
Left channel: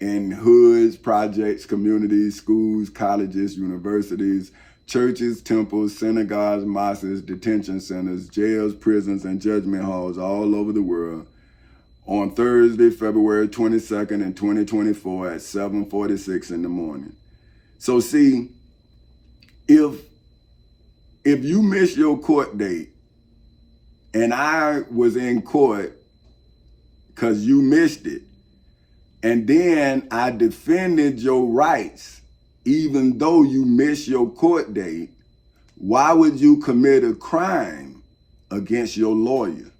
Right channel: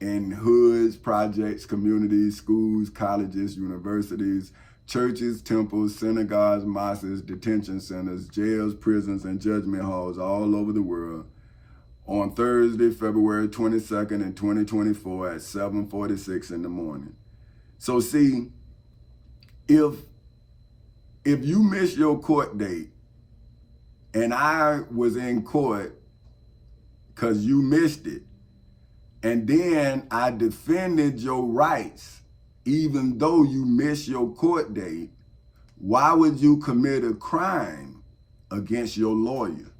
In hoods, projects, communities, schools, colleges, universities, churches, temples, synagogues, mosques, detention centers, jails, prisons, and judgment halls all over the world on Thursday, February 22nd in 2024 at 7:46 in the morning. So see, if you miss your court date and I was in court because you missed it, and then I defended your rights, even though you missed your court date, why would you commit a crime against your lawyer?